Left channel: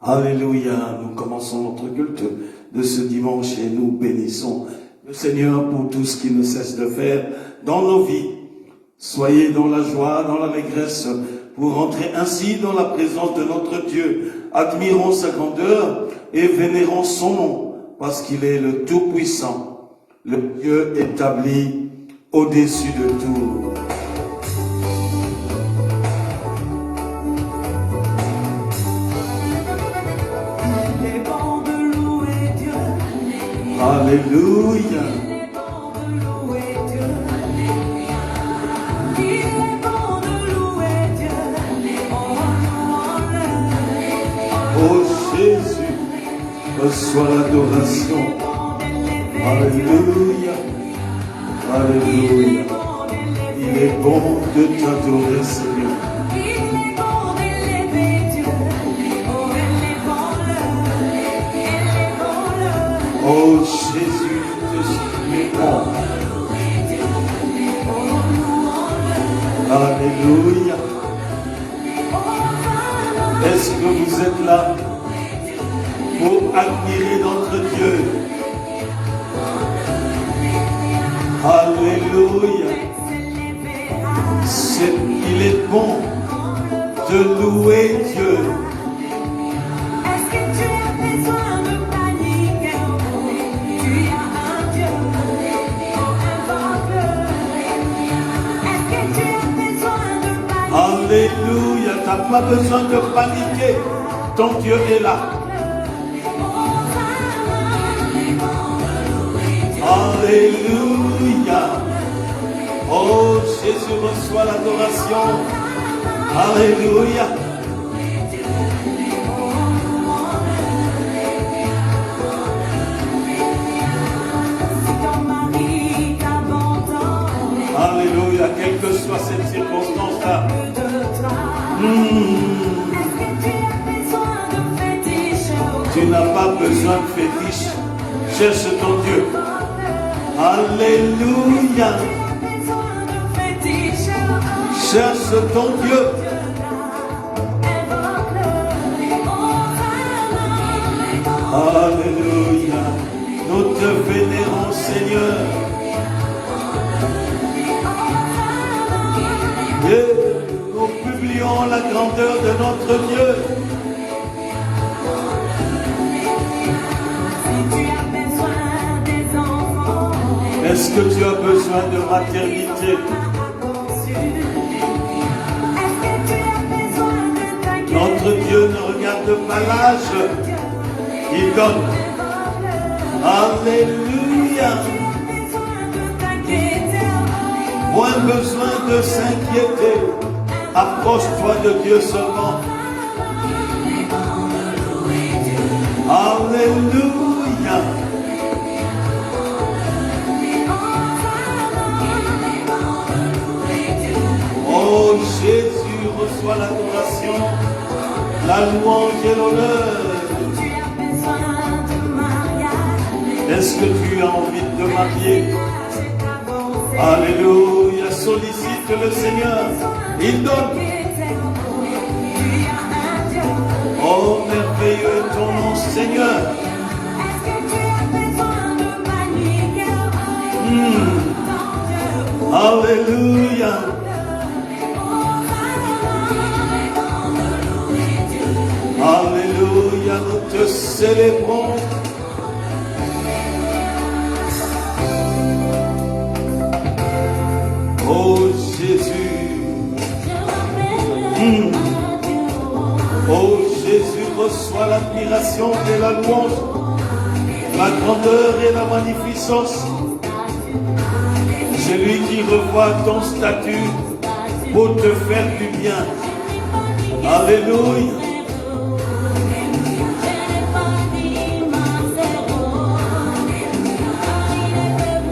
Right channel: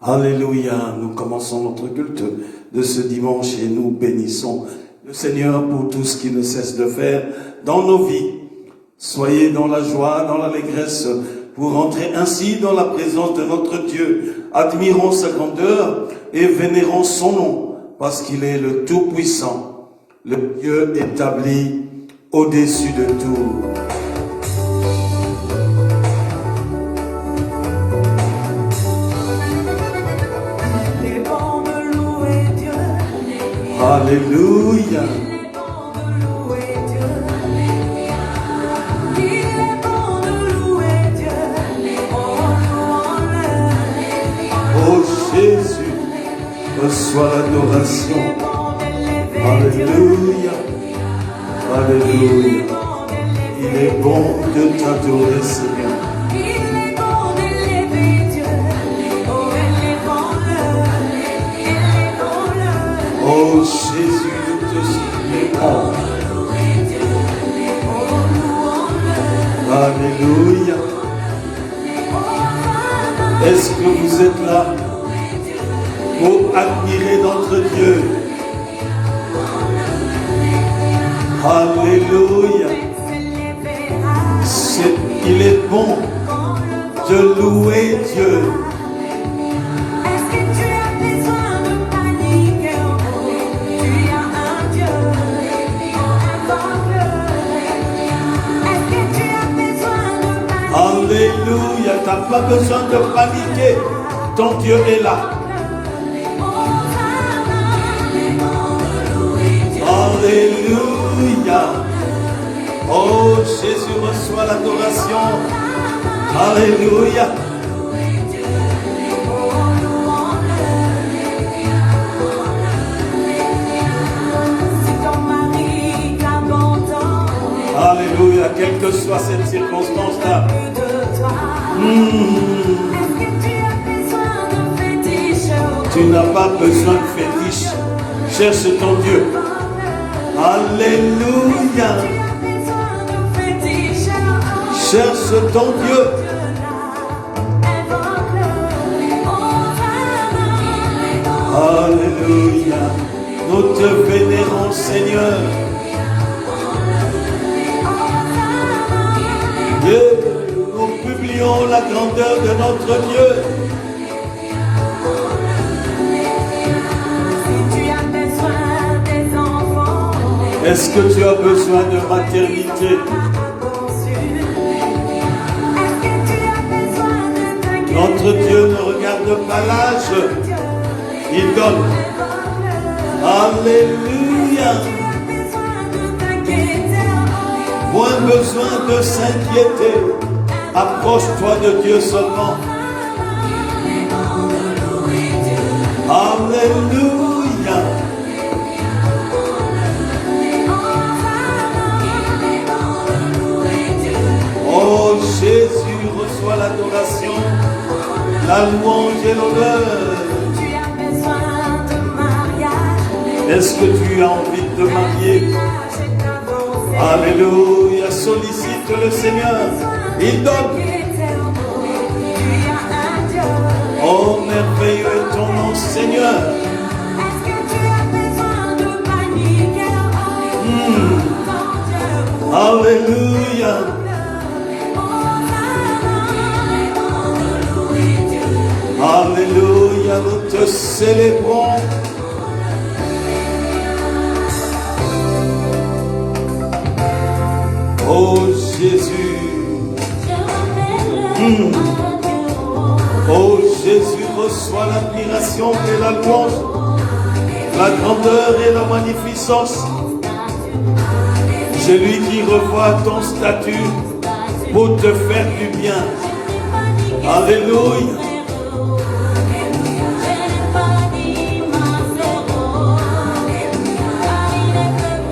Alléluia, nous commençons notre culte de ce dimanche et nous bénissons le Seigneur pour tout ce qu'il ne cesse de faire dans nos vies. Soyez dans la joie, dans l'allégresse, pour entrer ainsi dans la présence de notre Dieu. Admirons sa grandeur et vénérons son nom, parce qu'il est le Tout-Puissant, le Dieu établi au-dessus de tout. Alléluia. Oh Jésus, reçois l'adoration. Alléluia. Alléluia. Il est bon de t'adorer, Seigneur. Oh Jésus, nous te supplions. Alléluia. Est-ce que vous êtes là pour admirer notre Dieu? Alléluia. Il est bon de louer Dieu. Alléluia, tu n'as pas besoin de paniquer, ton Dieu est là. Alléluia. Oh Jésus, reçois l'adoration. Alléluia. Alléluia, quelle que soit cette circonstance-là. Tu n'as pas besoin de fétiche. Cherche ton Dieu. Alléluia. Cherche ton Dieu. Alléluia. Nous te vénérons, Seigneur. Et nous publions la grandeur de notre Dieu. Est-ce que tu as besoin de maternité? Notre Dieu ne regarde pas l'âge, il donne. Alléluia. Moins besoin de s'inquiéter. Approche-toi de Dieu seulement. Alléluia. Oh Jésus, reçois l'adoration, la louange et l'honneur. Est-ce que tu as envie de te marier? Alléluia, sollicite le Seigneur, il donne. Oh merveilleux est ton nom, Seigneur. Alléluia. Alléluia, nous te célébrons. Oh Jésus. Oh Jésus, reçois l'admiration et la louange, la grandeur et la magnificence. Celui qui revoit ton statut pour te faire du bien. Alléluia.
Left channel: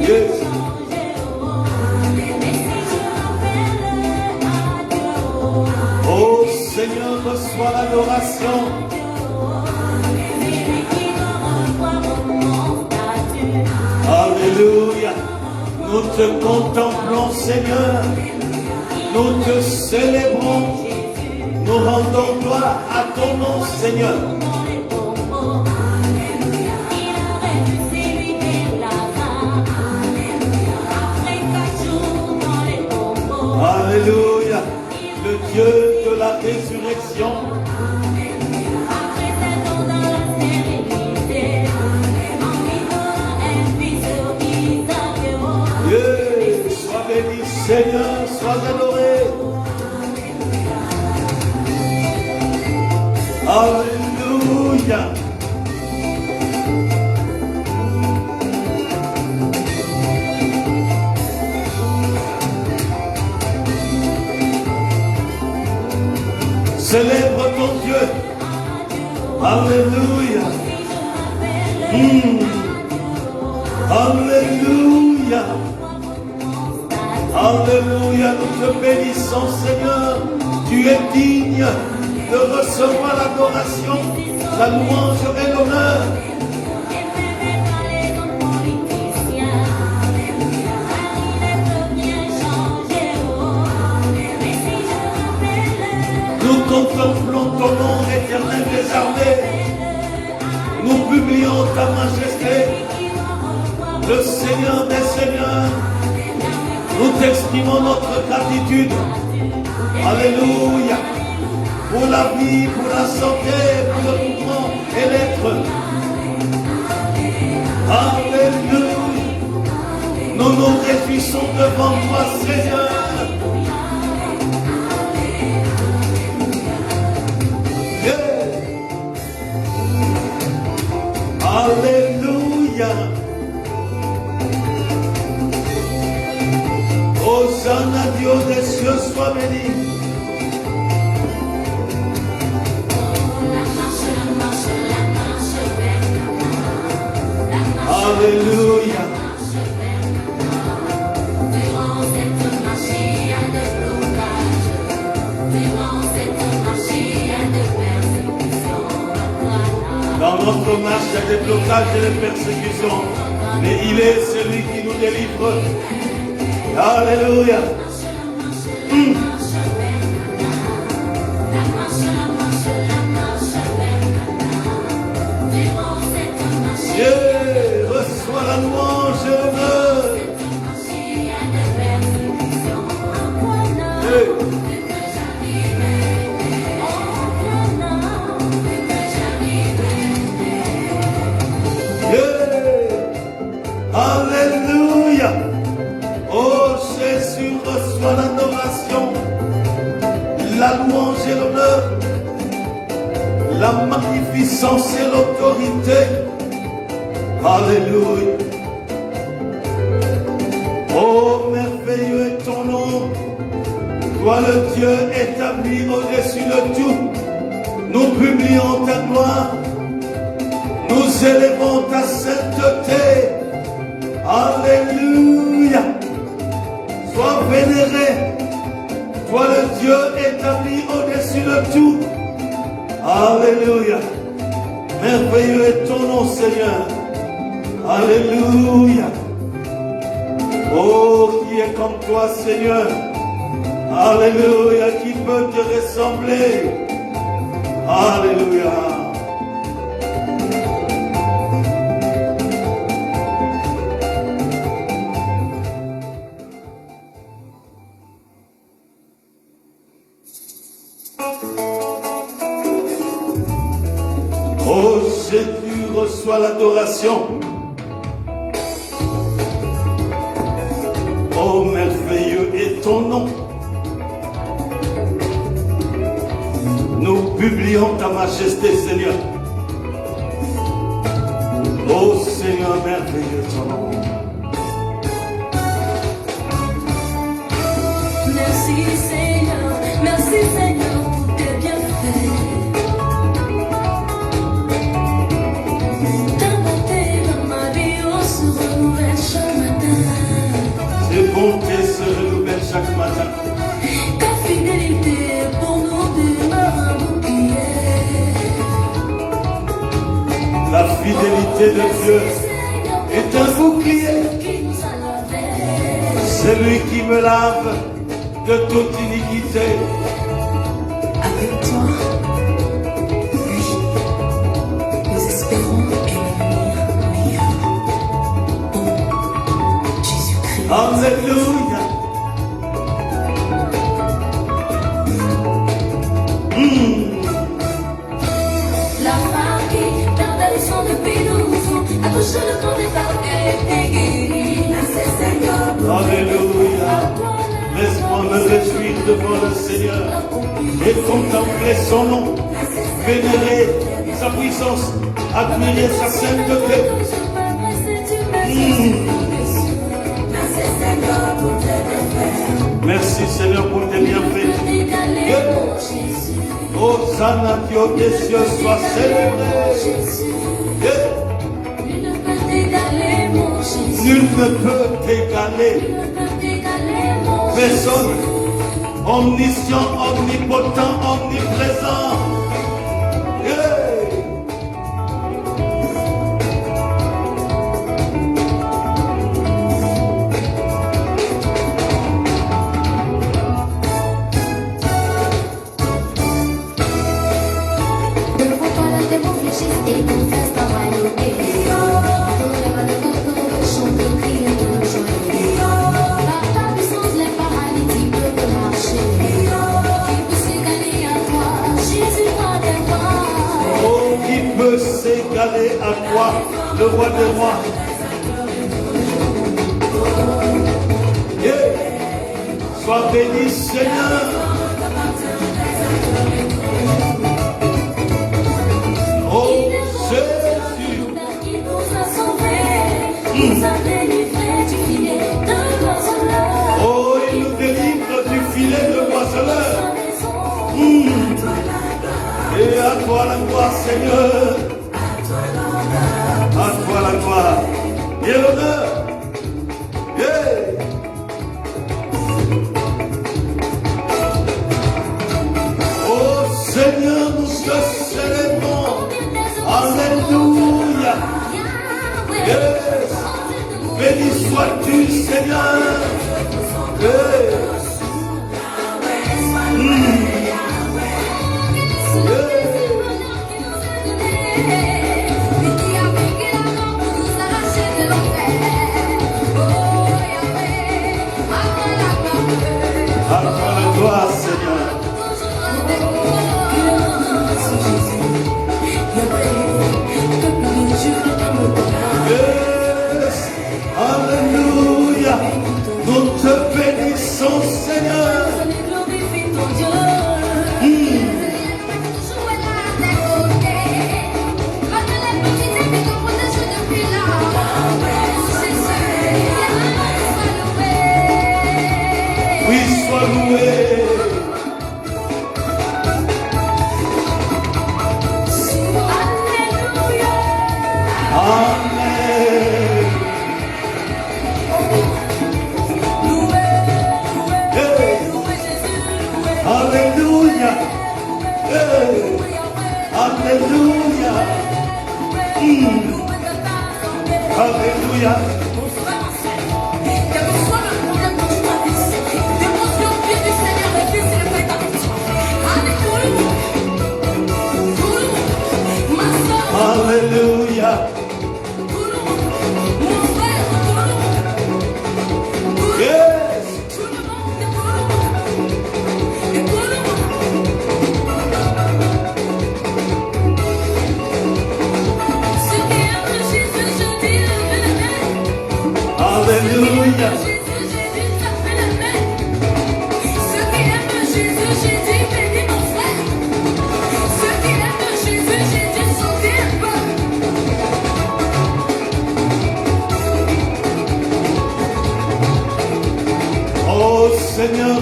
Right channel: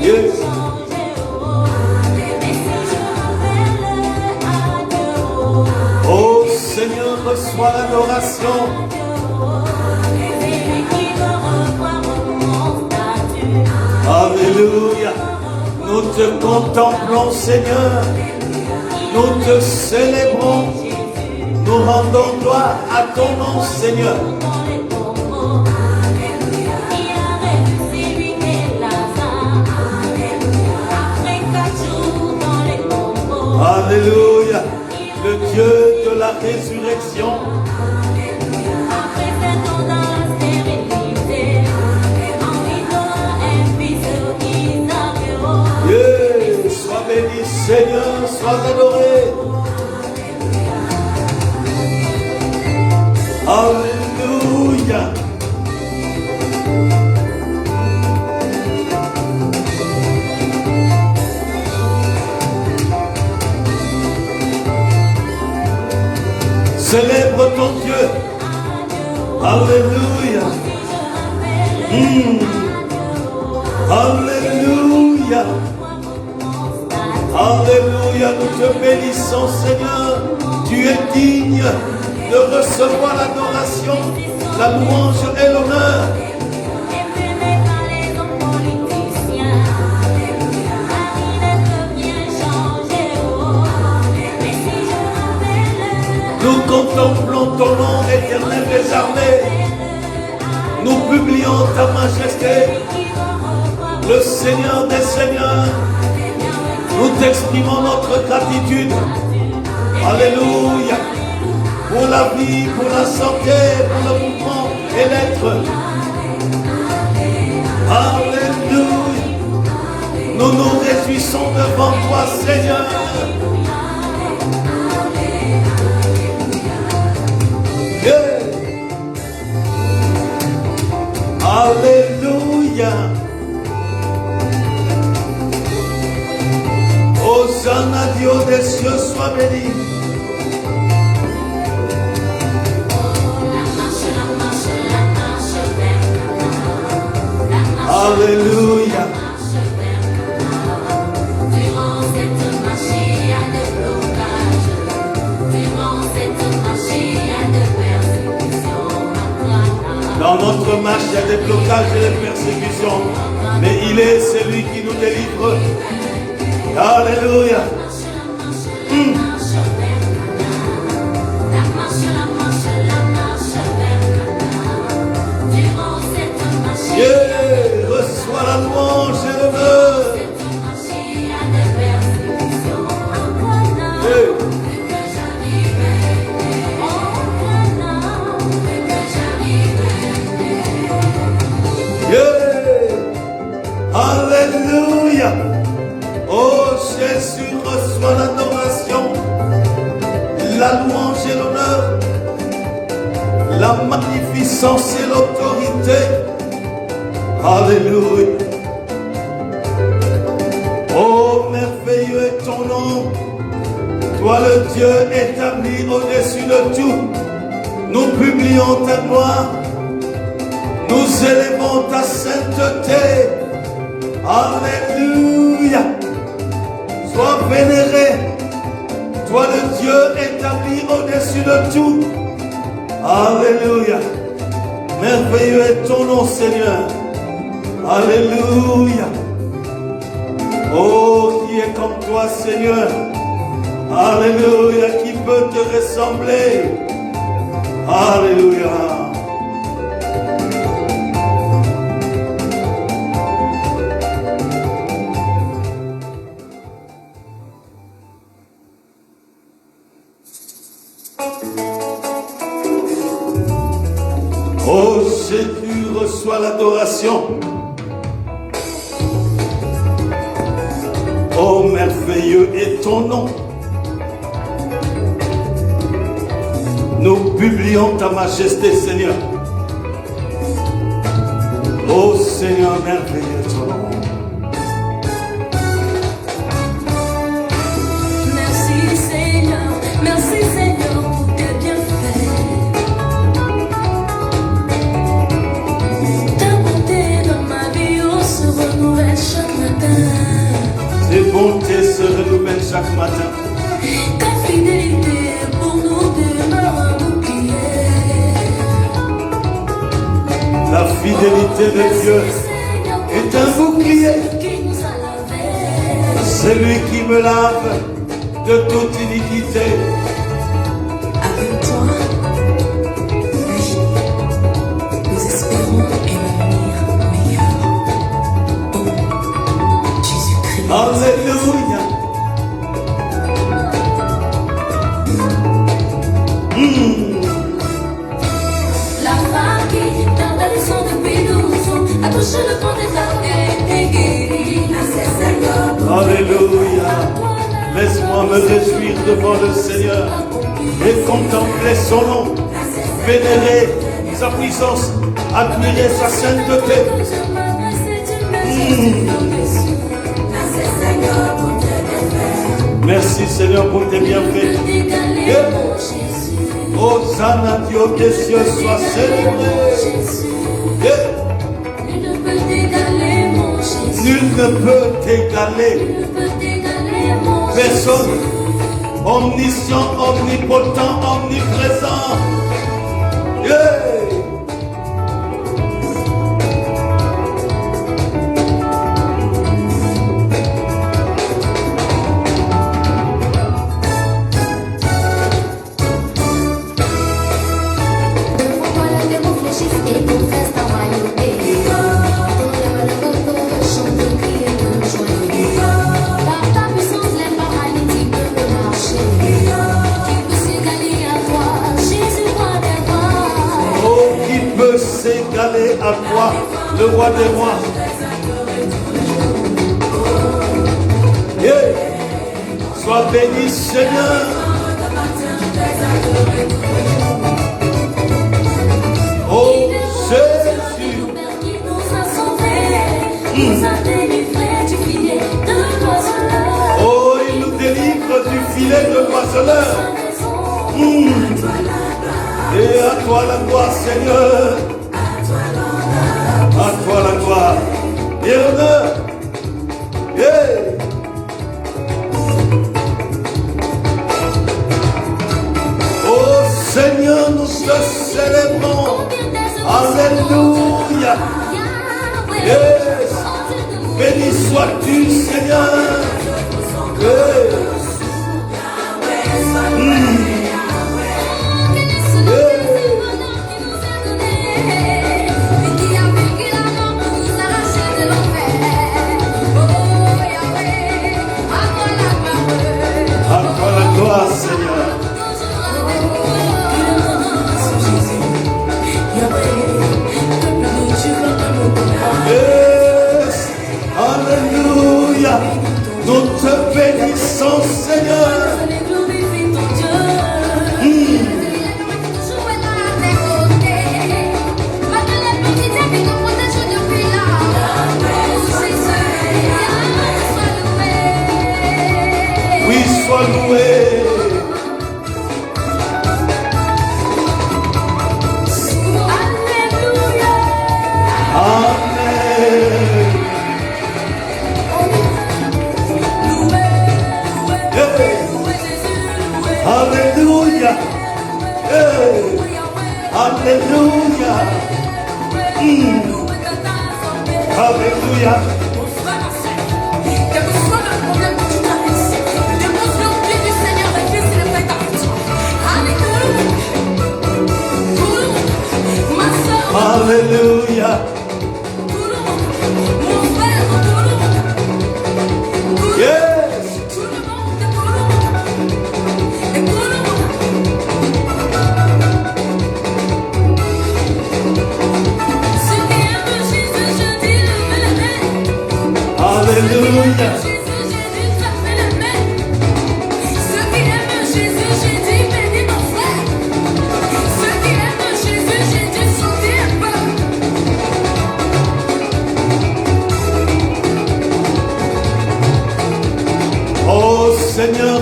Yes. Oh Seigneur, reçois l'adoration. Alléluia. Nous te contemplons, Seigneur. Nous te célébrons. Nous Nous rendons gloire à ton nom, Seigneur. Alléluia, le Dieu de la résurrection. Yeah, sois béni, Seigneur, sois adoré. Alléluia. Célèbre ton Dieu. Alléluia. Alléluia. Alléluia. Nous te bénissons, Seigneur. Tu es digne de recevoir l'adoration, la louange et l'honneur. Nous contemplons ton nom, éternel des armées. Nous publions ta majesté, le Seigneur des seigneurs. Nous t'exprimons notre gratitude. Alléluia. Pour la vie, pour la santé, pour le mouvement et l'être. Alléluia. Nous nous réjouissons devant toi, Seigneur. Alléluia. Hosanna, Dieu des cieux, sois béni. Alléluia. Dans notre marche, il y a des blocages et des persécutions, mais il est celui qui nous délivre. Alléluia. Dieu, reçois la louange et l'honneur. Alléluia. Oh Jésus, reçois l'adoration, la louange et l'honneur, la magnificence et l'autorité. Alléluia. Oh merveilleux est ton nom, toi le Dieu établi au-dessus de tout. Nous publions ta gloire, nous élevons ta sainteté. Alléluia. Sois vénéré, toi le Dieu établi au-dessus de tout. Alléluia. Merveilleux est ton nom, Seigneur. Alléluia. Oh, qui est comme toi, Seigneur. Alléluia. Qui peut te ressembler? Alléluia. Oh Jésus, reçois l'adoration. Oh merveilleux est ton nom. Nous publions ta majesté, Seigneur. Oh Seigneur, merveilleux ton nom. Merci Seigneur pour tes bienfaits. Ta bonté dans ma vie, on se renouvelle chaque matin. Tes bontés se renouvellent chaque matin. Ta fidélité pour nous demeure un bouclier. La fidélité de Dieu est un bouclier. C'est lui qui me lave de toute iniquité. Avec toi Alléluia. Laisse-moi me réjouir devant le Seigneur et contempler son nom, vénérer sa puissance, admirer sa sainteté. Merci Seigneur pour tes bienfaits. Hosanna, Dieu des cieux soit célébré. Nul ne peut t'égaler. Personne, omniscient, omnipotent, omniprésent. Yeah. S'égaler à toi, le roi des rois. Yeah. Sois béni, Seigneur. Oh, Jésus. Oh, il nous délivre du filet de l'oiseleur. Et à toi la gloire, Seigneur. À toi la gloire et l'honneur. Yeah. Oh Seigneur, nous te célébrons. Alléluia. Yes. Béni sois-tu, Seigneur. Yes.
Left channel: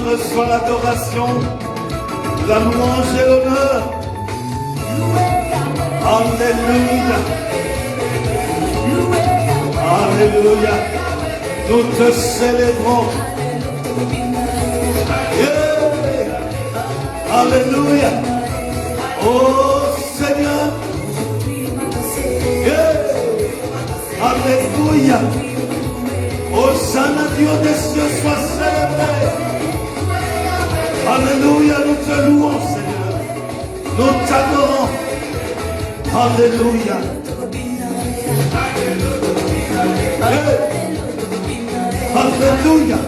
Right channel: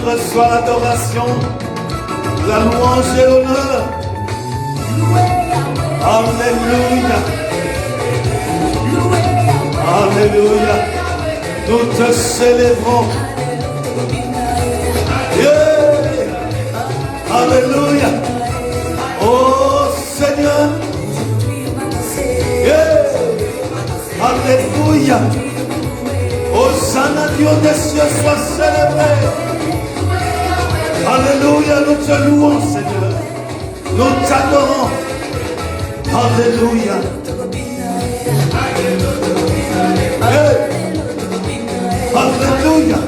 Reçois l'adoration, la louange et l'honneur. Alléluia. Alléluia. Nous te célébrons. Yeah. Alléluia. Oh Seigneur. Yeah. Alléluia. Hosanna, Dieu des cieux, soit célébré. Alléluia, nous te louons, Seigneur. Nous t'adorons. Alléluia. Yeah. Alléluia.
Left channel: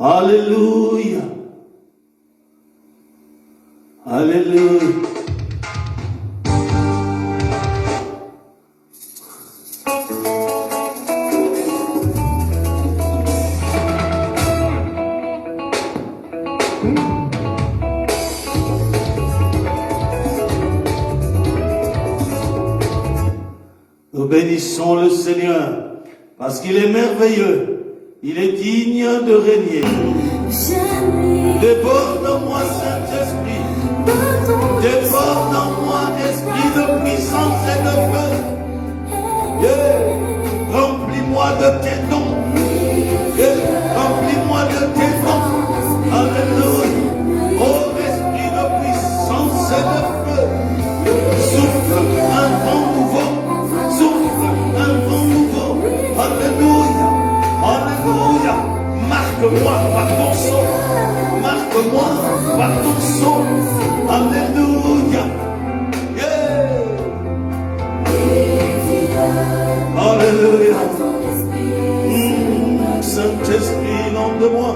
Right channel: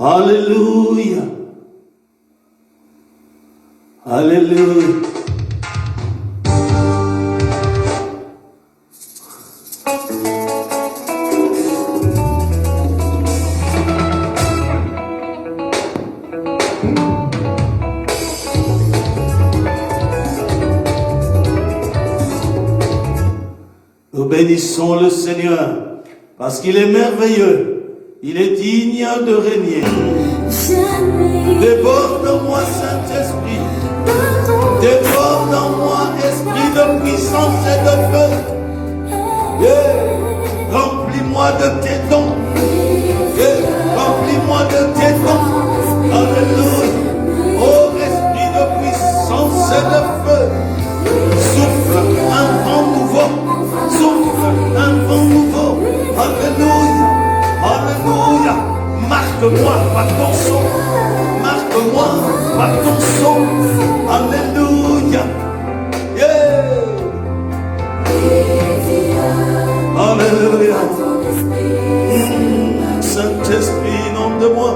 Alléluia. Alléluia. bénissons le Seigneur, parce qu'il est merveilleux, il est digne de régner. Déborde en moi, Saint-Esprit, déborde en moi, esprit de puissance et de feu. Remplis-moi de tes dons, remplis-moi de tes dons. Alléluia. Oh, esprit de puissance et de feu, souffle un vent nouveau, souffle un vent nouveau. Alléluia, alléluia. Marque-moi par ton son, marque-moi par ton son. Alléluia. Alléluia. Saint-Esprit, nom de moi.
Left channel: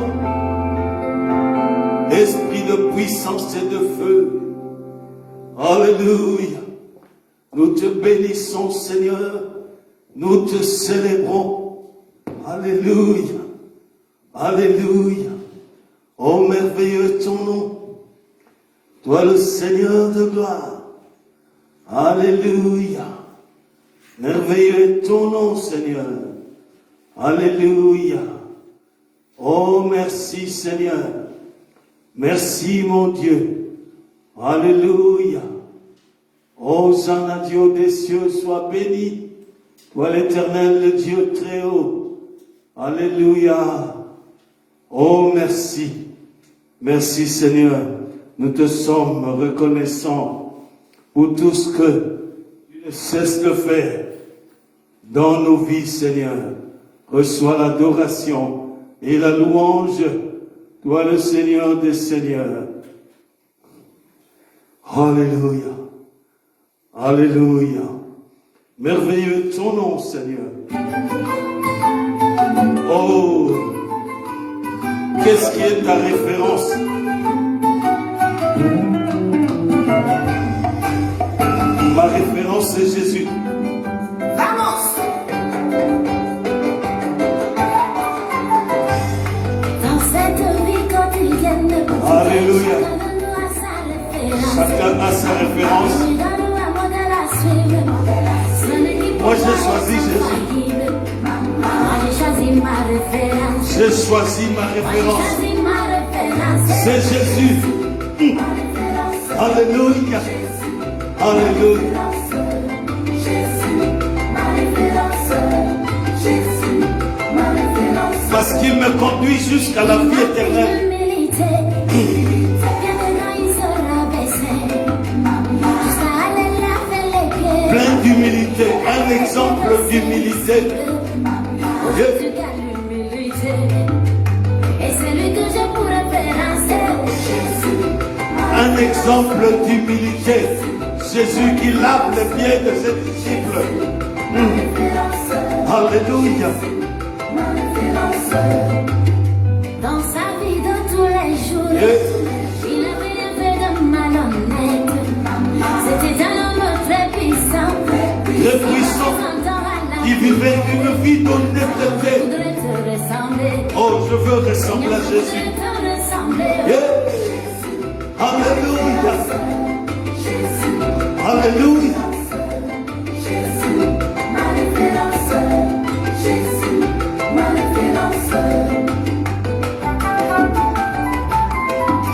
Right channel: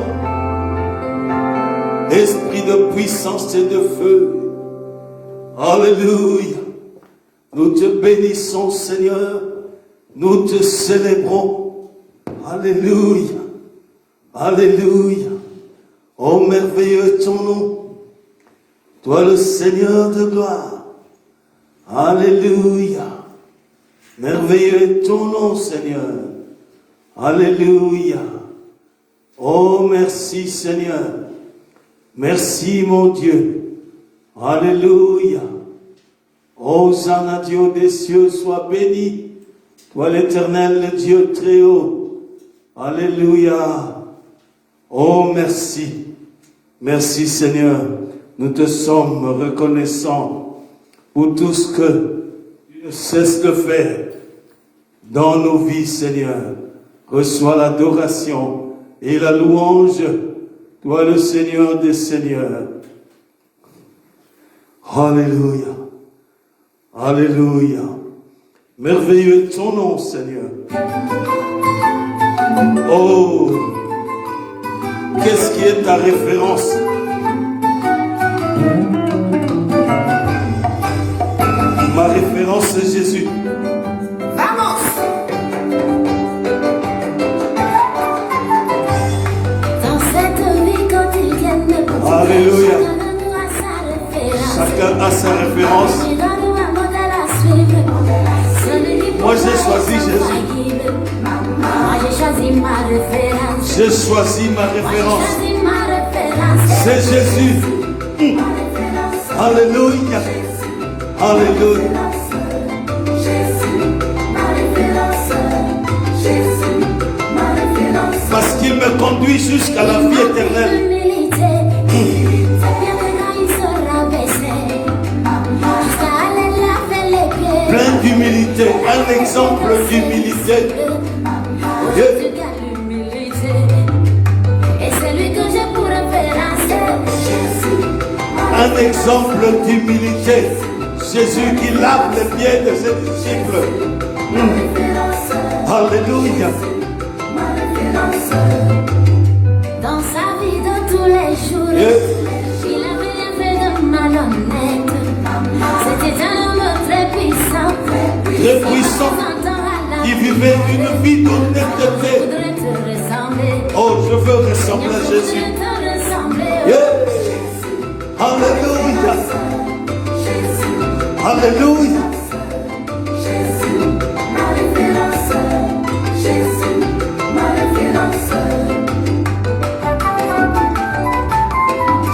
Esprit de puissance et de feu. Alléluia. Nous te bénissons, Seigneur. Nous te célébrons. Alléluia. Alléluia. Oh, merveilleux ton nom. Toi, le Seigneur de gloire. Alléluia. Merveilleux est ton nom, Seigneur. Alléluia. Oh, merci, Seigneur. Merci, mon Dieu. Alléluia. Hosanna, Dieu des cieux, sois béni. Toi, l'Éternel, le Dieu très haut. Alléluia. Oh, merci. Merci, Seigneur. Nous te sommes reconnaissants pour tout ce que tu ne cesses de faire dans nos vies, Seigneur. Reçois l'adoration et la louange, toi le Seigneur des Seigneurs. Alléluia. Alléluia. Merveilleux ton nom, Seigneur. Oh, qu'est-ce qui est ta référence? Ma référence, c'est Jésus. Alléluia. Chacun a sa référence. Moi j'ai choisi Jésus. J'ai choisi ma référence. C'est Jésus. Alléluia. Alléluia. Parce qu'il me conduit jusqu'à la vie éternelle. Plein d'humilité, un exemple d'humilité. Un exemple d'humilité. Jésus qui lave les pieds de ses disciples. Alléluia. Dans sa vie de tous les jours, il avait rien fait de malhonnête. C'était un homme très puissant, qui vivait une vie d'honnêteté. Oh, je veux ressembler à Jésus. Alléluia. Alléluia.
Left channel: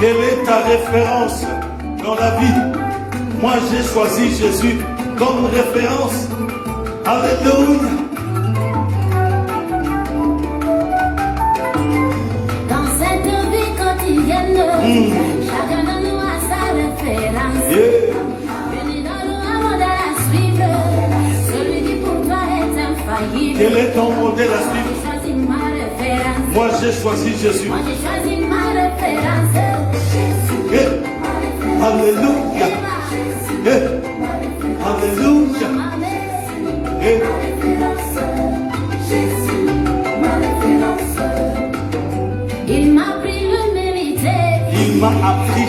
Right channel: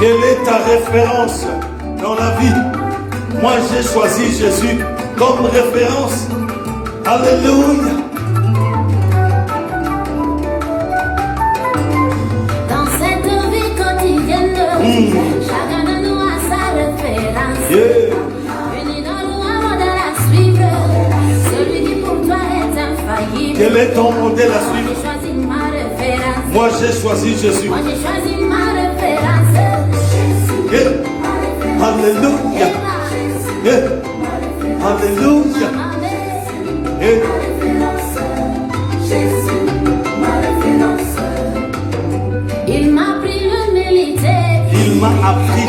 Quelle est ta référence dans la vie? Moi, j'ai choisi Jésus comme référence. Alléluia. Dans cette vie quotidienne, chacun de nous a sa référence. Unis dans l'amour de la suivre, celui qui pour toi est infaillible. Quel est ton modèle à suivre? J'ai choisi ma référence. Moi, j'ai choisi Jésus. Moi, j'ai choisi ma référence. Alléluia. Alléluia. Il m'a appris l'humilité. Il m'a appris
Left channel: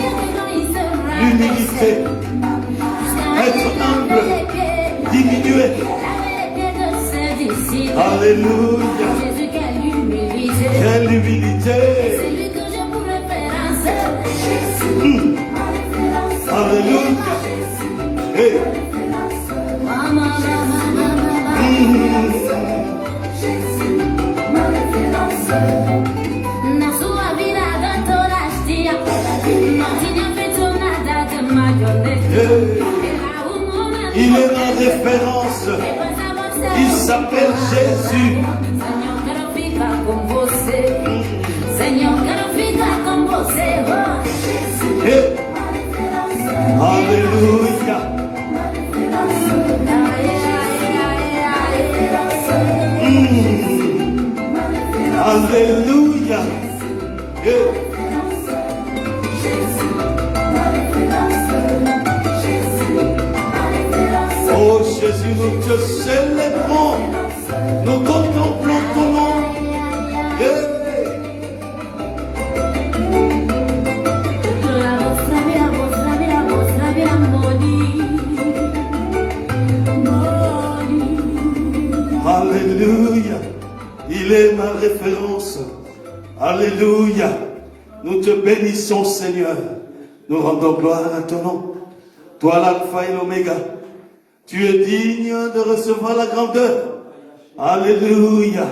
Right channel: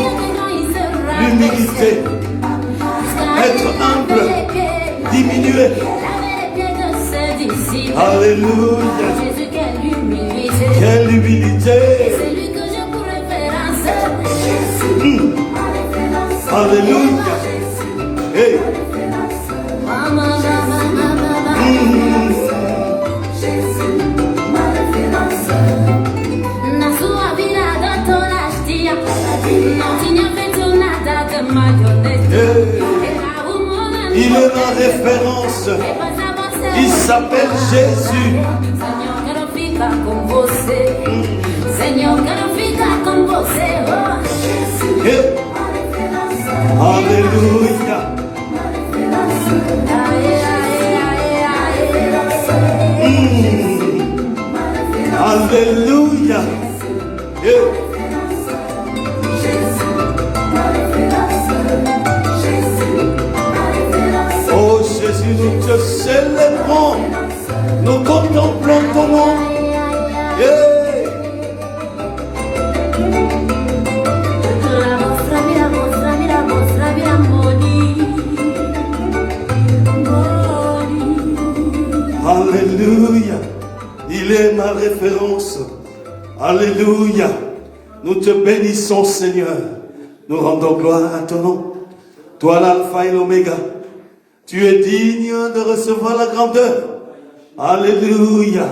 l'humilité. Être humble, diminuer. Alléluia. Jésus, quelle humilité. Quelle humilité. C'est lui que j'ai pour référence. Alléluia. Hey. Il est ma référence. Il s'appelle Jésus. Senhor, quero ficar com você. Alléluia. Alléluia. Oh Jésus, nous te célébrons. Nous contemplons ton nom. Alléluia. Il est ma référence. Alléluia. Nous te bénissons, Seigneur. Nous rendons gloire à ton nom. Toi, l'alpha et l'oméga. Tu es digne de recevoir la grandeur. Alléluia.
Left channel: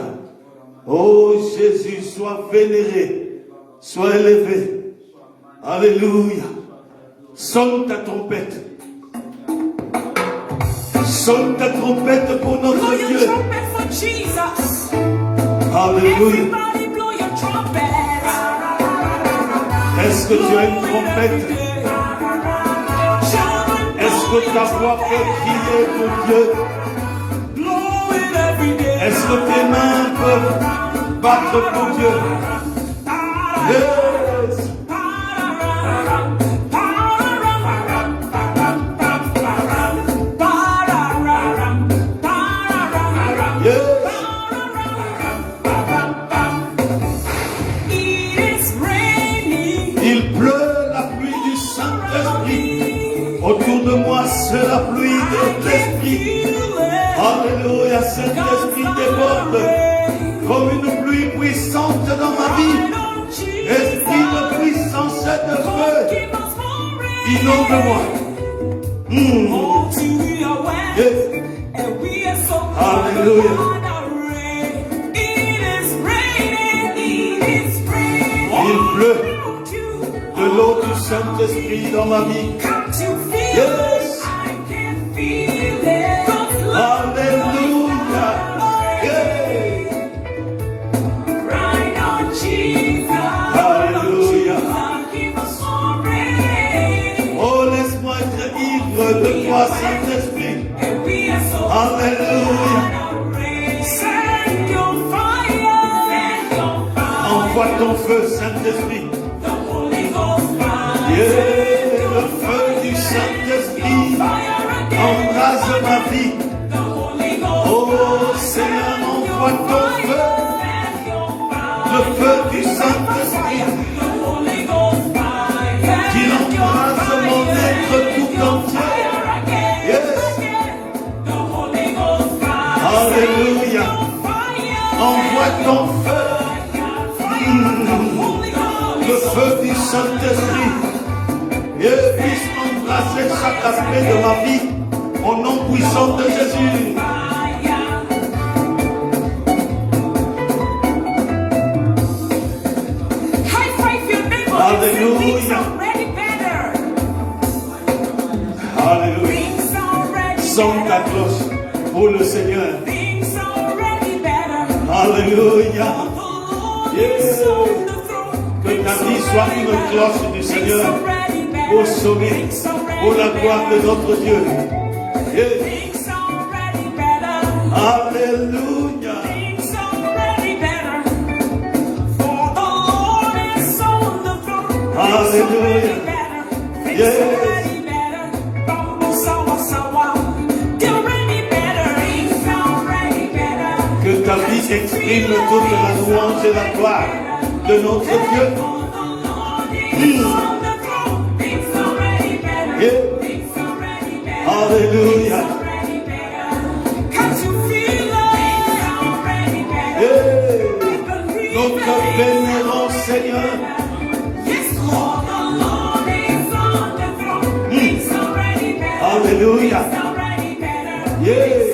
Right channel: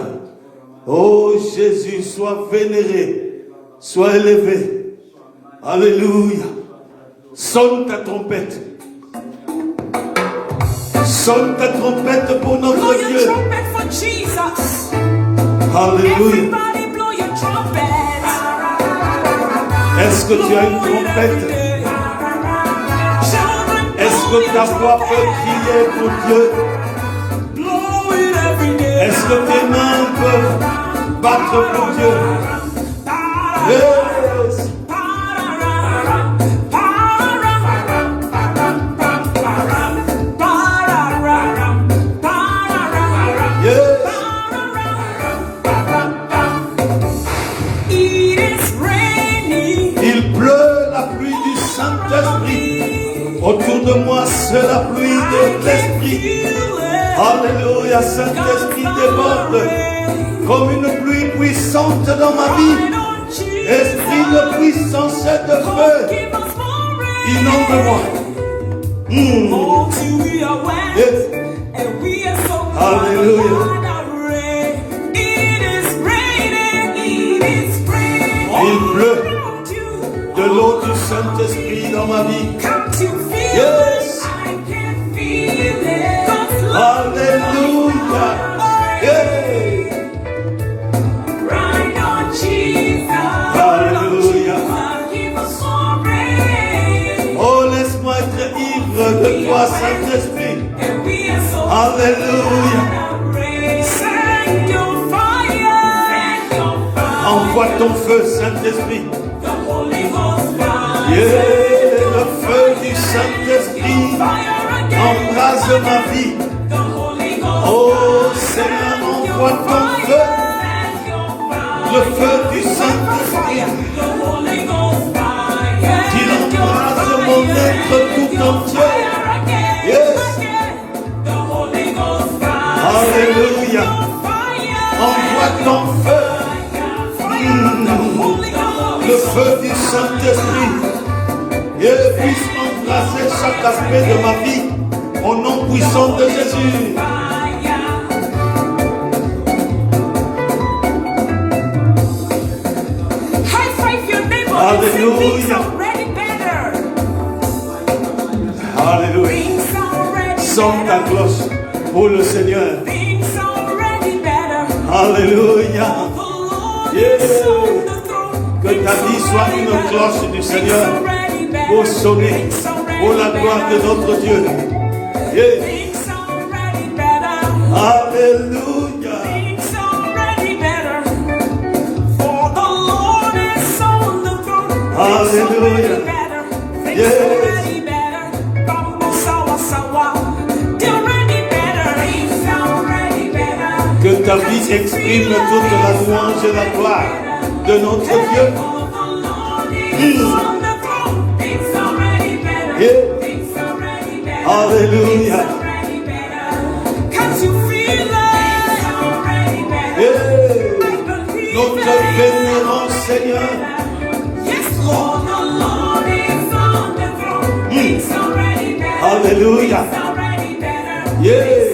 Oh Jésus, sois vénéré. Sois élevé. Alléluia. Sonne ta trompette. Sonne ta trompette pour notre Dieu. Alléluia. Est-ce que tu as une trompette? Est-ce que ta voix peut crier pour Dieu? Est-ce que tes mains peuvent battre pour Dieu? Yes. Il pleut la pluie du Saint-Esprit. Autour de moi, c'est la pluie de l'Esprit. Alléluia, Saint-Esprit déborde comme une pluie puissante dans ma vie. Esprit de puissance et de feu, inonde-moi. Yes. Alléluia. Il pleut de l'eau du Saint-Esprit dans ma vie. Yes. Alléluia. Hey. Alléluia. Oh, laisse-moi être ivre de toi, Saint-Esprit. Alléluia. Envoie ton feu, Saint-Esprit. Yeah, le feu du Saint-Esprit embrase ma vie. Oh Seigneur, envoie ton feu. Le feu du Saint-Esprit qui embrase mon être tout entier. Yes. Alléluia. Envoie ton feu. Le feu du Saint-Esprit. Et puisse embraser chaque aspect de ma vie au nom puissant de Jésus. Alléluia. Alléluia. Sonne ta cloche pour le Seigneur. Alléluia. Yes. Que ta vie soit une cloche du Seigneur pour sauver, pour la gloire de notre Dieu. Yes. Alléluia. Alléluia. Yes. Que ta vie exprime toute la louange et la gloire de notre Dieu. Yeah. Alléluia. Yeah. Notre vénérant Seigneur. Alléluia. Yeah.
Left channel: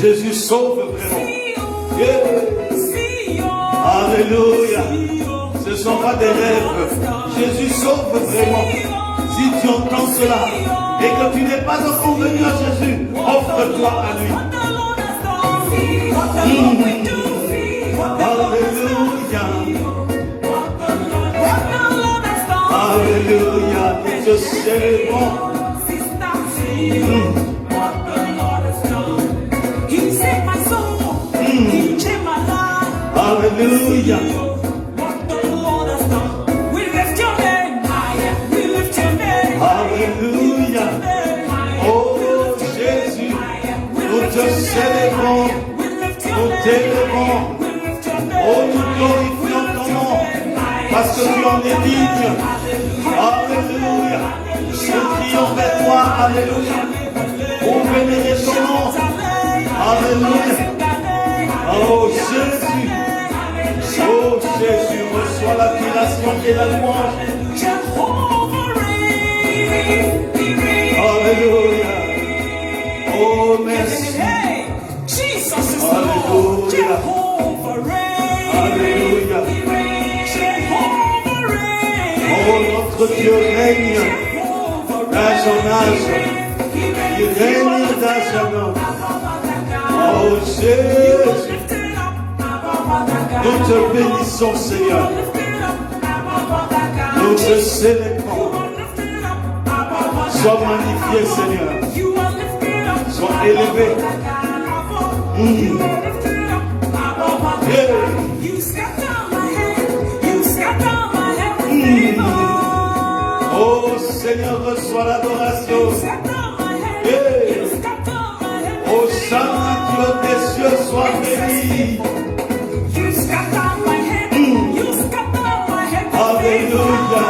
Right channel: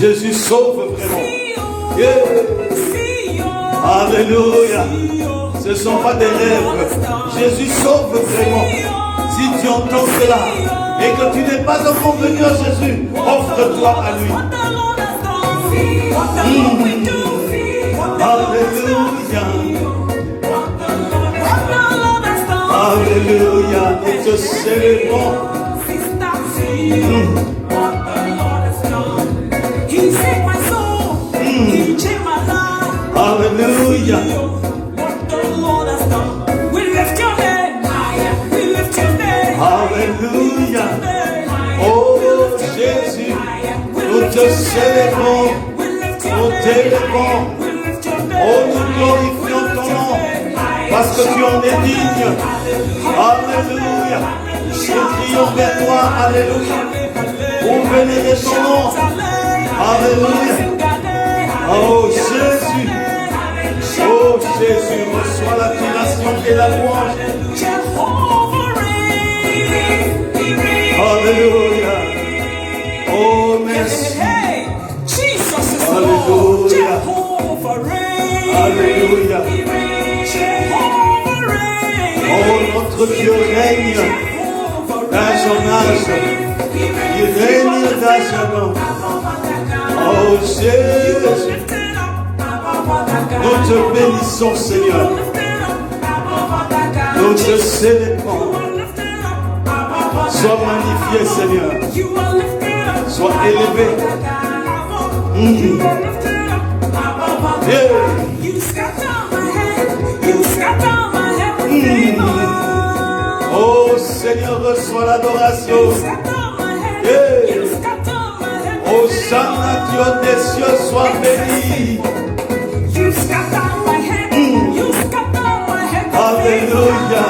Jésus sauve vraiment. Alléluia. Ce ne sont pas des rêves. Jésus sauve vraiment. Si tu entends cela et que tu n'es pas encore venu à Jésus, offre-toi à lui. Alléluia. Alléluia. Nous te célébrons. Alléluia. Alléluia. Oh Jésus, nous te célébrons, nous t'élevons. Oh, nous glorifions ton nom, parce que tu en es digne. Alléluia. Je crie vers toi, alléluia. Pour vénérer ton nom. Alléluia. Oh Jésus. Oh Jésus, reçois l'adoration et la louange. Alléluia. Oh merci. Alléluia. Alléluia. Oh notre Dieu règne d'âge en âge. Il règne d'âge en âge. Oh Jésus. Nous te bénissons, Seigneur. Nous te célébrons. Sois magnifié, Seigneur. Sois élevé. Oh Seigneur, reçois l'adoration. Oh Saint Dieu des cieux, sois béni. Alléluia.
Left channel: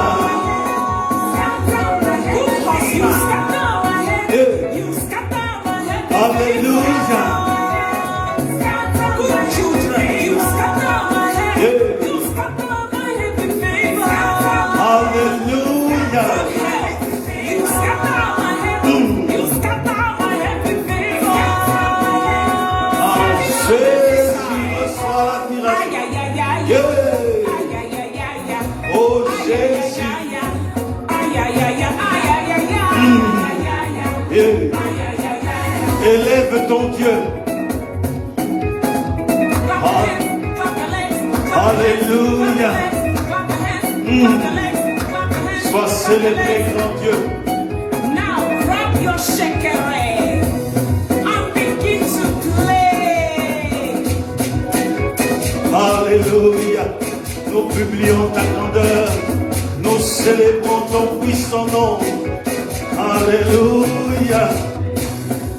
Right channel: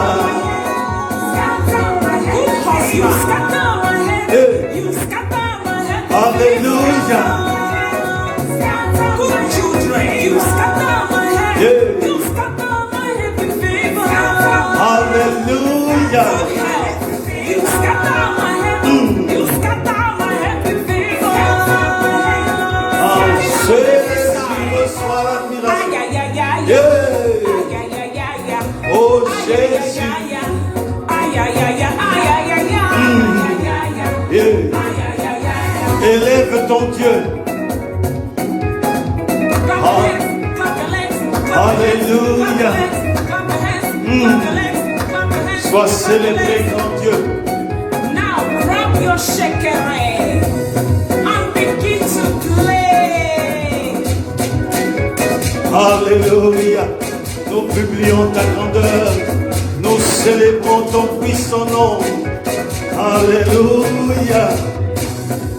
Alléluia. Alléluia. Jésus, reçois l'admiration. Oh Jésus. Élève ton Dieu. Alléluia. Sois célébré ton Dieu. Now grab your shaker and begin to play. Alléluia. Nous publions ta grandeur. Nous célébrons ton puissant nom. Alléluia.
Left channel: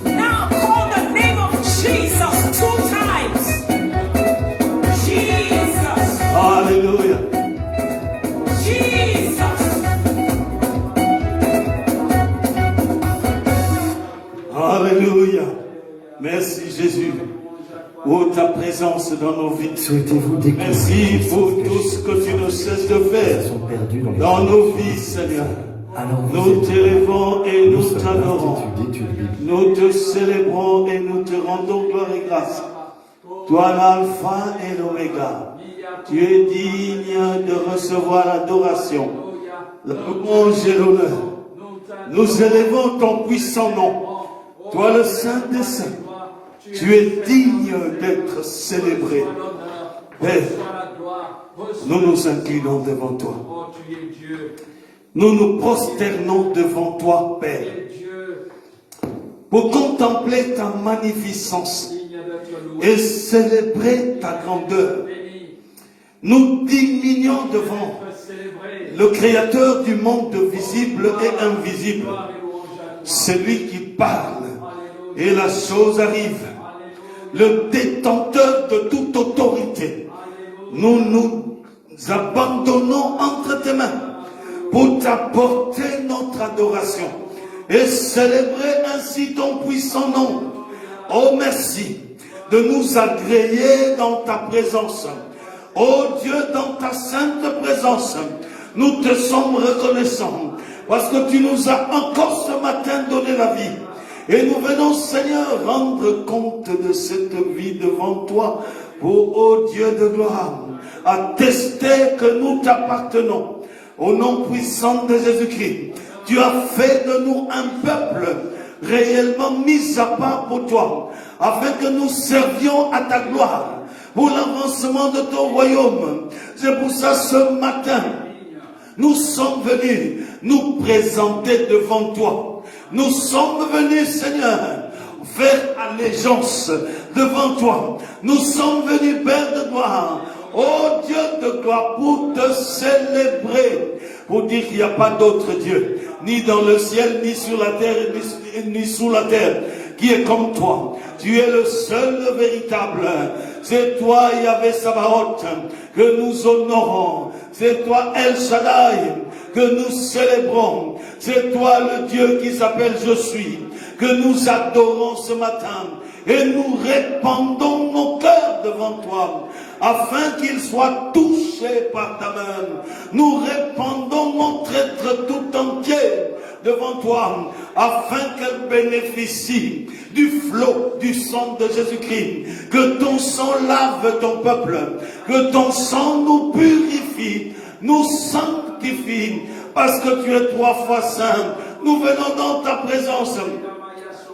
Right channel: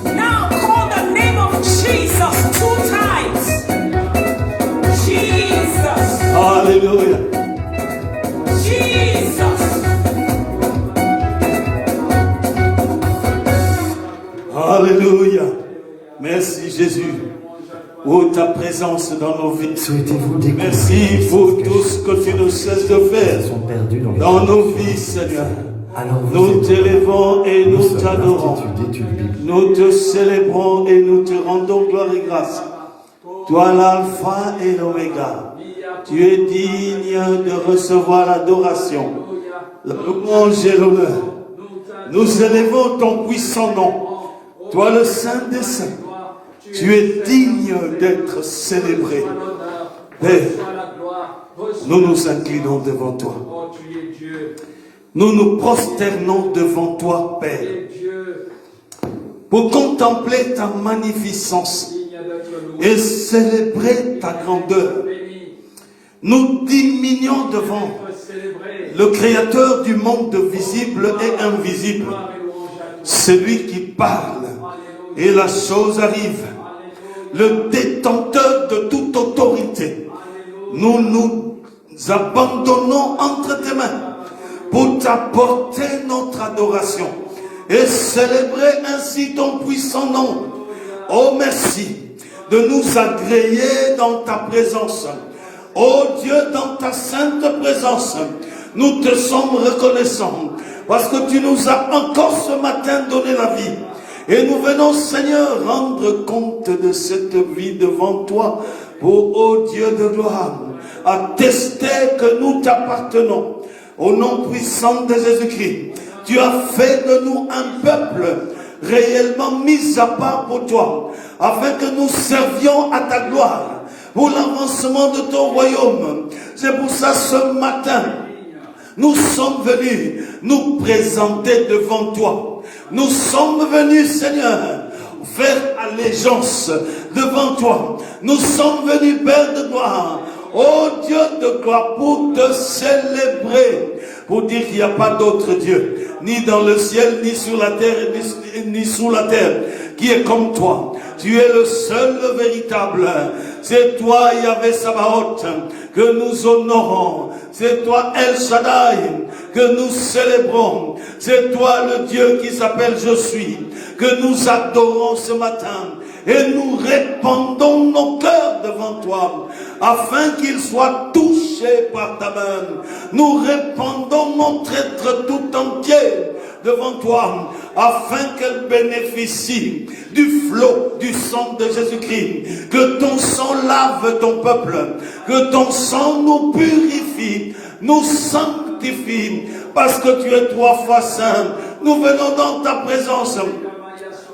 Now call the name of Jesus 2 times. Jesus. Alléluia. Jesus. Alléluia. Merci Jésus. Oh, ta présence dans nos vies. Souhaitez-vous découvrir Merci pour tout ce que tu ne cesses de faire sont perdus dans nos vies, Seigneur. Alors Nous t'élevons et nous t'adorons. d'études bibliques. Nous te célébrons et nous te rendons gloire et grâce. Toi l'alpha et l'oméga. Tu es digne de recevoir l'adoration, la louange et l'honneur. Nous élevons ton puissant nom. Toi le Saint des Saints. Tu es digne d'être célébré. Père, nous nous inclinons devant toi. Nous nous prosternons devant toi, Père, pour contempler ta magnificence et célébrer ta grandeur. Nous diminuons devant le Créateur du monde visible et invisible, celui qui parle et la chose arrive, le détenteur de toute autorité. Nous nous abandonnons entre tes mains pour t'apporter notre adoration et célébrer ainsi ton puissant nom. Oh merci de nous agréer dans ta présence. Oh Dieu, dans ta sainte présence, nous te sommes reconnaissants parce que tu nous as encore ce matin donné la vie. Et nous venons, Seigneur, rendre compte de cette vie devant toi pour, ô Dieu de gloire, attester que nous t'appartenons. Au nom puissant de Jésus-Christ, tu as fait de nous un peuple réellement mis à part pour toi, afin que nous servions à ta gloire, pour l'avancement de ton royaume. C'est pour ça, ce matin, nous sommes venus nous présenter devant toi. Nous sommes venus, Seigneur, faire allégeance devant toi. Nous sommes venus, Père de gloire, ô Dieu de gloire, pour te célébrer, pour dire qu'il n'y a pas d'autre Dieu, ni dans le ciel, ni sur la terre, ni sous la terre, qui est comme toi. Tu es le seul véritable. C'est toi, Yahvé Sabaoth, que nous honorons. C'est toi, El Shaddai, que nous célébrons. C'est toi, le Dieu qui s'appelle Je suis, que nous adorons ce matin. Et nous répandons nos cœurs devant toi, afin qu'ils soient touchés par ta main. Nous répandons notre être tout entier devant toi, afin qu'elle bénéficie du flot du sang de Jésus-Christ. Que ton sang lave ton peuple, que ton sang nous purifie, nous sanctifie, parce que tu es trois fois saint. Nous venons dans ta présence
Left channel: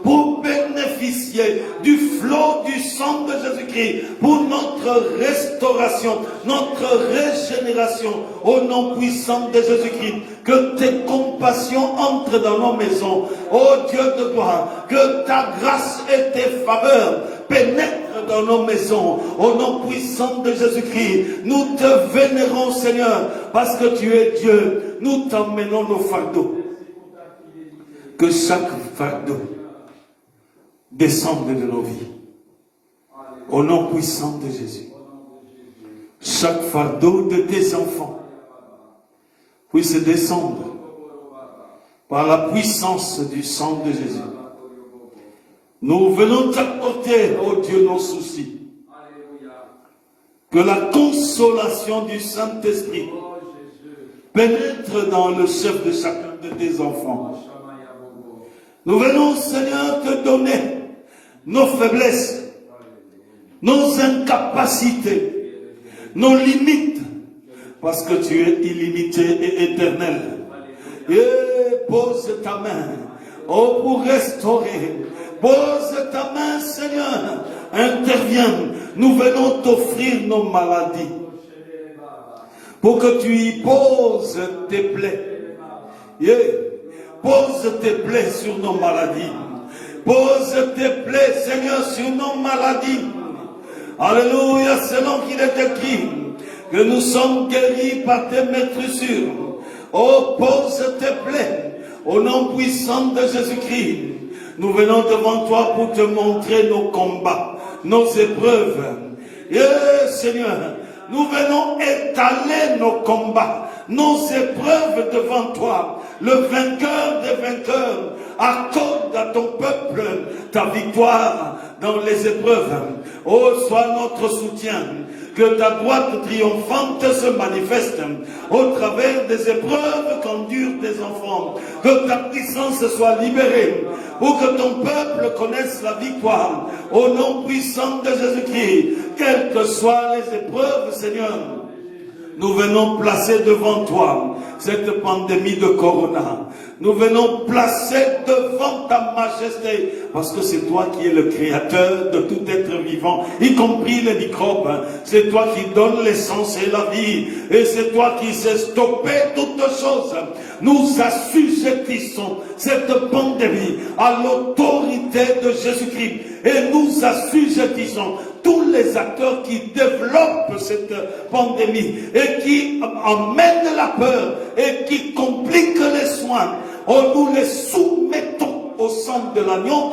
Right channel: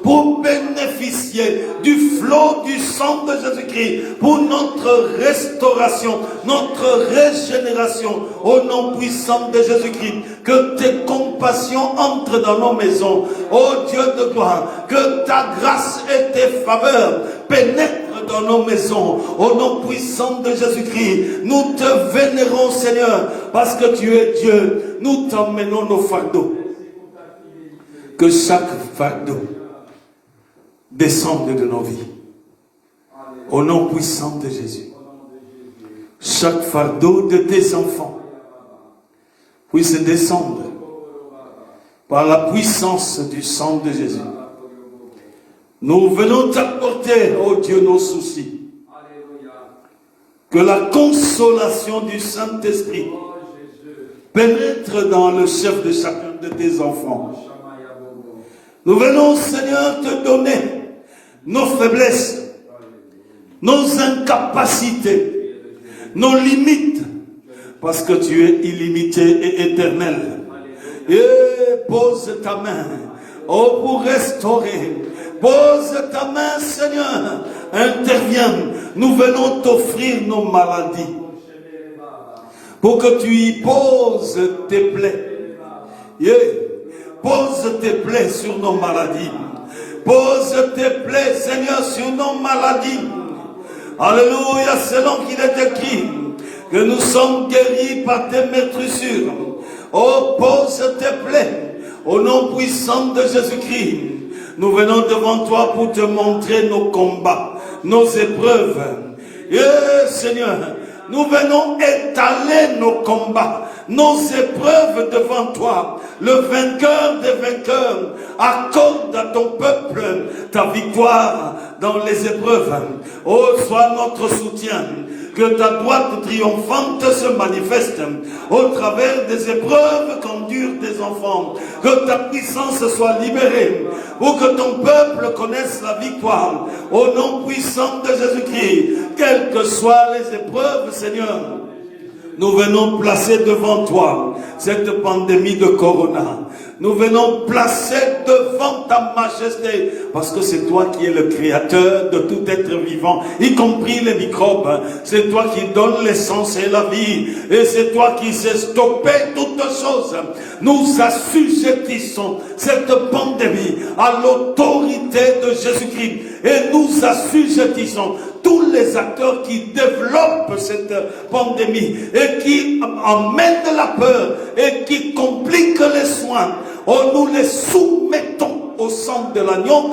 pour bénéficier du flot du sang de Jésus-Christ, pour notre restauration, notre régénération, au nom puissant de Jésus-Christ. Que tes compassions entrent dans nos maisons, ô Dieu de gloire, que ta grâce et tes faveurs pénètrent dans nos maisons, au nom puissant de Jésus-Christ. Nous te vénérons, Seigneur, parce que tu es Dieu. Nous t'emmenons nos fardeaux. Que chaque fardeau descende de nos vies. Au nom puissant de Jésus. Chaque fardeau de tes enfants puisse descendre par la puissance du sang de Jésus. Nous venons t'apporter, ô Dieu, nos soucis. Que la consolation du Saint-Esprit pénètre dans le chef de chacun de tes enfants. Nous venons, Seigneur, te donner nos faiblesses, nos incapacités, nos limites, parce que tu es illimité et éternel. Et pose ta main, oh, pour restaurer. Pose ta main, Seigneur, interviens. Nous venons t'offrir nos maladies, pour que tu y poses tes plaies. Yeah. Pose tes plaies sur nos maladies. Pose tes plaies, Seigneur, sur nos maladies. Alléluia, selon qu'il est écrit que nous sommes guéris par tes maîtrissures. Oh, pose tes plaies au nom puissant de Jésus-Christ. Nous venons devant toi pour te montrer nos combats, nos épreuves. Seigneur, nous venons étaler nos combats, nos épreuves devant toi. Le vainqueur des vainqueurs accorde à ton peuple ta victoire dans les épreuves. Oh, sois notre soutien. Que ta droite triomphante se manifeste au travers des épreuves qu'endurent tes enfants. Que ta puissance soit libérée pour que ton peuple connaisse la victoire. Au nom puissant de Jésus-Christ, quelles que soient les épreuves, Seigneur, nous venons placer devant toi cette pandémie de Corona. Nous venons placer devant ta majesté, parce que c'est toi qui es le créateur de tout être vivant, y compris les microbes. C'est toi qui donnes l'essence et la vie, et c'est toi qui sais stopper toutes choses. Nous assujettissons cette pandémie à l'autorité de Jésus-Christ, et nous assujettissons tous les acteurs qui développent cette pandémie et qui emmènent la peur et qui compliquent les soins. Oh, nous les soumettons au sang de l'agneau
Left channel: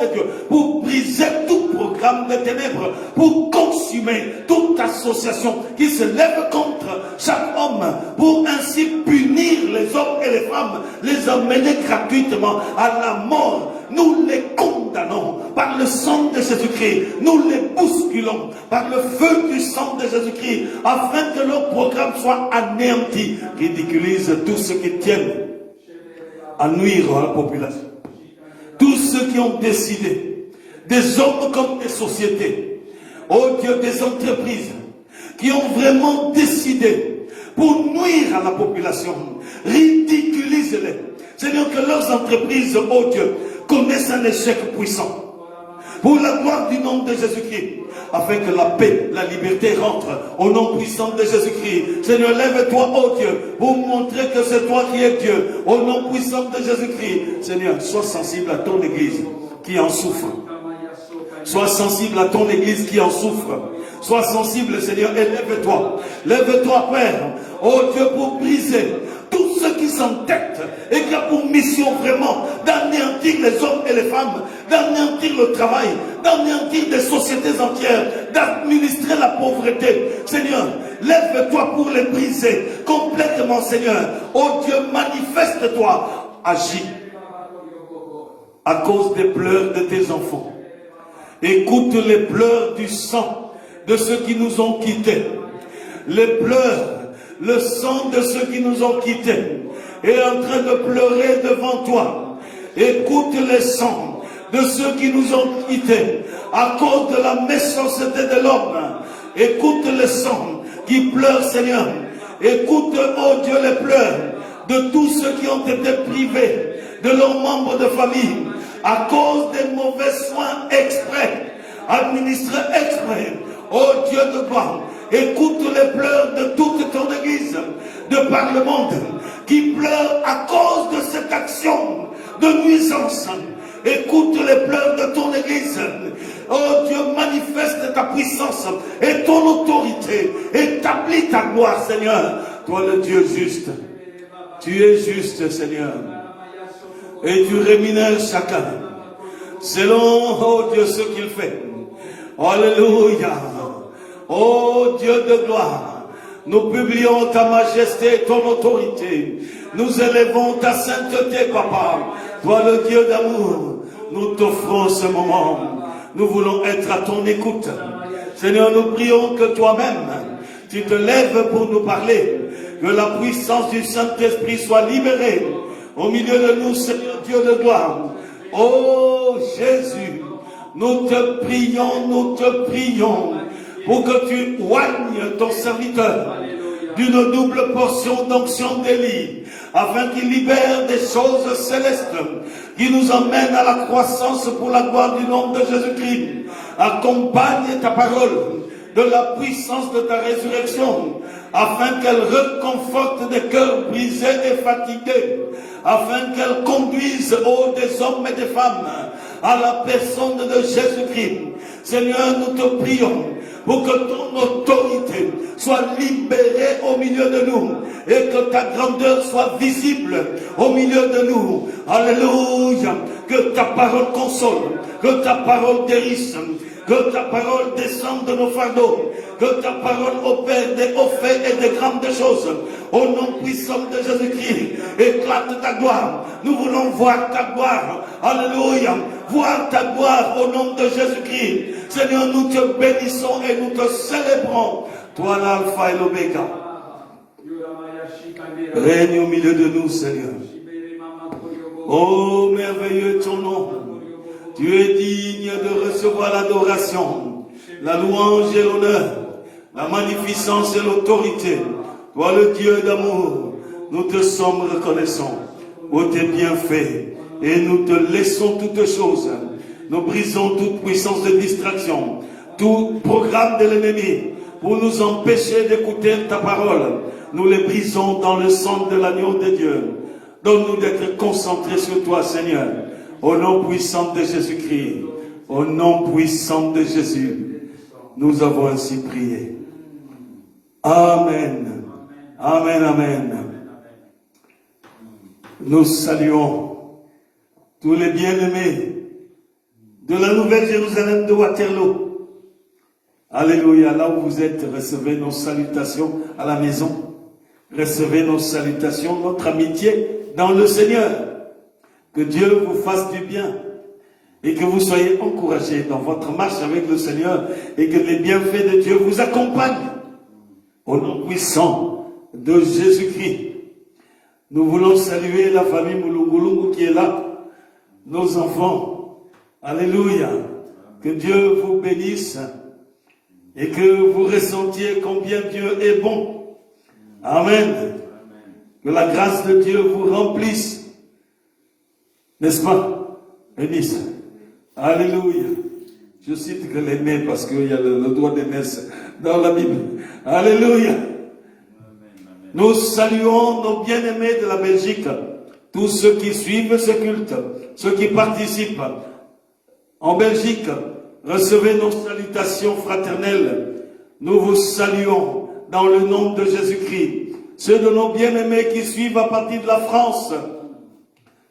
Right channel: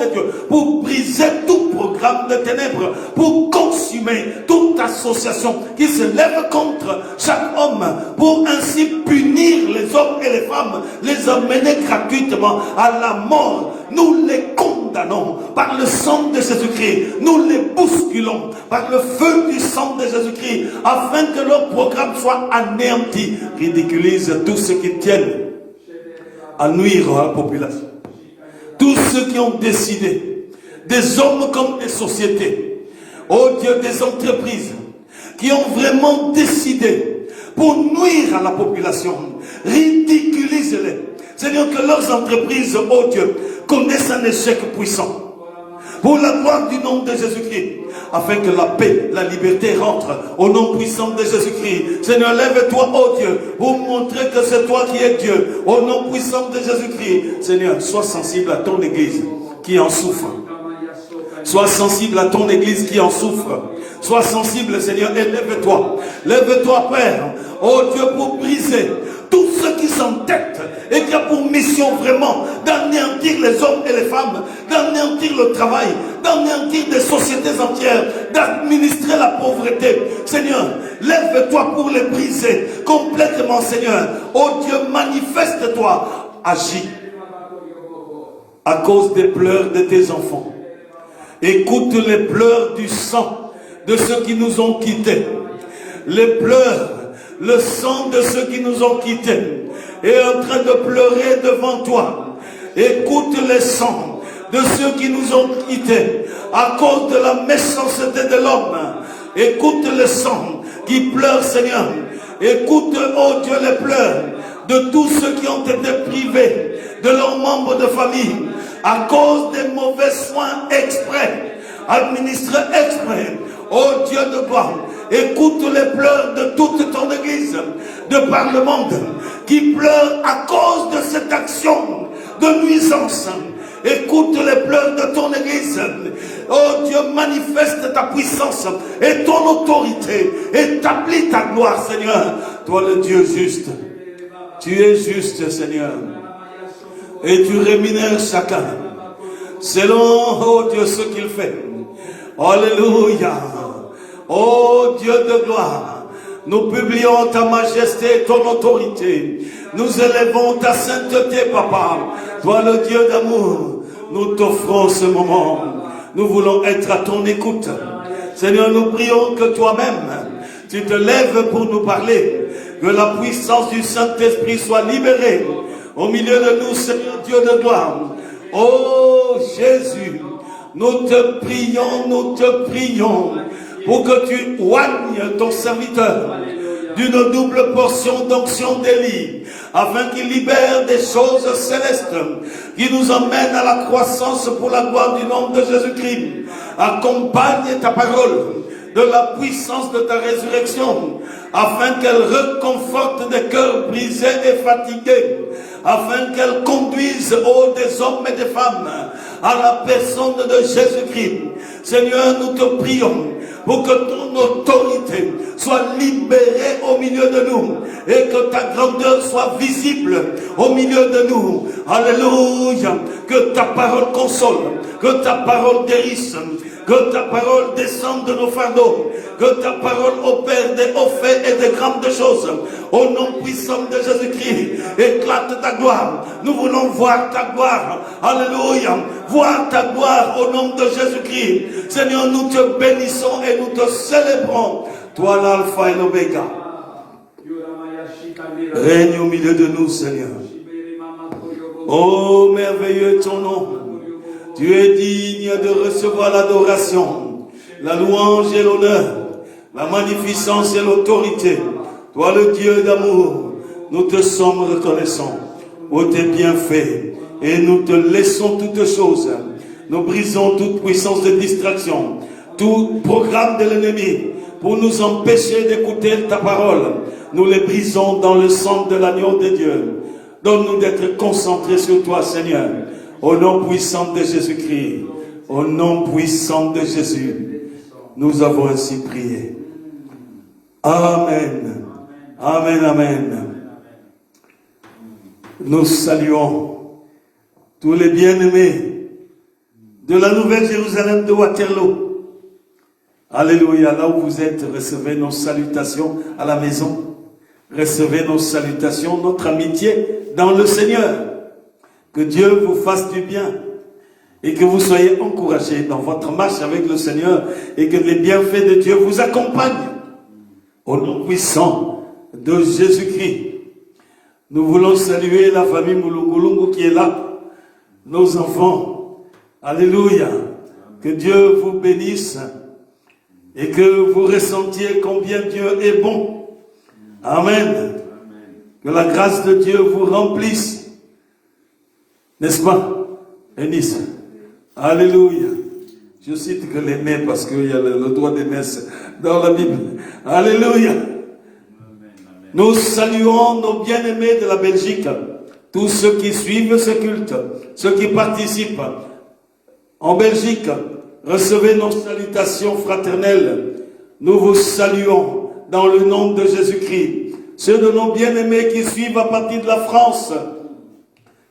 pour briser tout programme de ténèbres, pour consumer toute association qui se lève contre chaque homme, pour ainsi punir les hommes et les femmes, les emmener gratuitement à la mort. Nous les condamnons par le sang de Jésus-Christ, nous les bousculons par le feu du sang de Jésus-Christ, afin que leur programme soit anéanti. Ridiculise tous ceux qui tiennent à nuire à la population. Tous ceux qui ont décidé, des hommes comme des sociétés, oh Dieu, des entreprises qui ont vraiment décidé pour nuire à la population. Ridiculise-les. Seigneur, que leurs entreprises, oh Dieu, connaissent un échec puissant. Pour la gloire du nom de Jésus-Christ, afin que la paix, la liberté rentrent au nom puissant de Jésus-Christ. Seigneur, lève-toi, oh Dieu, pour montrer que c'est toi qui es Dieu, au nom puissant de Jésus-Christ. Seigneur, sois sensible à ton Église qui en souffre. Sois sensible à ton Église qui en souffre. Sois sensible, Seigneur, et lève-toi. Lève-toi, Père, oh Dieu, pour briser tous ceux qui s'entêtent et qui ont pour mission vraiment d'anéantir les hommes et les femmes, d'anéantir le travail, d'anéantir des sociétés entières, d'administrer la pauvreté. Seigneur, lève-toi pour les briser complètement, Seigneur. Oh Dieu, manifeste-toi, agis à cause des pleurs de tes enfants. Écoute les pleurs du sang de ceux qui nous ont quittés. Les pleurs, le sang de ceux qui nous ont quittés est en train de pleurer devant toi. Écoute les sangs de ceux qui nous ont quittés à cause de la méchanceté de l'homme. Écoute les sangs qui pleurent, Seigneur. Écoute, oh Dieu, les pleurs de tous ceux qui ont été privés de leurs membres de famille à cause des mauvais soins exprès, administrés exprès. Oh Dieu de gloire, écoute les pleurs de toute ton Église, de par le monde, qui pleure à cause de cette action de nuisance. Écoute les pleurs de ton Église. Oh Dieu, manifeste ta puissance et ton autorité. Établis ta gloire, Seigneur. Toi le Dieu juste. Tu es juste, Seigneur. Et tu rémunères chacun selon, oh Dieu, ce qu'il fait. Alléluia. Oh Dieu de gloire, nous publions ta majesté et ton autorité. Nous élevons ta sainteté, Papa. Toi le Dieu d'amour, nous t'offrons ce moment. Nous voulons être à ton écoute. Seigneur, nous prions que toi-même, tu te lèves pour nous parler. Que la puissance du Saint-Esprit soit libérée au milieu de nous, Seigneur Dieu de gloire. Oh Jésus, nous te prions pour que tu oignes ton serviteur d'une double portion d'onction d'Élie, afin qu'il libère des choses célestes qui nous emmènent à la croissance pour la gloire du nom de Jésus-Christ. Accompagne ta parole de la puissance de ta résurrection, afin qu'elle reconforte des cœurs brisés et fatigués, afin qu'elle conduise des hommes et des femmes à la personne de Jésus-Christ. Seigneur, nous te prions pour que ton autorité soit libérée au milieu de nous et que ta grandeur soit visible au milieu de nous. Alléluia. Que ta parole console, que ta parole guérisse, que ta parole descende de nos fardeaux, que ta parole opère des hauts faits et des grandes choses. Au nom puissant de Jésus-Christ, éclate ta gloire. Nous voulons voir ta gloire. Alléluia. Voir ta gloire au nom de Jésus-Christ. Seigneur, nous te bénissons et nous te célébrons. Toi l'alpha et l'oméga. Règne au milieu de nous, Seigneur. Oh, merveilleux ton nom. Tu es digne de recevoir l'adoration, la louange et l'honneur, la magnificence et l'autorité. Toi le Dieu d'amour, nous te sommes reconnaissants pour tes bienfaits et nous te laissons toutes choses. Nous brisons toute puissance de distraction, tout programme de l'ennemi pour nous empêcher d'écouter ta parole. Nous les brisons dans le sang de l'agneau de Dieu. Donne-nous d'être concentrés sur toi, Seigneur. Au nom puissant de Jésus-Christ, au nom puissant de Jésus, nous avons ainsi prié. Amen. Amen, amen. Nous saluons tous les bien-aimés de la Nouvelle Jérusalem de Waterloo. Alléluia. Là où vous êtes, recevez nos salutations à la maison. Recevez nos salutations, notre amitié dans le Seigneur. Que Dieu vous fasse du bien et que vous soyez encouragés dans votre marche avec le Seigneur et que les bienfaits de Dieu vous accompagnent. Au nom puissant de Jésus-Christ, nous voulons saluer la famille Moulungulungu qui est là, nos enfants. Alléluia. Que Dieu vous bénisse et que vous ressentiez combien Dieu est bon. Amen. Que la grâce de Dieu vous remplisse. N'est-ce pas, Eunice? Alléluia. Je cite que les mains parce qu'il y a le droit des messes dans la Bible. Alléluia. Nous saluons nos bien-aimés de la Belgique, tous ceux qui suivent ce culte, ceux qui participent en Belgique. Recevez nos salutations fraternelles. Nous vous saluons dans le nom de Jésus-Christ. Ceux de nos bien-aimés qui suivent à partir de la France,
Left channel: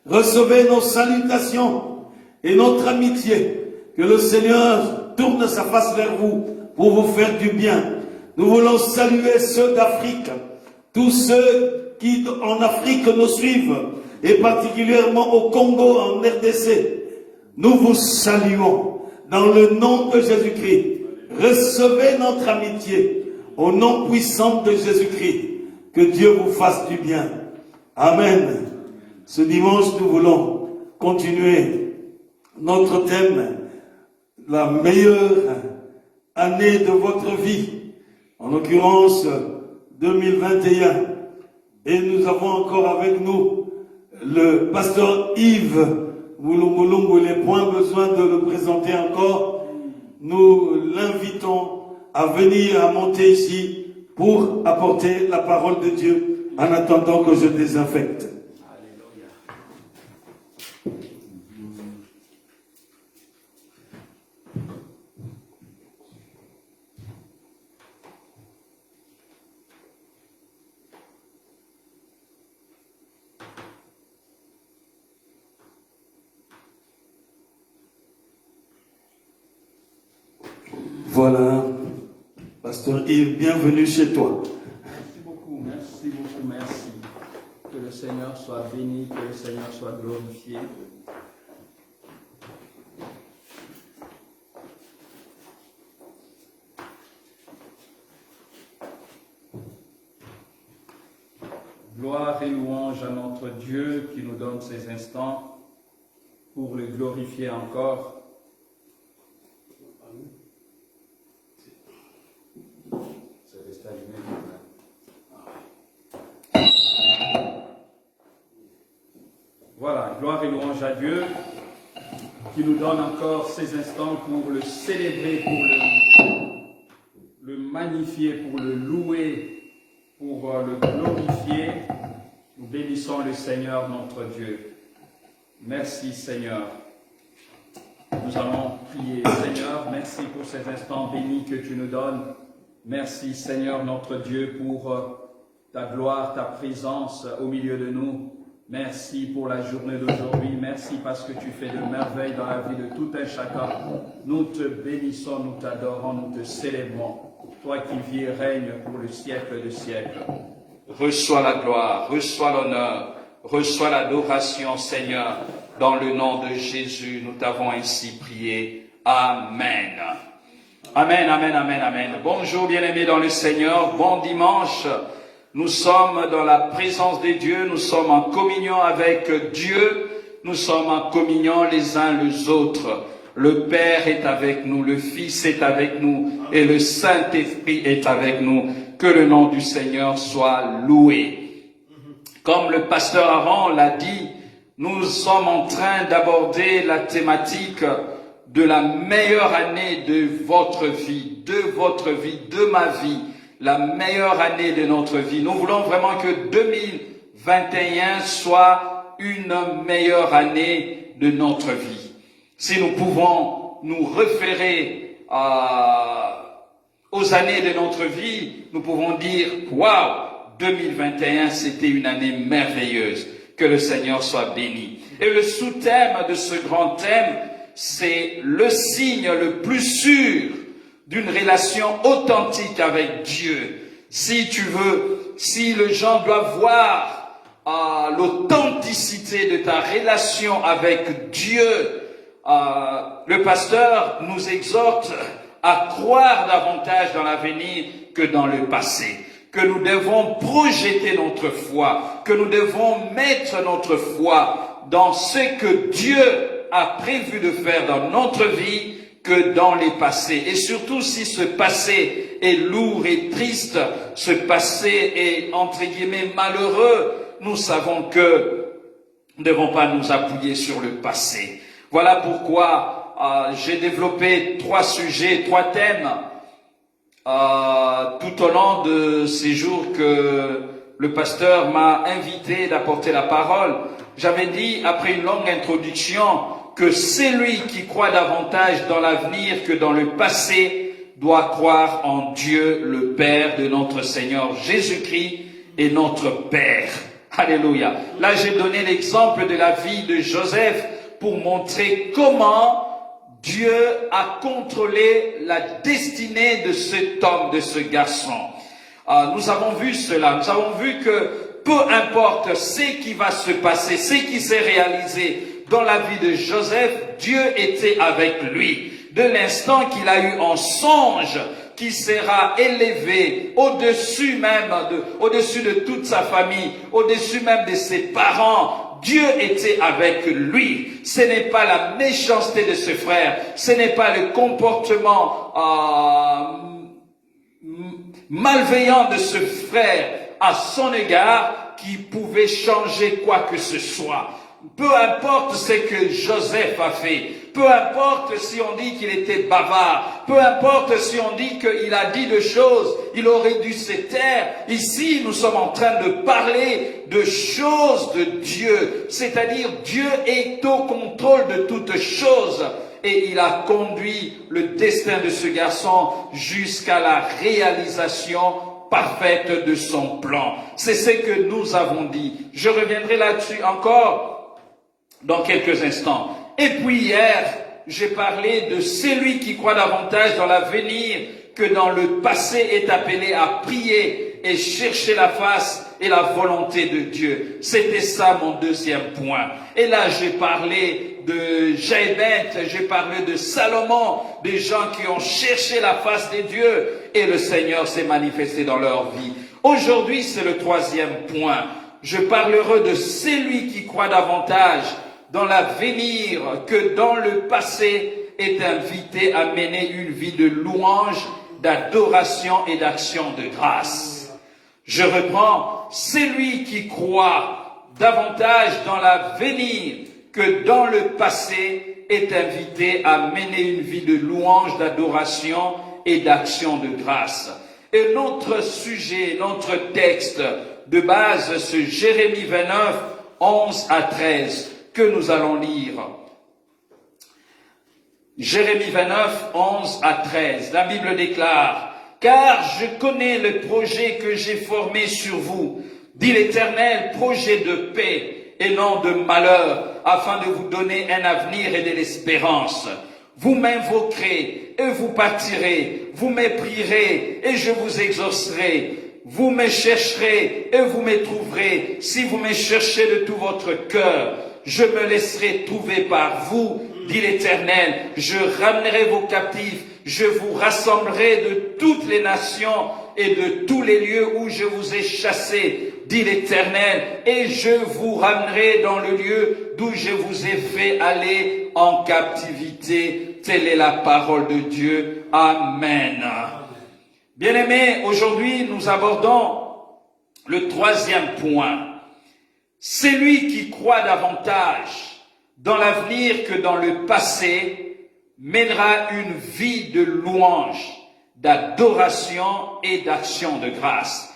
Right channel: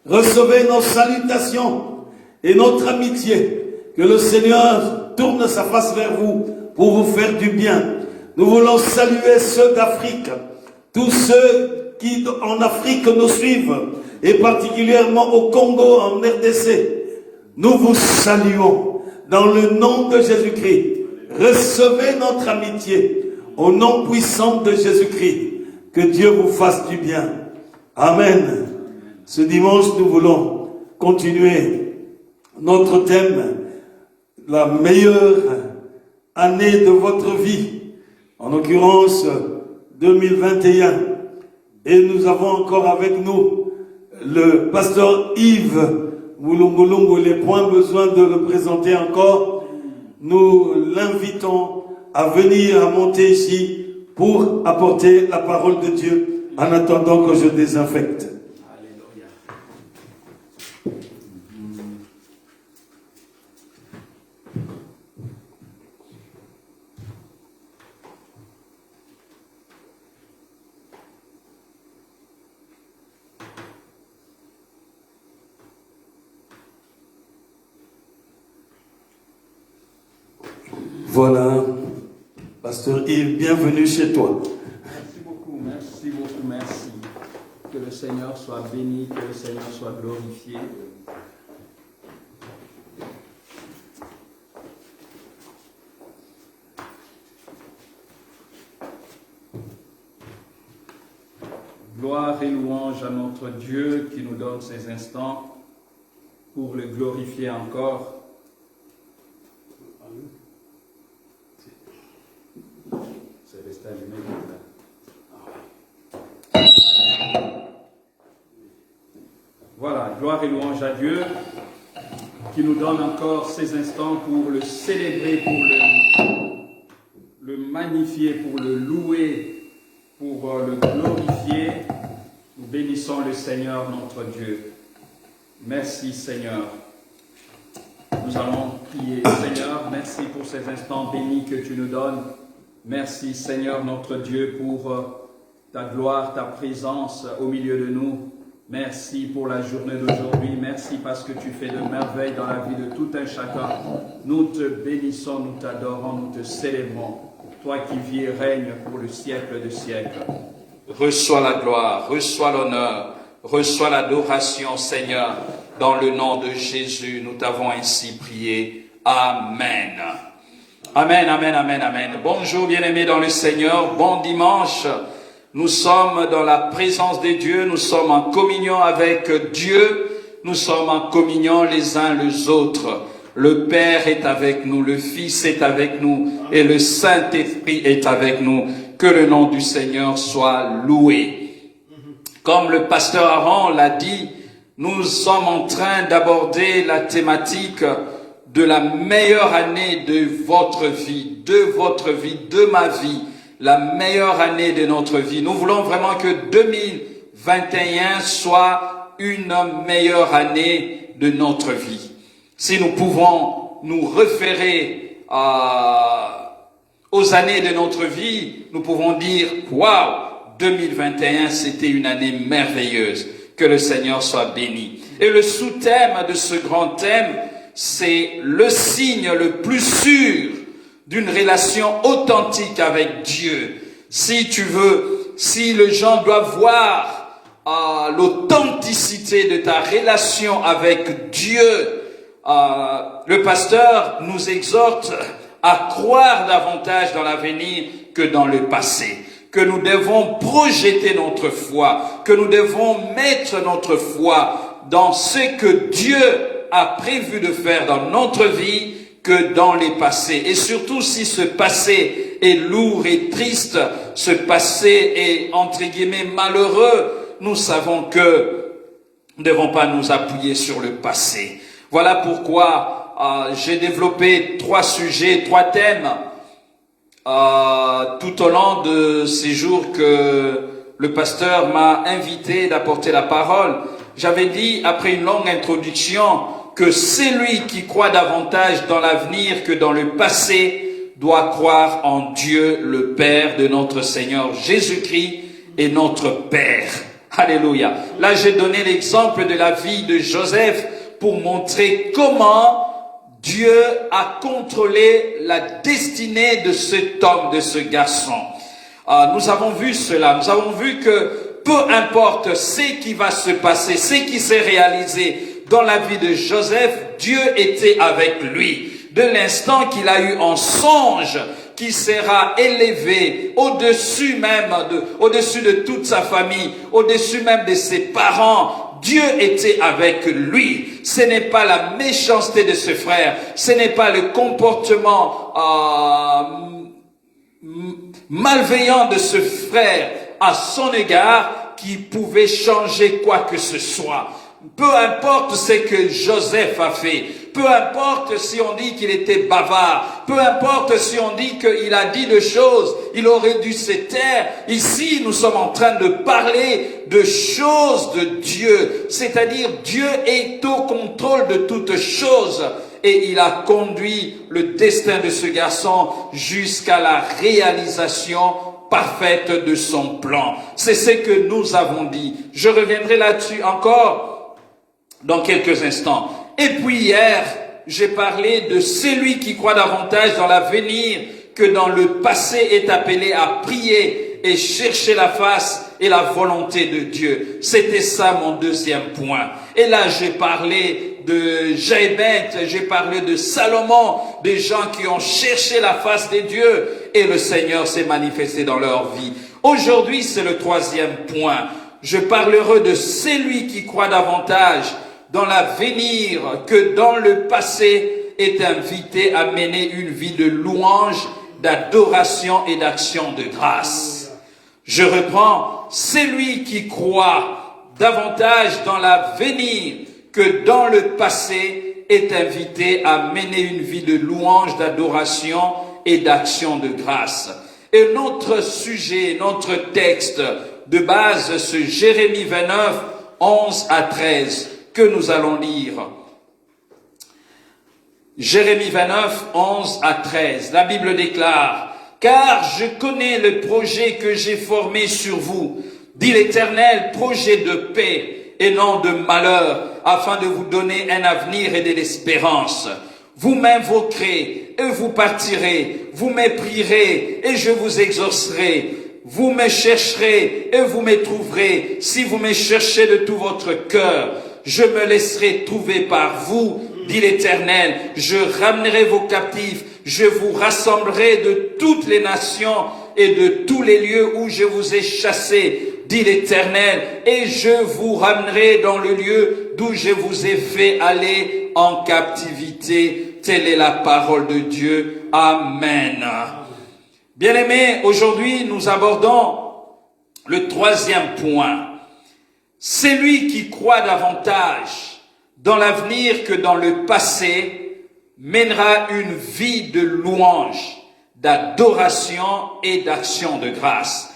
recevez nos salutations et notre amitié. Que le Seigneur tourne sa face vers vous pour vous faire du bien. Nous voulons saluer ceux d'Afrique, tous ceux qui en Afrique nous suivent, et particulièrement au Congo, en RDC. Nous vous saluons dans le nom de Jésus-Christ. Recevez notre amitié au nom puissant de Jésus-Christ. Que Dieu vous fasse du bien. Amen. Ce dimanche, nous voulons continuer notre thème, la meilleure année de votre vie, en l'occurrence 2021. Et nous avons encore avec nous le pasteur Yves Moulungu. Il n'est point besoin de le présenter encore. Nous l'invitons à venir, à monter ici pour apporter la parole de Dieu en attendant que je désinfecte. Voilà, pasteur Yves, bienvenue chez toi. Merci beaucoup, merci beaucoup, merci. Que le Seigneur soit béni, que le Seigneur soit glorifié. Gloire et louange à notre Dieu qui nous donne ces instants pour le glorifier encore. C'est resté allumé. Voilà, gloire et louange à Dieu qui nous donne encore ces instants pour le célébrer, pour le magnifier, pour le louer, pour le glorifier. Nous bénissons le Seigneur notre Dieu. Merci Seigneur. Nous allons prier. Seigneur, merci pour ces instants bénis que tu nous donnes. Merci Seigneur notre Dieu pour ta gloire, ta présence au milieu de nous. Merci pour la journée d'aujourd'hui. Merci parce que tu fais de merveilles dans la vie de tout un chacun. Nous te bénissons, nous t'adorons, nous te célébrons. Toi qui vis et règnes pour le siècle de siècles. Reçois la gloire, reçois l'honneur, reçois l'adoration, Seigneur. Dans le nom de Jésus, nous t'avons ainsi prié. Amen. Amen, amen, amen, amen. Bonjour bien-aimés dans le Seigneur, bon dimanche. Nous sommes dans la présence de Dieu, nous sommes en communion avec Dieu, nous sommes en communion les uns les autres. Le Père est avec nous, le Fils est avec nous et le Saint-Esprit est avec nous. Que le nom du Seigneur soit loué. Comme le pasteur Aaron l'a dit, nous sommes en train d'aborder la thématique de la meilleure année de votre vie, de ma vie, la meilleure année de notre vie. Nous voulons vraiment que 2021 soit une meilleure année de notre vie. Si nous pouvons nous référer aux années de notre vie, nous pouvons dire, waouh, 2021, c'était une année merveilleuse. Que le Seigneur soit béni. Et le sous-thème de ce grand thème, c'est le signe le plus sûr d'une relation authentique avec Dieu. Si tu veux, si les gens doivent voir l'authenticité de ta relation avec Dieu, le pasteur nous exhorte à croire davantage dans l'avenir que dans le passé. Que nous devons projeter notre foi, que nous devons mettre notre foi dans ce que Dieu a prévu de faire dans notre vie que dans les passés. Et surtout si ce passé est lourd et triste, ce passé est entre guillemets malheureux, nous savons que nous ne devons pas nous appuyer sur le passé. Voilà pourquoi j'ai développé 3 sujets, 3 thèmes tout au long de ces jours que le pasteur m'a invité d'apporter la parole. J'avais dit, après une longue introduction, que celui qui croit davantage dans l'avenir que dans le passé doit croire en Dieu, le Père de notre Seigneur Jésus-Christ et notre Père. Alléluia. Là, j'ai donné l'exemple de la vie de Joseph pour montrer comment Dieu a contrôlé la destinée de cet homme, de ce garçon. Nous avons vu cela. Nous avons vu que peu importe ce qui va se passer, ce qui s'est réalisé dans la vie de Joseph, Dieu était avec lui. De l'instant qu'il a eu un songe qui sera élevé au-dessus même au-dessus de toute sa famille, au-dessus même de ses parents, Dieu était avec lui. Ce n'est pas la méchanceté de ce frère, ce n'est pas le comportement malveillant de ce frère à son égard qui pouvait changer quoi que ce soit. Peu importe ce que Joseph a fait, peu importe si on dit qu'il était bavard, peu importe si on dit qu'il a dit des choses, il aurait dû se taire. Ici, nous sommes en train de parler de choses de Dieu, c'est-à-dire Dieu est au contrôle de toutes choses. Et il a conduit le destin de ce garçon jusqu'à la réalisation parfaite de son plan. C'est ce que nous avons dit. Je reviendrai là-dessus encore dans quelques instants. Et puis hier, j'ai parlé de celui qui croit davantage dans l'avenir que dans le passé est appelé à prier et chercher la face et la volonté de Dieu. C'était ça mon deuxième point. Et là, j'ai parlé de Jabez, j'ai parlé de Salomon, des gens qui ont cherché la face de Dieu et le Seigneur s'est manifesté dans leur vie. Aujourd'hui, c'est le troisième point. Je parlerai de celui qui croit davantage dans l'avenir que dans le passé est invité à mener une vie de louange, d'adoration et d'action de grâce. Je reprends, celui qui croit davantage dans l'avenir que dans le passé est invité à mener une vie de louange, d'adoration et d'action de grâce. Et notre sujet, notre texte de base, c'est Jérémie 29, 11 à 13, que nous allons lire. Jérémie 29, 11 à 13. La Bible déclare, « Car je connais le projet que j'ai formé sur vous, dit l'Éternel, projet de paix et non de malheur, afin de vous donner un avenir et de l'espérance. Vous m'invoquerez et vous partirez, vous me prierez et je vous exaucerai. Vous me chercherez et vous me trouverez, si vous me cherchez de tout votre cœur. Je me laisserai trouver par vous, dit l'Éternel. Je ramènerai vos captifs, je vous rassemblerai de toutes les nations et de tous les lieux où je vous ai chassés, dit l'Éternel, et je vous ramènerai dans le lieu d'où je vous ai fait aller en captivité. Telle est la parole de Dieu. Amen. Bien-aimés, aujourd'hui nous abordons le troisième point. Celui qui croit davantage dans l'avenir que dans le passé mènera une vie de louange, d'adoration et d'action de grâce.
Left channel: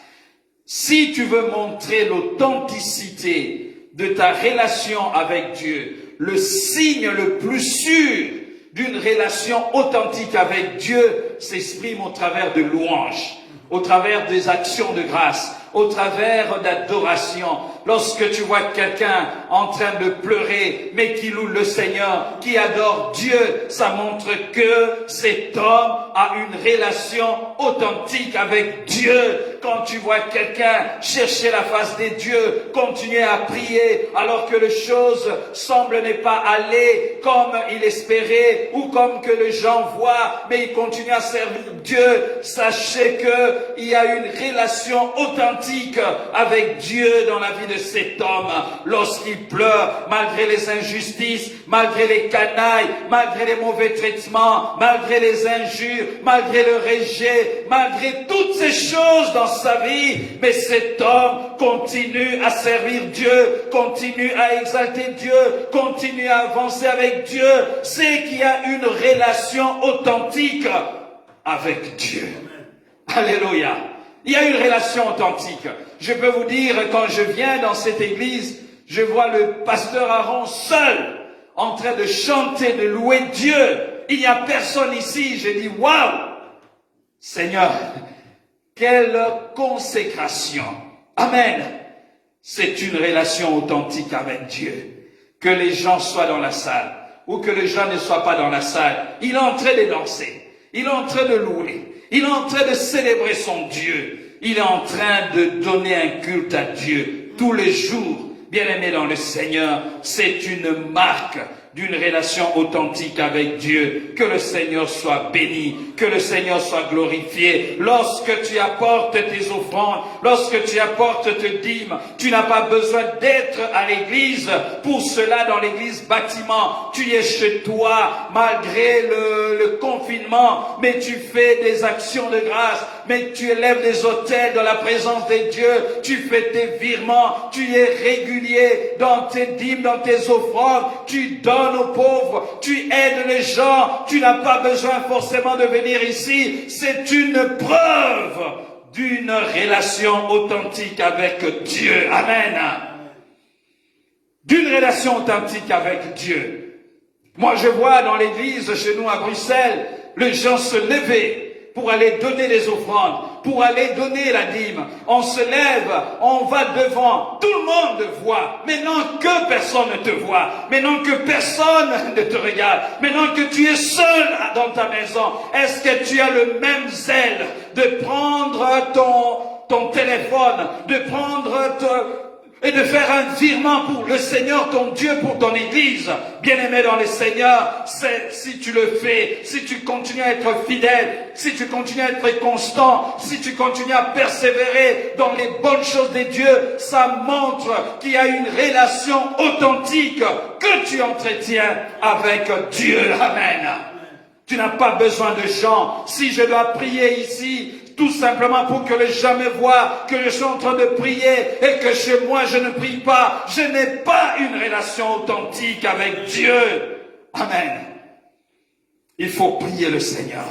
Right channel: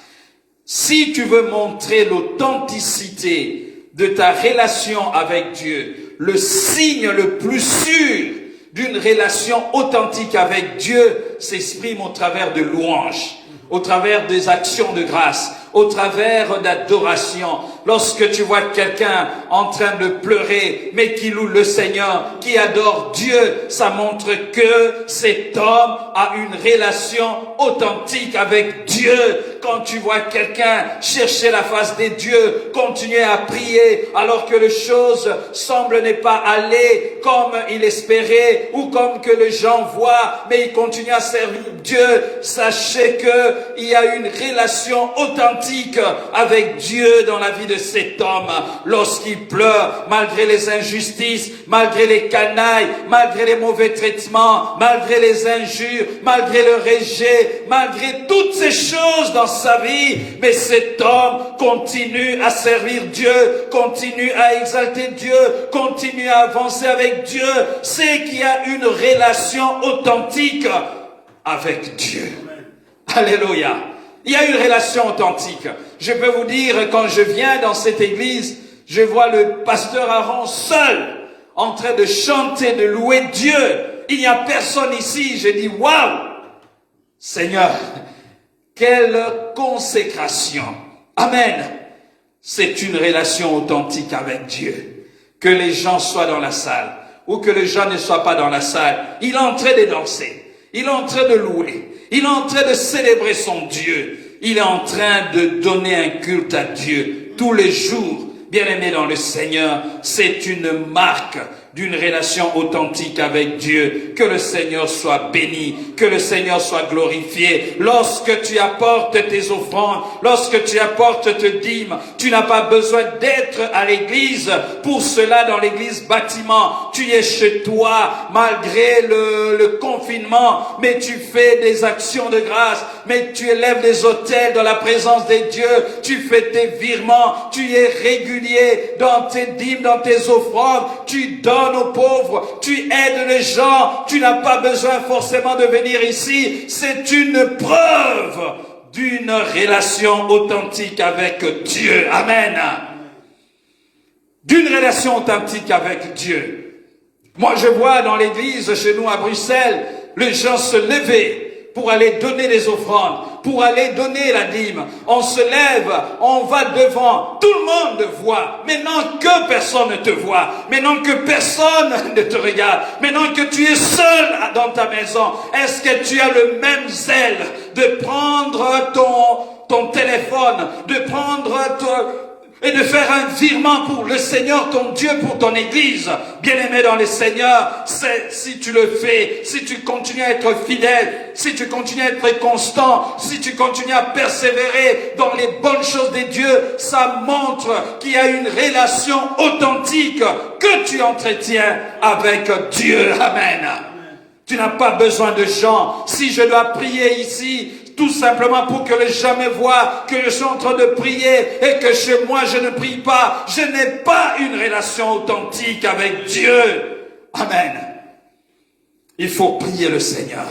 Si tu veux montrer l'authenticité de ta relation avec Dieu, le signe le plus sûr d'une relation authentique avec Dieu s'exprime au travers de louanges, au travers des actions de grâce, au travers d'adoration. Lorsque tu vois quelqu'un en train de pleurer, mais qui loue le Seigneur, qui adore Dieu, ça montre que cet homme a une relation authentique avec Dieu. Quand tu vois quelqu'un chercher la face de Dieu, continuer à prier, alors que les choses semblent ne pas aller comme il espérait, ou comme que les gens voient, mais il continue à servir Dieu, sachez qu'il y a une relation authentique authentique avec Dieu dans la vie de cet homme lorsqu'il pleure, malgré les injustices, malgré les canailles, malgré les mauvais traitements, malgré les injures, malgré le rejet, malgré toutes ces choses dans sa vie. Mais cet homme continue à servir Dieu, continue à exalter Dieu, continue à avancer avec Dieu. C'est qu'il y a une relation authentique avec Dieu. Alléluia. Il y a une relation authentique. Je peux vous dire, quand je viens dans cette église, je vois le pasteur Aaron seul, en train de chanter, de louer Dieu. Il n'y a personne ici. Je dis, waouh, Seigneur, quelle consécration. Amen. C'est une relation authentique avec Dieu. Que les gens soient dans la salle ou que les gens ne soient pas dans la salle, il est en train de danser, il est en train de louer, il est en train de célébrer son Dieu, il est en train de donner un culte à Dieu tous les jours. Bien-aimés dans le Seigneur, c'est une marque d'une relation authentique avec Dieu. Que le Seigneur soit béni, que le Seigneur soit glorifié. Lorsque tu apportes tes offrandes, lorsque tu apportes tes dîmes, tu n'as pas besoin d'être à l'église. Pour cela, dans l'église bâtiment, tu es chez toi, malgré le confinement, mais tu fais des actions de grâce, mais tu élèves des autels dans la présence de Dieu, tu fais tes virements, tu es régulier dans tes dîmes, dans tes offrandes, tu donnes aux pauvres, tu aides les gens, tu n'as pas besoin forcément de venir ici. C'est une preuve d'une relation authentique avec Dieu. Amen. D'une relation authentique avec Dieu. Moi, je vois dans l'église chez nous à Bruxelles, les gens se lever pour aller donner les offrandes, pour aller donner la dîme. On se lève, on va devant, tout le monde voit. Maintenant que personne ne te voit, maintenant que personne ne te regarde, maintenant que tu es seul dans ta maison, est-ce que tu as le même zèle de prendre ton téléphone, de prendre et de faire un virement pour le Seigneur, ton Dieu, pour ton église? Bien-aimé dans le Seigneur, si tu le fais, si tu continues à être fidèle, si tu continues à être constant, si tu continues à persévérer dans les bonnes choses de Dieu, ça montre qu'il y a une relation authentique que tu entretiens avec Dieu. Amen. Tu n'as pas besoin de gens. Si je dois prier ici, tout simplement pour que les gens me voient, que je sois en train de prier et que chez moi je ne prie pas, je n'ai pas une relation authentique avec Dieu. Amen. Il faut prier le Seigneur.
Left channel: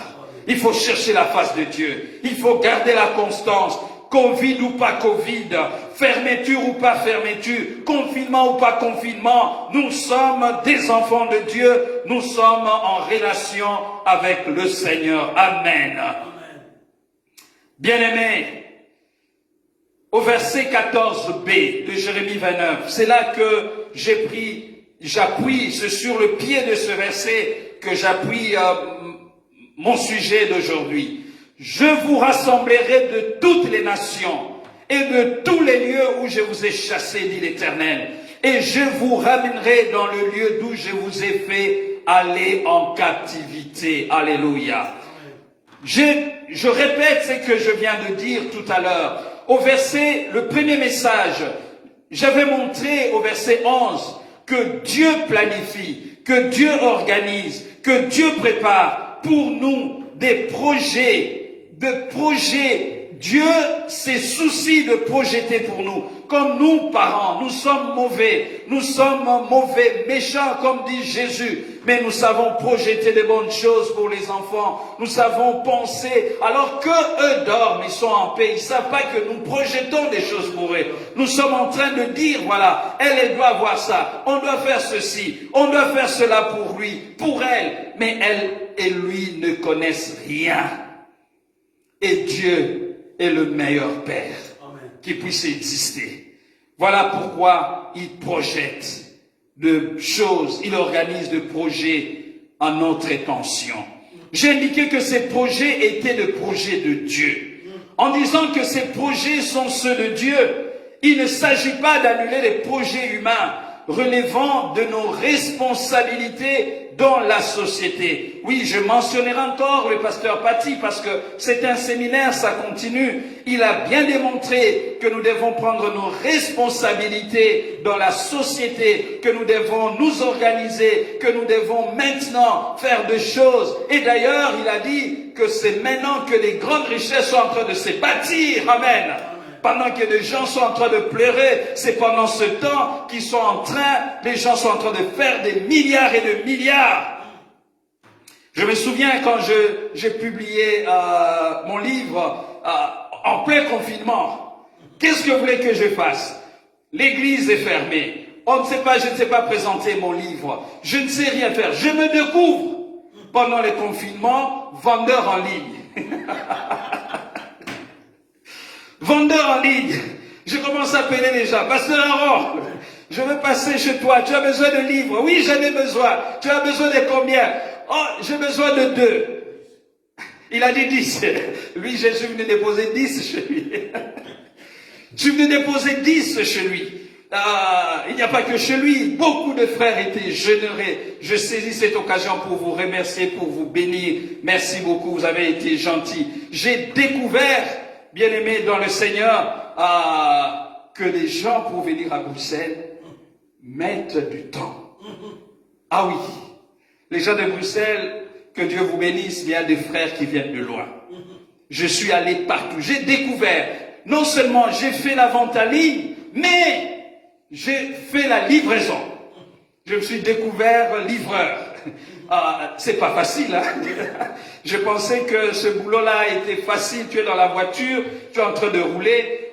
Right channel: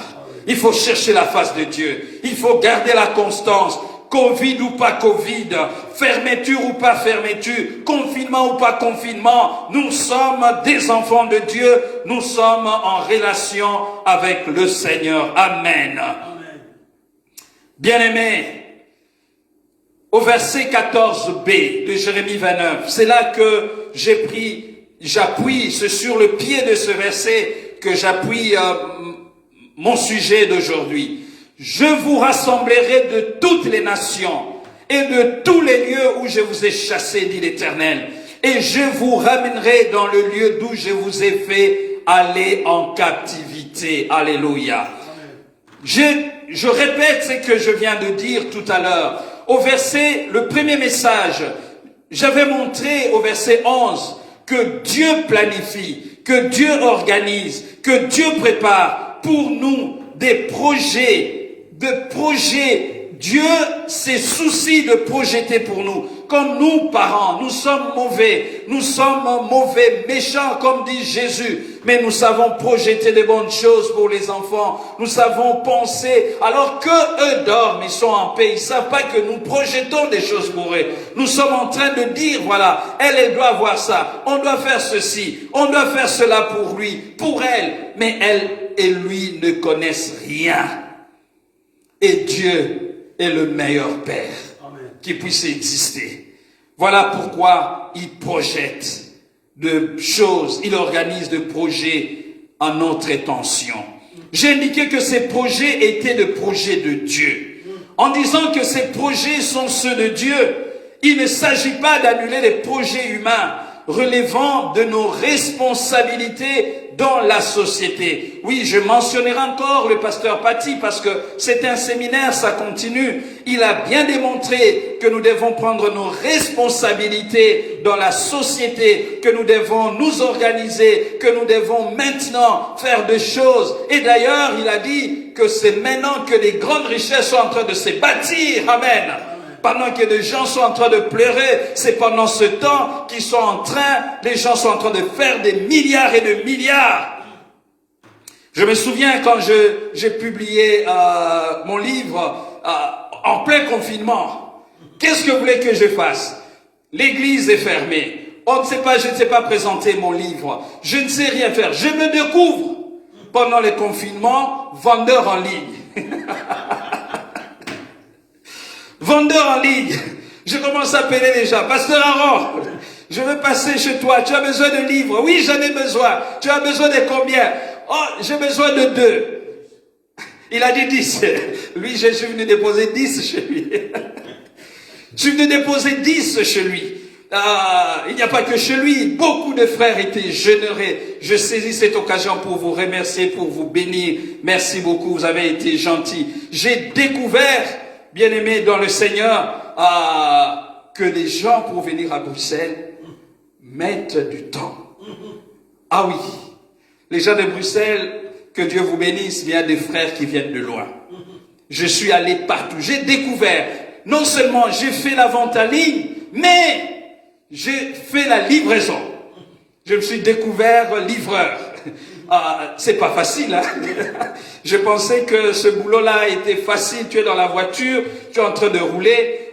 Il faut chercher la face de Dieu. Il faut garder la constance. Covid ou pas Covid, fermeture ou pas fermeture, confinement ou pas confinement, nous sommes des enfants de Dieu, nous sommes en relation avec le Seigneur. Amen. Bien-aimés, au verset 14b de Jérémie 29, c'est là que j'appuie, c'est sur le pied de ce verset que j'appuie mon sujet d'aujourd'hui. Je vous rassemblerai de toutes les nations et de tous les lieux où je vous ai chassés, dit l'Éternel, et je vous ramènerai dans le lieu d'où je vous ai fait aller en captivité. Alléluia. Je répète ce que je viens de dire tout à l'heure. Au verset, le premier message, j'avais montré au verset 11 que Dieu planifie, que Dieu organise, que Dieu prépare pour nous des projets. Dieu s'est souci de projeter pour nous. Comme nous, parents, nous sommes mauvais, méchants, comme dit Jésus. Mais nous savons projeter de bonnes choses pour les enfants. Nous savons penser, alors que eux dorment, ils sont en paix. Ils ne savent pas que nous projetons des choses pour eux. Nous sommes en train de dire, voilà, elle doit avoir ça. On doit faire ceci. On doit faire cela pour lui, pour elle. Mais elle et lui ne connaissent rien. Et Dieu est le meilleur Père qui puisse exister. Voilà pourquoi il projette de choses, il organise des projets en notre intention. J'ai indiqué que ces projets étaient des projets de Dieu. En disant que ces projets sont ceux de Dieu, il ne s'agit pas d'annuler les projets humains. relevant de nos responsabilités dans la société. Oui, je mentionnerai encore le pasteur Paty parce que c'est un séminaire, ça continue. Il a bien démontré que nous devons prendre nos responsabilités dans la société, que nous devons nous organiser, que nous devons maintenant faire des choses. Et d'ailleurs, il a dit que c'est maintenant que les grandes richesses sont en train de se bâtir. Amen. Pendant que les gens sont en train de pleurer, c'est pendant ce temps qu'ils sont les gens sont en train de faire des milliards et de milliards. Je me souviens quand j'ai publié mon livre en plein confinement. Qu'est-ce que vous voulez que je fasse? L'église est fermée. Je ne sais pas présenter mon livre. Je ne sais rien faire. Je me découvre pendant le confinement vendeur en ligne. Vendeur en ligne. Je commence à appeler les gens. Pasteur Aaron, je veux passer chez toi. Tu as besoin de livres? Oui, j'en ai besoin. Tu as besoin de combien? Oh, j'ai besoin de 2. Il a dit 10. Lui, je suis venu déposer 10 chez lui. Je suis venu déposer 10 chez lui. Il n'y a pas que chez lui. Beaucoup de frères étaient généreux. Je saisis cette occasion pour vous remercier, pour vous bénir. Merci beaucoup. Vous avez été gentils. J'ai découvert, bien-aimés dans le Seigneur, que les gens pour venir à Bruxelles mettent du temps. Ah oui, les gens de Bruxelles, que Dieu vous bénisse, il y a des frères qui viennent de loin. Je suis allé partout, j'ai découvert, non seulement j'ai fait la vente en ligne, mais j'ai fait la livraison. Je me suis découvert livreur. C'est pas facile, hein? Je pensais que ce boulot-là était facile. Tu es dans la voiture, tu es en train de rouler,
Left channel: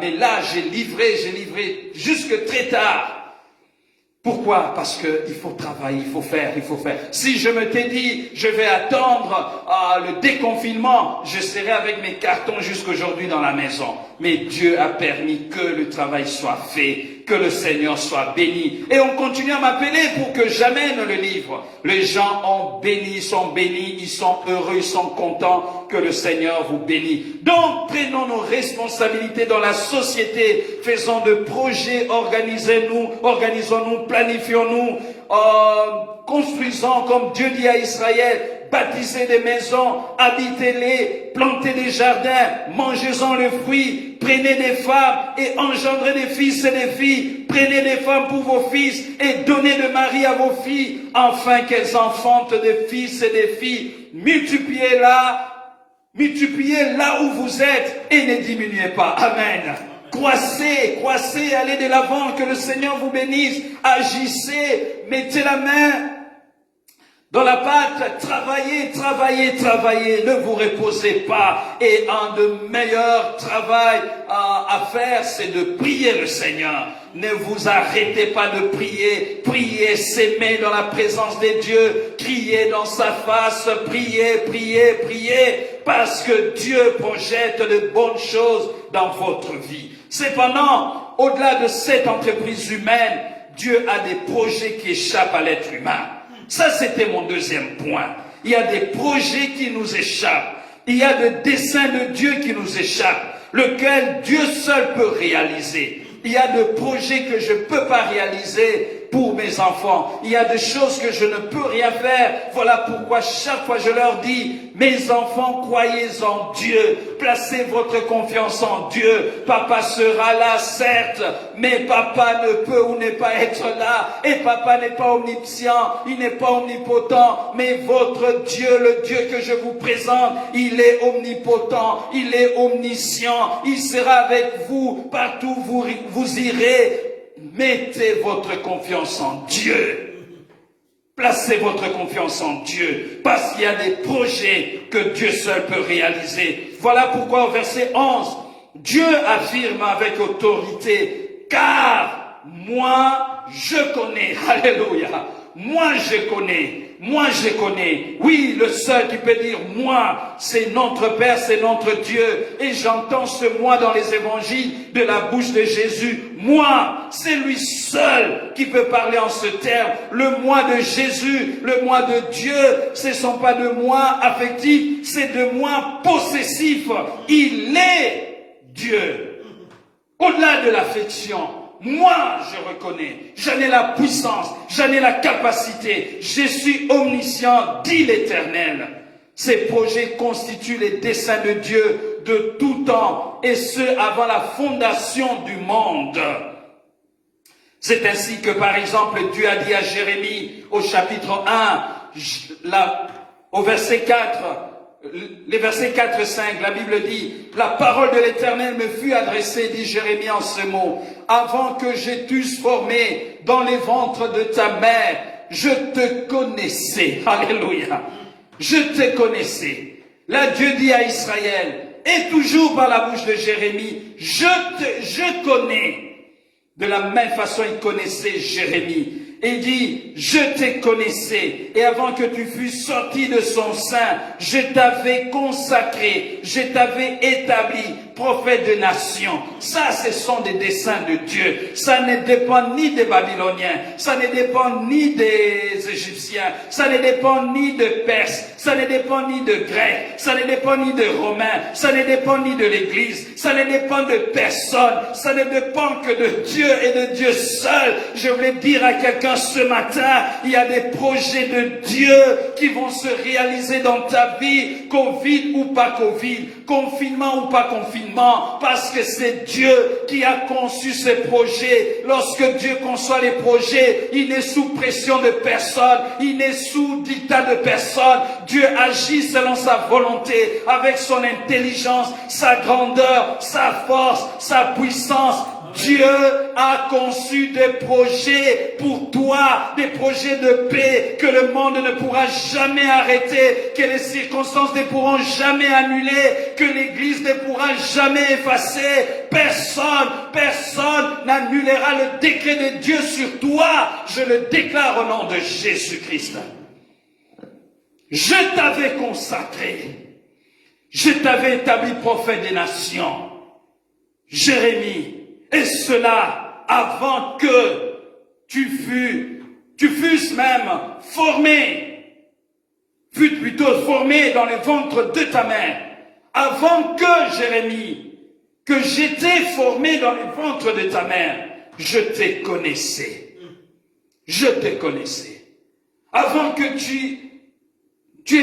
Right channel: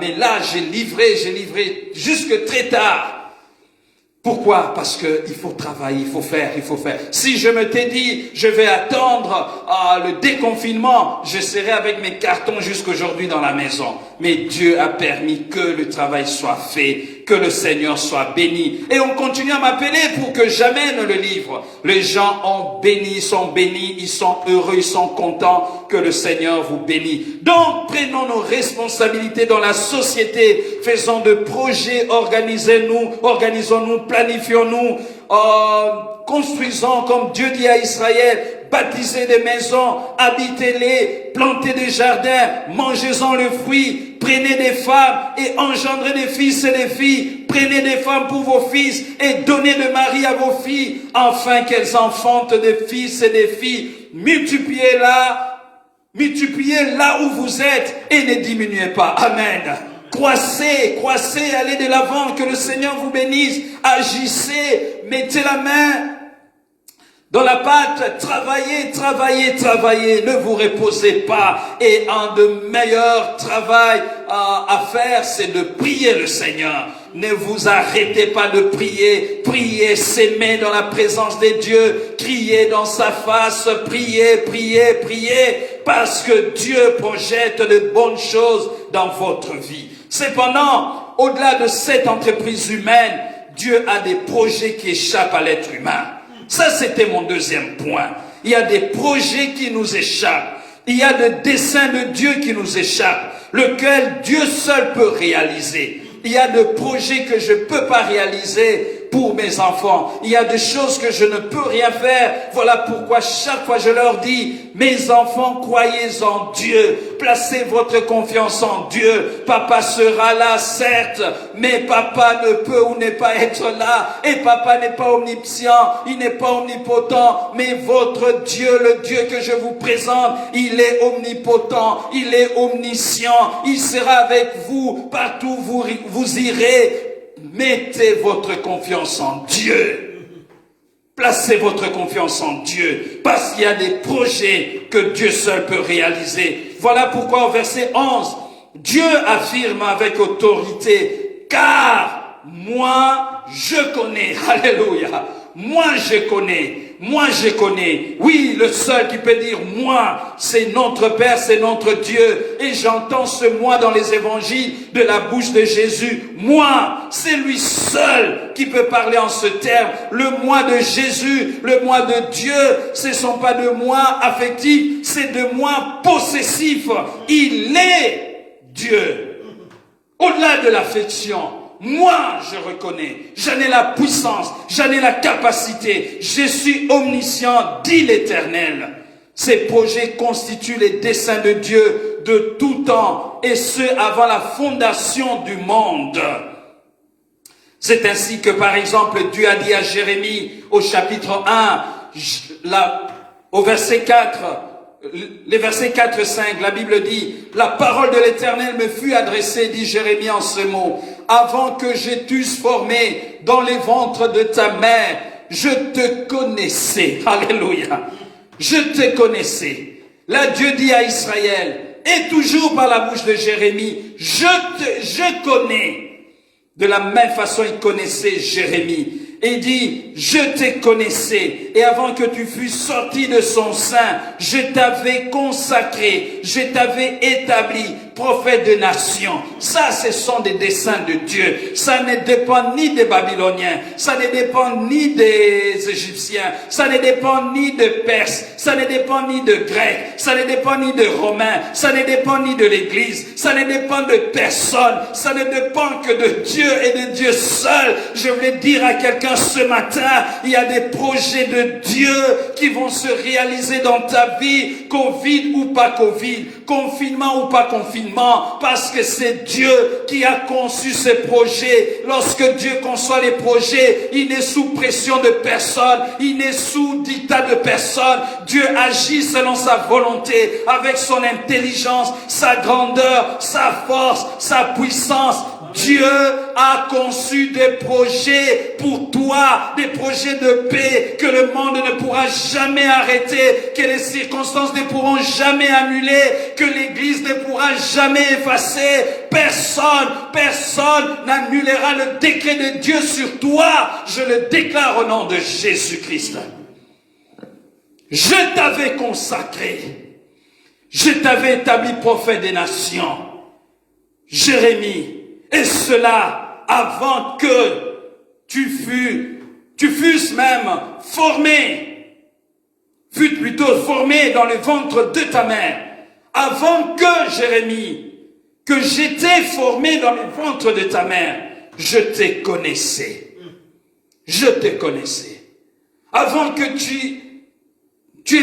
mais là j'ai livré jusque très tard. Pourquoi? Parce que il faut travailler, il faut faire. Si je me t'ai dit, je vais attendre le déconfinement, je serai avec mes cartons jusqu'aujourd'hui dans la maison. Mais Dieu a permis que le travail soit fait, que le Seigneur soit béni. Et on continue à m'appeler pour que j'amène le livre. Les gens ont béni, ils sont bénis, ils sont heureux, ils sont contents. Que le Seigneur vous bénisse. Donc, prenons nos responsabilités dans la société. Faisons de projets, organisons-nous, planifions-nous, construisons comme Dieu dit à Israël, bâtissez des maisons, habitez-les, plantez des jardins, mangez-en le fruit, prenez des femmes et engendrez des fils et des filles, prenez des femmes pour vos fils et donnez de mari à vos filles, afin qu'elles enfantent des fils et des filles, multipliez là où vous êtes et ne diminuez pas. Amen. Croissez, allez de l'avant, que le Seigneur vous bénisse, agissez, mettez la main dans la pâte, travaillez, ne vous reposez pas. Et un de meilleurs travail à faire, c'est de prier le Seigneur. Ne vous arrêtez pas de prier, s'aimer dans la présence de Dieu, criez dans sa face, priez, parce que Dieu projette de bonnes choses dans votre vie. Cependant, au-delà de cette entreprise humaine, Dieu a des projets qui échappent à l'être humain. Ça, c'était mon deuxième point. Il y a des projets qui nous échappent. Il y a des desseins de Dieu qui nous échappent, lequel Dieu seul peut réaliser. Il y a des projets que je ne peux pas réaliser pour mes enfants. Il y a des choses que je ne peux rien faire. Voilà pourquoi chaque fois je leur dis, mes enfants, croyez en Dieu. Placez votre confiance en Dieu. Papa sera là, certes, mais papa ne peut ou n'est pas être là. Et papa n'est pas omniscient, il n'est pas omnipotent. Mais votre Dieu, le Dieu que je vous présente, il est omnipotent, il est omniscient. Il sera avec vous partout où vous irez. Mettez votre confiance en Dieu. Placez votre confiance en Dieu. Parce qu'il y a des projets que Dieu seul peut réaliser. Voilà pourquoi au verset 11, Dieu affirme avec autorité, car moi je connais. Alléluia. Moi je connais. Oui, le seul qui peut dire moi, c'est notre Père, c'est notre Dieu. Et j'entends ce moi dans les évangiles de la bouche de Jésus. Moi, c'est lui seul qui peut parler en ce terme. Le moi de Jésus, le moi de Dieu, ce ne sont pas de moi affectif, c'est de moi possessif. Il est Dieu. Au-delà de l'affection, moi je reconnais, j'en ai la puissance, j'en ai la capacité, je suis omniscient, dit l'Éternel. Ces projets constituent les desseins de Dieu de tout temps, et ce avant la fondation du monde. C'est ainsi que, par exemple, Dieu a dit à Jérémie au chapitre 1, au verset 4, les versets 4 et 5, la Bible dit, « La parole de l'Éternel me fut adressée, dit Jérémie en ce mot, avant que je t'eusse formé dans les ventres de ta mère, je te connaissais. » Alléluia. Je te connaissais. Là, Dieu dit à Israël, et toujours par la bouche de Jérémie, je connais. De la même façon, il connaissait Jérémie. Et il dit, je te connaissais, et avant que tu fusses sorti de son sein, je t'avais consacré, je t'avais établi prophète de nations. Ça, ce sont des desseins de Dieu. Ça ne dépend ni des Babyloniens, ça ne dépend ni des Égyptiens, ça ne dépend ni de Perses, ça ne dépend ni de Grecs, ça ne dépend ni de Romains, ça ne dépend ni de l'Église, ça ne dépend de personne, ça ne dépend que de Dieu et de Dieu seul. Je voulais dire à quelqu'un ce matin, il y a des projets de Dieu qui vont se réaliser dans ta vie, Covid ou pas Covid, confinement ou pas confinement, parce que c'est Dieu qui a conçu ces projets. Lorsque Dieu conçoit les projets, il n'est sous pression de personne, il n'est sous dictat de personne. Dieu agit selon sa volonté, avec son intelligence, sa grandeur, sa force, sa puissance. Dieu a conçu des projets pour toi, des projets de paix que le monde ne pourra jamais arrêter, que les circonstances ne pourront jamais annuler, que l'Église ne pourra jamais effacer. Personne n'annulera le décret de Dieu sur toi. Je le déclare au nom de Jésus-Christ. Je t'avais consacré, je t'avais établi prophète des nations. Jérémie. Et cela avant que tu fusses même formé, fût plutôt formé dans le ventre de ta mère. Avant que, Jérémie, que j'étais formé dans le ventre de ta mère, je te connaissais. Je te connaissais. Avant que tu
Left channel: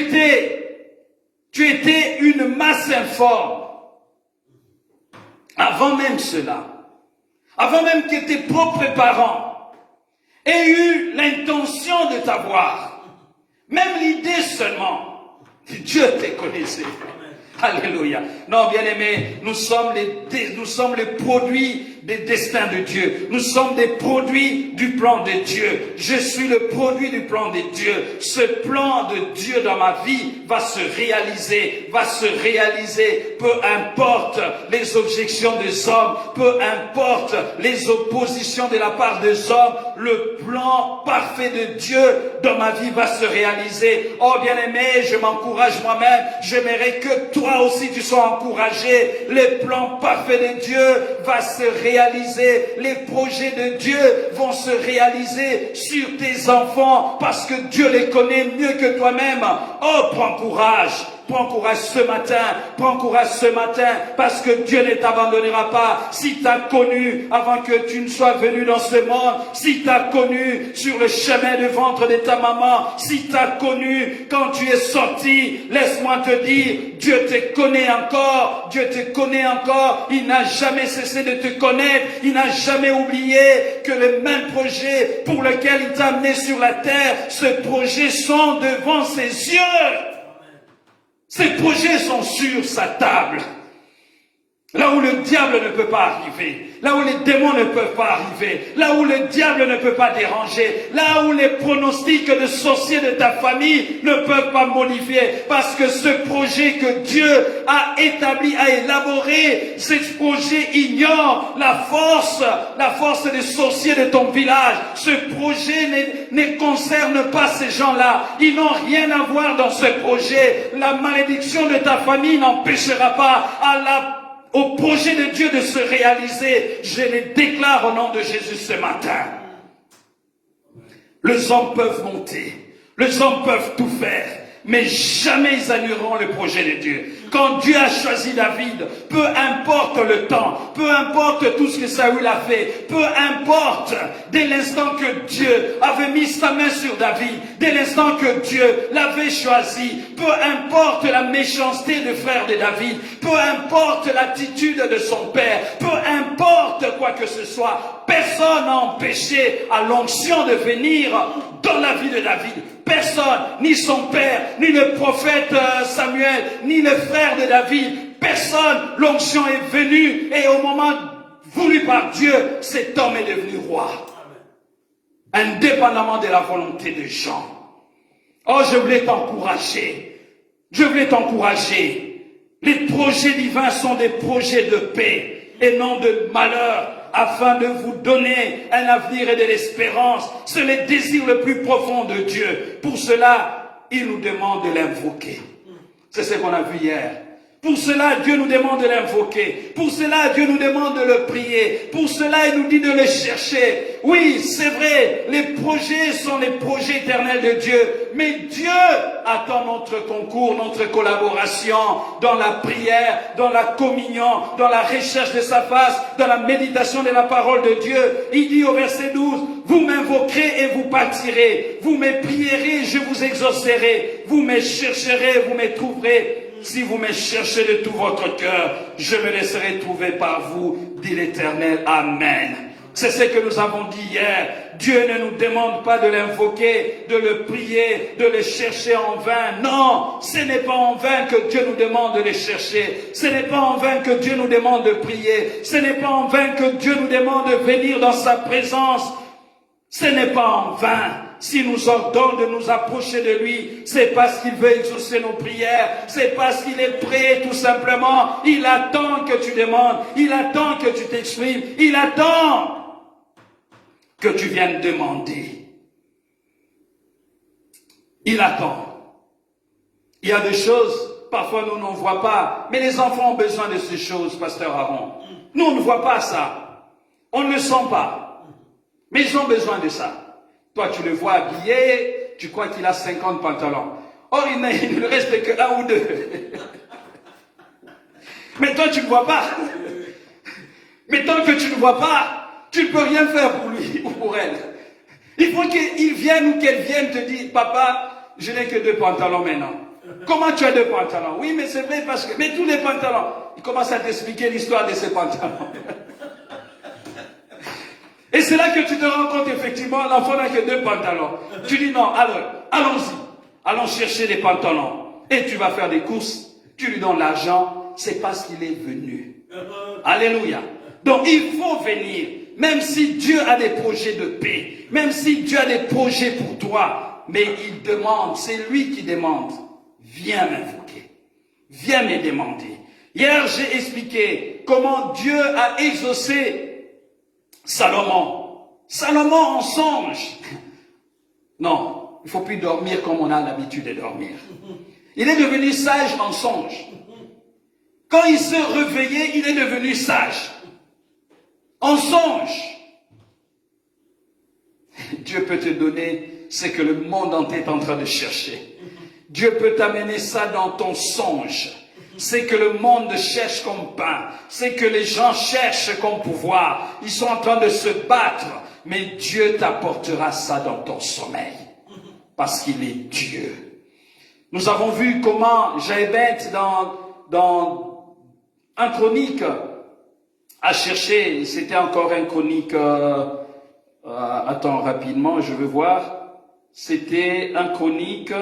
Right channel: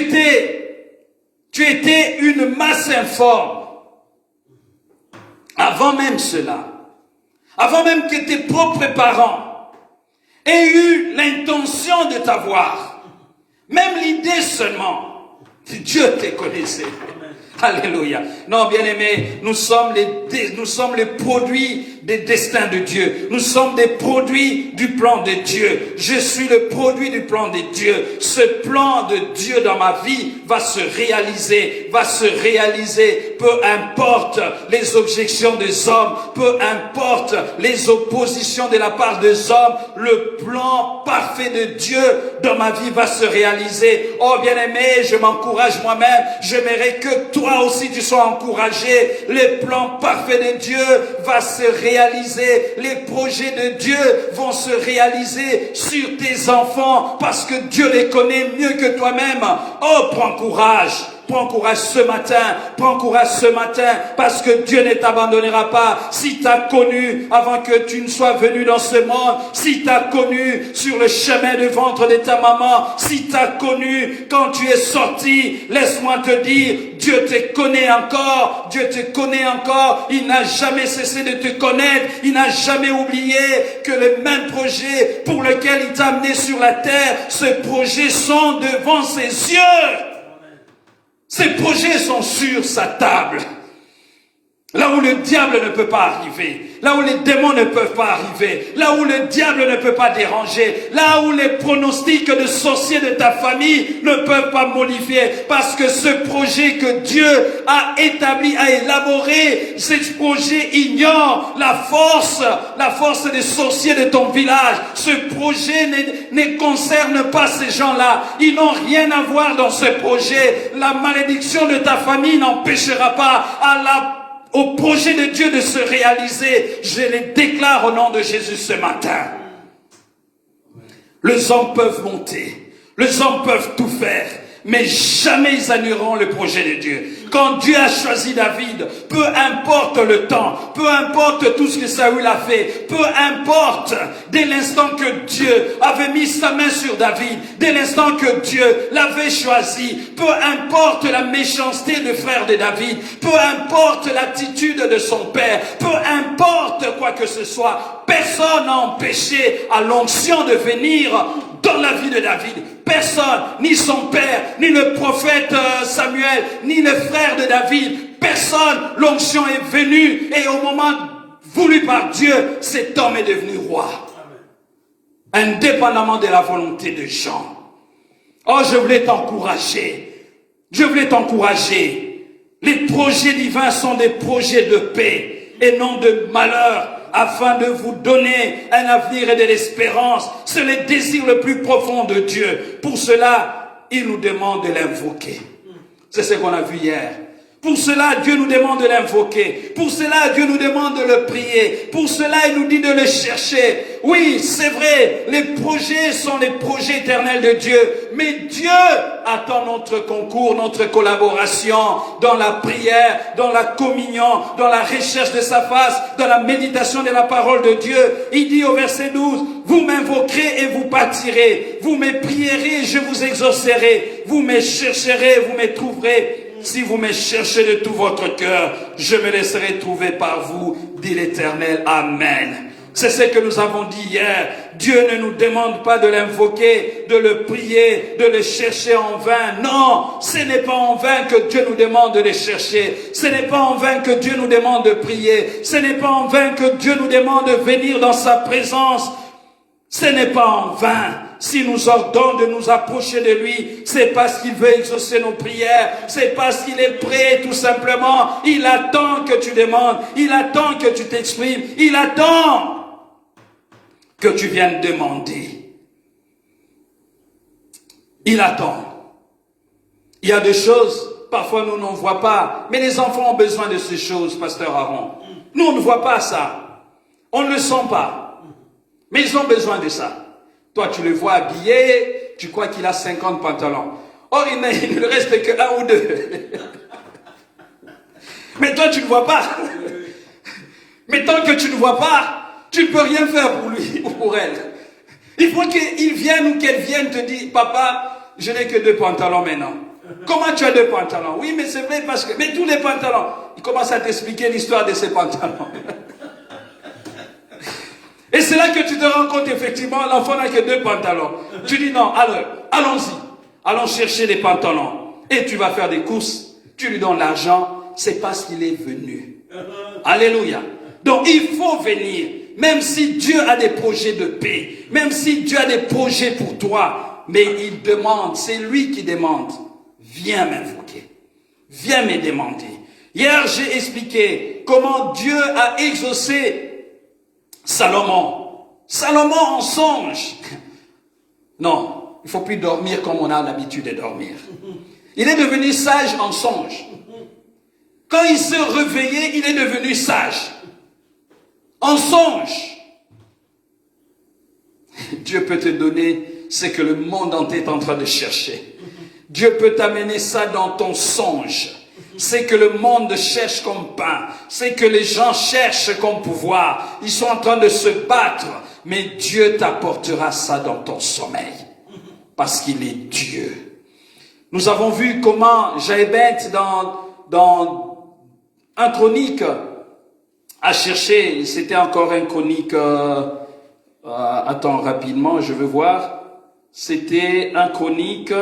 étais une masse informe. Avant même cela. Avant même que tes propres parents aient eu l'intention de t'avoir, même l'idée seulement, Dieu te connaissait. Alléluia. Non, bien-aimés, nous sommes les produits des destins de Dieu. Nous sommes des produits du plan de Dieu. Je suis le produit du plan de Dieu. Ce plan de Dieu dans ma vie va se réaliser. Peu importe les objections des hommes, peu importe les oppositions de la part des hommes, le plan parfait de Dieu dans ma vie va se réaliser. Oh, bien-aimé, je m'encourage moi-même. J'aimerais que toi aussi tu sois encouragé. Le plan parfait de Dieu va se réaliser. Les projets de Dieu vont se réaliser sur tes enfants parce que Dieu les connaît mieux que toi-même. Oh, prends courage. Prends courage ce matin, parce que Dieu ne t'abandonnera pas. Si tu as connu avant que tu ne sois venu dans ce monde, si tu as connu sur le chemin du ventre de ta maman, si tu as connu quand tu es sorti, laisse-moi te dire, Dieu te connaît encore, il n'a jamais cessé de te connaître, il n'a jamais oublié que le même projet pour lequel il t'a amené sur la terre, ce projet sont devant ses yeux. Ces projets sont sur sa table. Là où le diable ne peut pas arriver, là où les démons ne peuvent pas arriver, là où le diable ne peut pas déranger, là où les pronostics de sorciers de ta famille ne peuvent pas modifier, parce que ce projet que Dieu a établi, a élaboré, ce projet ignore la force des sorciers de ton village. Ce projet ne concerne pas ces gens-là. Ils n'ont rien à voir dans ce projet. La malédiction de ta famille n'empêchera pas au projet de Dieu de se réaliser. Je les déclare au nom de Jésus ce matin. Les hommes peuvent monter, les hommes peuvent tout faire, mais jamais ils annuleront le projet de Dieu. Quand Dieu a choisi David, peu importe le temps, peu importe tout ce que Saül a fait, peu importe, dès l'instant que Dieu avait mis sa main sur David, dès l'instant que Dieu l'avait choisi, peu importe la méchanceté de frère de David, peu importe l'attitude de son père, peu importe quoi que ce soit, personne n'a empêché à l'onction de venir dans la vie de David. Personne, ni son père, ni le prophète Samuel, ni le frère de David, personne, l'onction est venue et au moment voulu par Dieu, cet homme est devenu roi. Indépendamment de la volonté de Jean. Oh, je voulais t'encourager. Je voulais t'encourager. Les projets divins sont des projets de paix et non de malheur, afin de vous donner un avenir et de l'espérance. C'est le désir le plus profond de Dieu. Pour cela, il nous demande de l'invoquer. C'est ce qu'on a vu hier. Pour cela, Dieu nous demande de l'invoquer. Pour cela, Dieu nous demande de le prier. Pour cela, il nous dit de le chercher. Oui, c'est vrai, les projets sont les projets éternels de Dieu. Mais Dieu attend notre concours, notre collaboration dans la prière, dans la communion, dans la recherche de sa face, dans la méditation de la parole de Dieu. Il dit au verset 12, vous m'invoquerez et vous pâtirez. Vous me prierez, je vous exaucerai. Vous me chercherez, vous me trouverez. Si vous me cherchez de tout votre cœur, je me laisserai trouver par vous, dit l'Éternel. Amen. C'est ce que nous avons dit hier. Dieu ne nous demande pas de l'invoquer, de le prier, de le chercher en vain. Non, ce n'est pas en vain que Dieu nous demande de le chercher. Ce n'est pas en vain que Dieu nous demande de prier. Ce n'est pas en vain que Dieu nous demande de venir dans sa présence. Ce n'est pas en vain. S'il nous ordonne de nous approcher de lui, c'est parce qu'il veut exaucer nos prières, c'est parce qu'il est prêt tout simplement. Il attend que tu demandes, il attend que tu t'exprimes, il attend que tu viennes demander. Il attend. Il y a des choses, parfois nous n'en voyons pas, mais les enfants ont besoin de ces choses, pasteur Aaron. Nous on ne voit pas ça, on ne le sent pas, mais ils ont besoin de ça. Toi, tu le vois habillé, tu crois qu'il a 50 pantalons. Or, il ne reste que 1 ou 2. Mais toi, tu ne le vois pas. Mais tant que tu ne le vois pas, tu ne peux rien faire pour lui ou pour elle. Il faut qu'il vienne ou qu'elle vienne te dire, papa, je n'ai que 2 pantalons maintenant. Comment tu as 2 pantalons? Oui, mais c'est vrai parce que... Mais tous les pantalons, il commence à t'expliquer l'histoire de ces pantalons. Et c'est là que tu te rends compte, effectivement, l'enfant n'a que 2 pantalons. Tu dis non, alors, allons-y. Allons chercher les pantalons. Et tu vas faire des courses. Tu lui donnes l'argent. C'est parce qu'il est venu. Alléluia. Donc, il faut venir. Même si Dieu a des projets de paix. Même si Dieu a des projets pour toi. Mais il demande, c'est lui qui demande. Viens m'invoquer. Viens me demander. Hier, j'ai expliqué comment Dieu a exaucé Salomon. Salomon en songe. Non, il ne faut plus dormir comme on a l'habitude de dormir. Il est devenu sage en songe. Quand il se réveillait, il est devenu sage. En songe. Dieu peut te donner ce que le monde entier est en train de chercher. Dieu peut t'amener ça dans ton songe. C'est que le monde cherche comme pain. C'est que les gens cherchent comme pouvoir. Ils sont en train de se battre. Mais Dieu t'apportera ça dans ton sommeil. Parce qu'il est Dieu. Nous avons vu comment Jaébeth dans un chronique a cherché. C'était encore un chronique. Attends rapidement, je veux voir. C'était un chronique.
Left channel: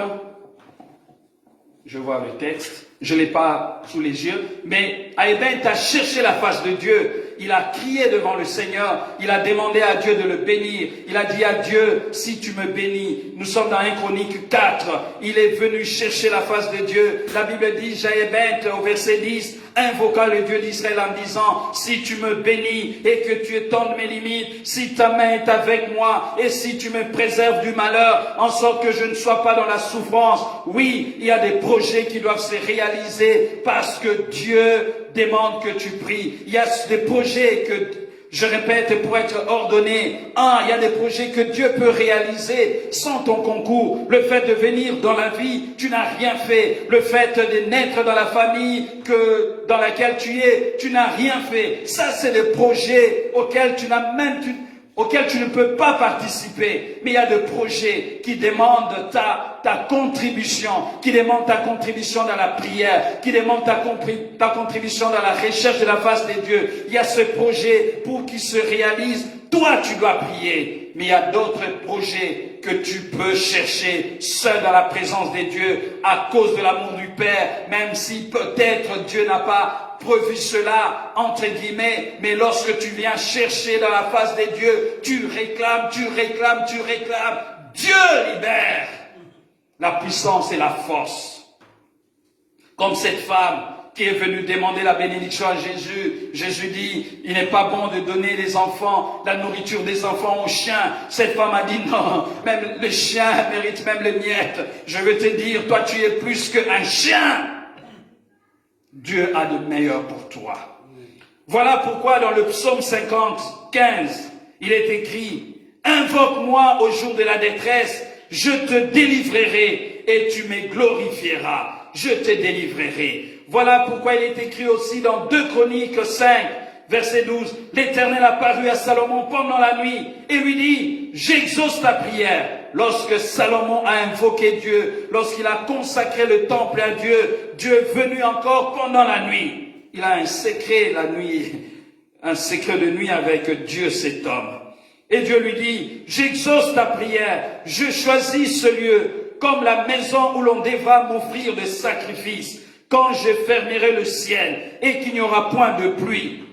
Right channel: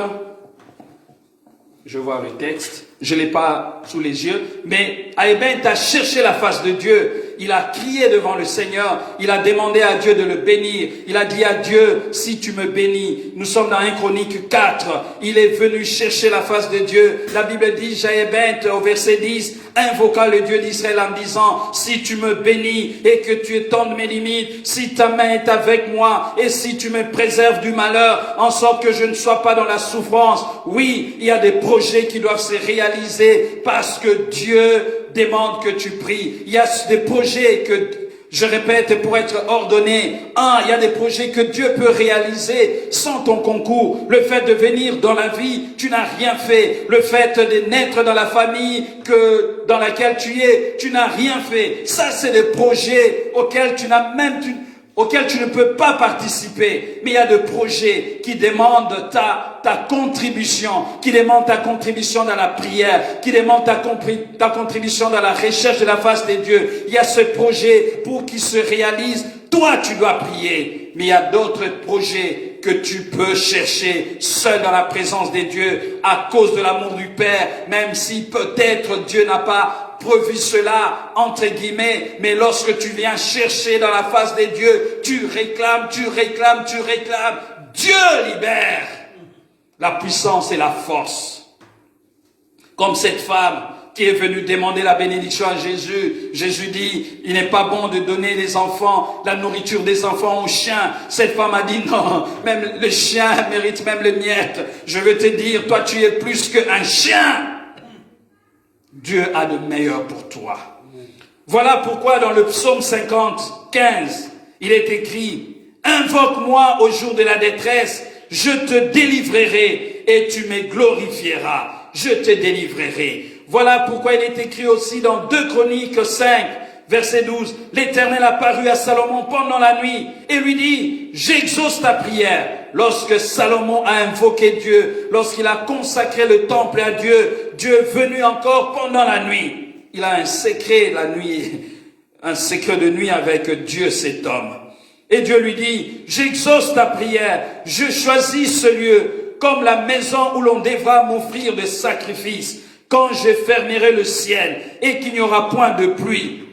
Je vois le texte, je ne l'ai pas sous les yeux, mais Jaébeth a cherché la face de Dieu. Il a crié devant le Seigneur, il a demandé à Dieu de le bénir. Il a dit à Dieu, si tu me bénis, nous sommes dans 1 Chronique 4, il est venu chercher la face de Dieu. La Bible dit, Jaébeth au verset 10, invoqua le Dieu d'Israël en disant, si tu me bénis et que tu étendes mes limites, si ta main est avec moi et si tu me préserves du malheur, en sorte que je ne sois pas dans la souffrance. Oui, il y a des projets qui doivent se réaliser parce que Dieu demande que tu pries. Il y a des projets que Je répète, pour être ordonné, il y a des projets que Dieu peut réaliser sans ton concours. Le fait de venir dans la vie, tu n'as rien fait. Le fait de naître dans la famille dans laquelle tu es, tu n'as rien fait. Ça, c'est des projets auxquels tu ne peux pas participer. Mais il y a des projets qui demandent ta contribution, qui demandent ta contribution dans la prière, qui demandent ta contribution dans la recherche de la face de Dieu. Il y a ce projet pour qu'il se réalise. Toi, tu dois prier. Mais il y a d'autres projets que tu peux chercher seul dans la présence de Dieu à cause de l'amour du Père, même si peut-être Dieu n'a pas prévu cela, entre guillemets, mais lorsque tu viens chercher dans la face de Dieu, tu réclames, Dieu libère la puissance et la force. Comme cette femme qui est venue demander la bénédiction à Jésus. Jésus dit, il n'est pas bon de donner les enfants, la nourriture des enfants aux chiens. Cette femme a dit, non, même le chien mérite même les miettes. Je veux te dire, toi tu es plus qu'un chien. Dieu a de meilleur pour toi. Voilà pourquoi dans le psaume 50, 15, il est écrit, invoque-moi au jour de la détresse, je te délivrerai et tu me glorifieras. Je te délivrerai. Voilà pourquoi il est écrit aussi dans 2 Chroniques 5, verset 12, l'Éternel apparut à Salomon pendant la nuit et lui dit, j'exauce ta prière. Lorsque Salomon a invoqué Dieu, lorsqu'il a consacré le temple à Dieu, Dieu est venu encore pendant la nuit. Il a un secret la nuit, un secret de nuit avec Dieu, cet homme. Et Dieu lui dit, j'exauce ta prière, je choisis ce lieu comme la maison où l'on devra m'offrir des sacrifices, quand je fermerai le ciel et qu'il n'y aura point de pluie.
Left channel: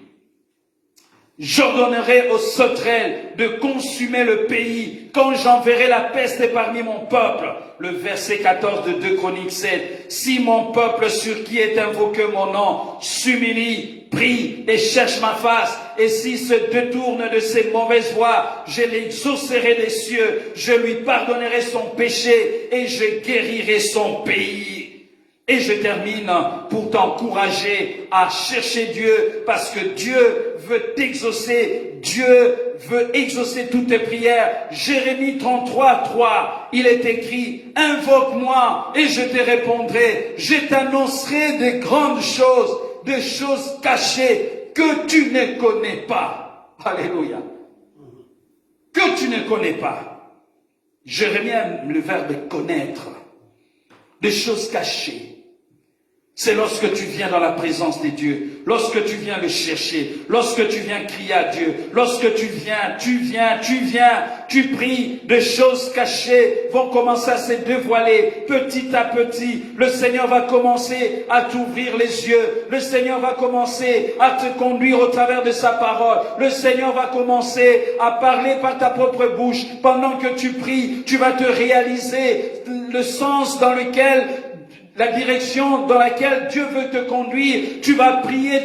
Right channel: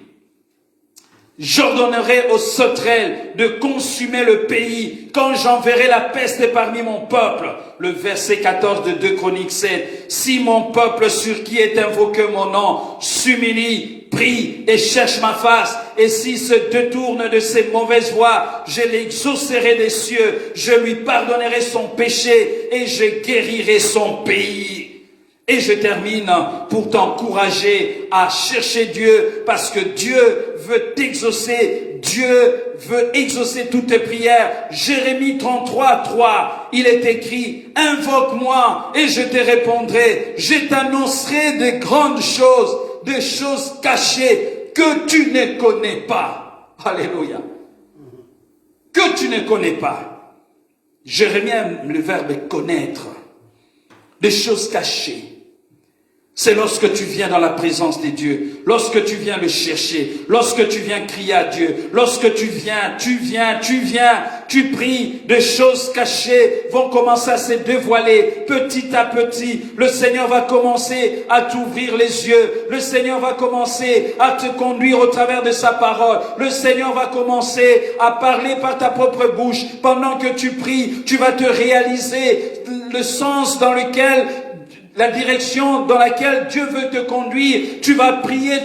J'ordonnerai aux sauterelles de consumer le pays quand j'enverrai la peste parmi mon peuple. Le verset 14 de 2 Chroniques 7. Si mon peuple sur qui est invoqué mon nom s'humilie, prie et cherche ma face, et s'il se détourne de ses mauvaises voies, je l'exaucerai des cieux, je lui pardonnerai son péché et je guérirai son pays. Et je termine pour t'encourager à chercher Dieu, parce que Dieu veut t'exaucer, Dieu veut exaucer toutes tes prières. Jérémie 33, 3, il est écrit, invoque-moi et je te répondrai, je t'annoncerai de grandes choses, des choses cachées que tu ne connais pas. Alléluia. Que tu ne connais pas. Jérémie aime le verbe connaître, des choses cachées. C'est lorsque tu viens dans la présence de Dieu, lorsque tu viens le chercher, lorsque tu viens crier à Dieu, lorsque tu pries, des choses cachées vont commencer à se dévoiler petit à petit. Le Seigneur va commencer à t'ouvrir les yeux, le Seigneur va commencer à te conduire au travers de sa parole, le Seigneur va commencer à parler par ta propre bouche. Pendant que tu pries, tu vas te réaliser le sens dans lequel, la direction dans laquelle Dieu veut te conduire. Tu vas prier,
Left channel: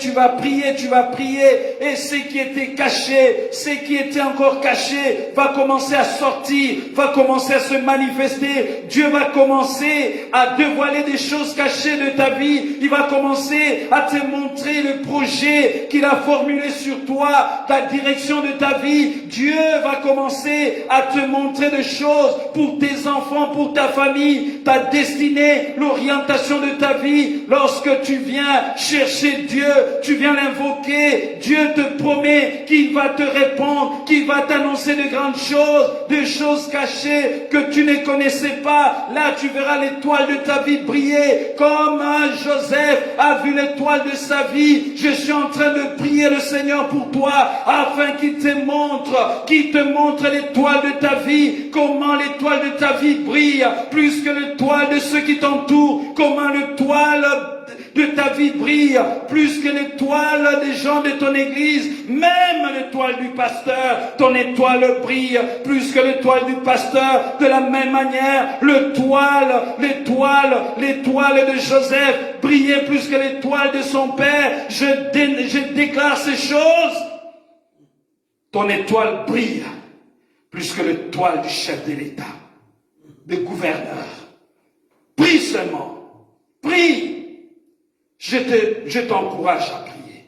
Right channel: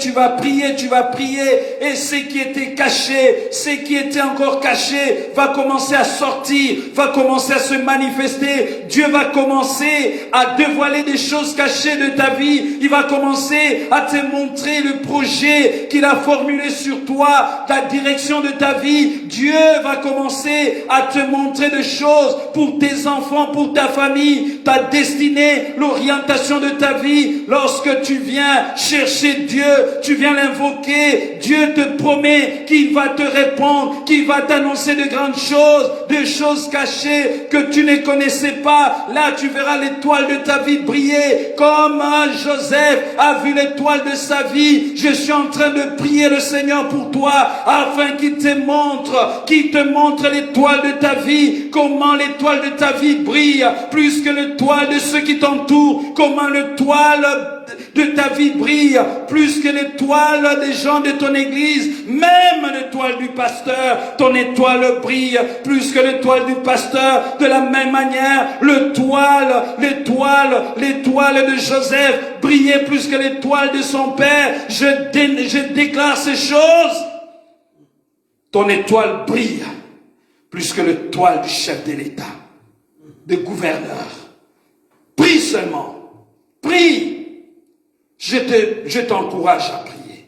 et ce qui était caché, ce qui était encore caché, va commencer à sortir, va commencer à se manifester. Dieu va commencer à dévoiler des choses cachées de ta vie. Il va commencer à te montrer le projet qu'il a formulé sur toi, la direction de ta vie. Dieu va commencer à te montrer des choses pour tes enfants, pour ta famille, ta destinée, l'orientation de ta vie. Lorsque tu viens chercher Dieu, tu viens l'invoquer, Dieu te promet qu'il va te répondre, qu'il va t'annoncer de grandes choses, des choses cachées que tu ne connaissais pas. Là, tu verras l'étoile de ta vie briller, comme Joseph a vu l'étoile de sa vie. Je suis en train de prier le Seigneur pour toi, afin qu'il te montre l'étoile de ta vie, comment l'étoile de ta vie brille, plus que l'étoile de ceux qui t'entourent. Comment l'étoile de ta vie brille, plus que l'étoile des gens de ton église. Même l'étoile du pasteur, ton étoile brille, plus que l'étoile du pasteur. De la même manière, l'étoile de Joseph brillait plus que l'étoile de son père. Je déclare ces choses. Ton étoile brille plus que l'étoile du chef de l'État, du gouverneur. Prie seulement. Prie. Je t'encourage à prier.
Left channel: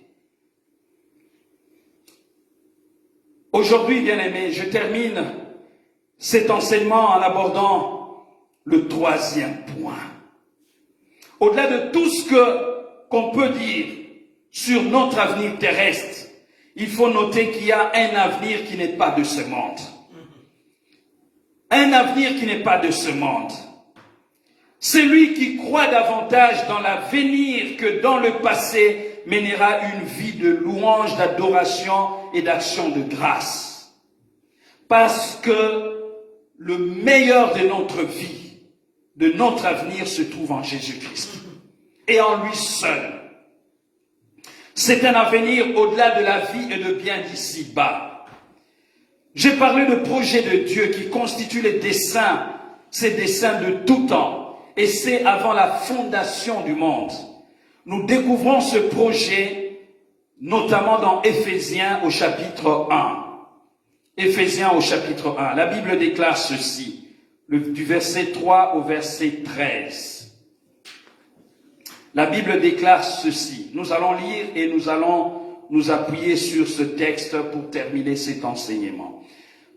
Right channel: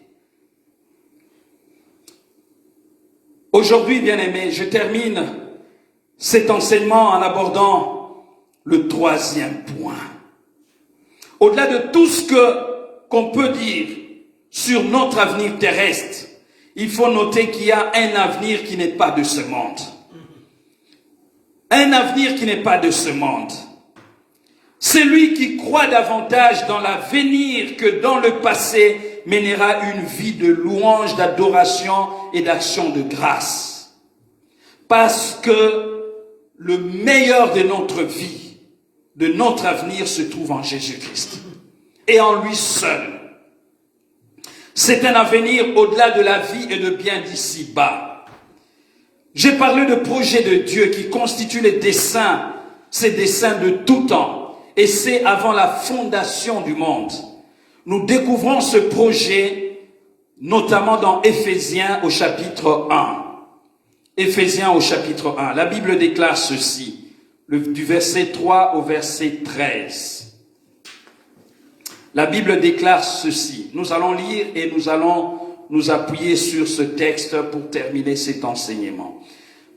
Aujourd'hui, bien-aimés, je termine cet enseignement en abordant le troisième point. Au-delà de tout ce qu'on peut dire sur notre avenir terrestre, il faut noter qu'il y a un avenir qui n'est pas de ce monde. Un avenir qui n'est pas de ce monde. Celui qui croit davantage dans l'avenir que dans le passé mènera une vie de louange, d'adoration et d'action de grâce. Parce que le meilleur de notre vie, de notre avenir se trouve en Jésus-Christ. Et en lui seul. C'est un avenir au-delà de la vie et de bien d'ici-bas. J'ai parlé de projet de Dieu qui constitue les desseins, ces desseins de tout temps. Et c'est avant la fondation du monde. Nous découvrons ce projet, notamment dans Éphésiens au chapitre 1. Éphésiens au chapitre 1. La Bible déclare ceci, du verset 3 au verset 13. La Bible déclare ceci. Nous allons lire et nous allons nous appuyer sur ce texte pour terminer cet enseignement.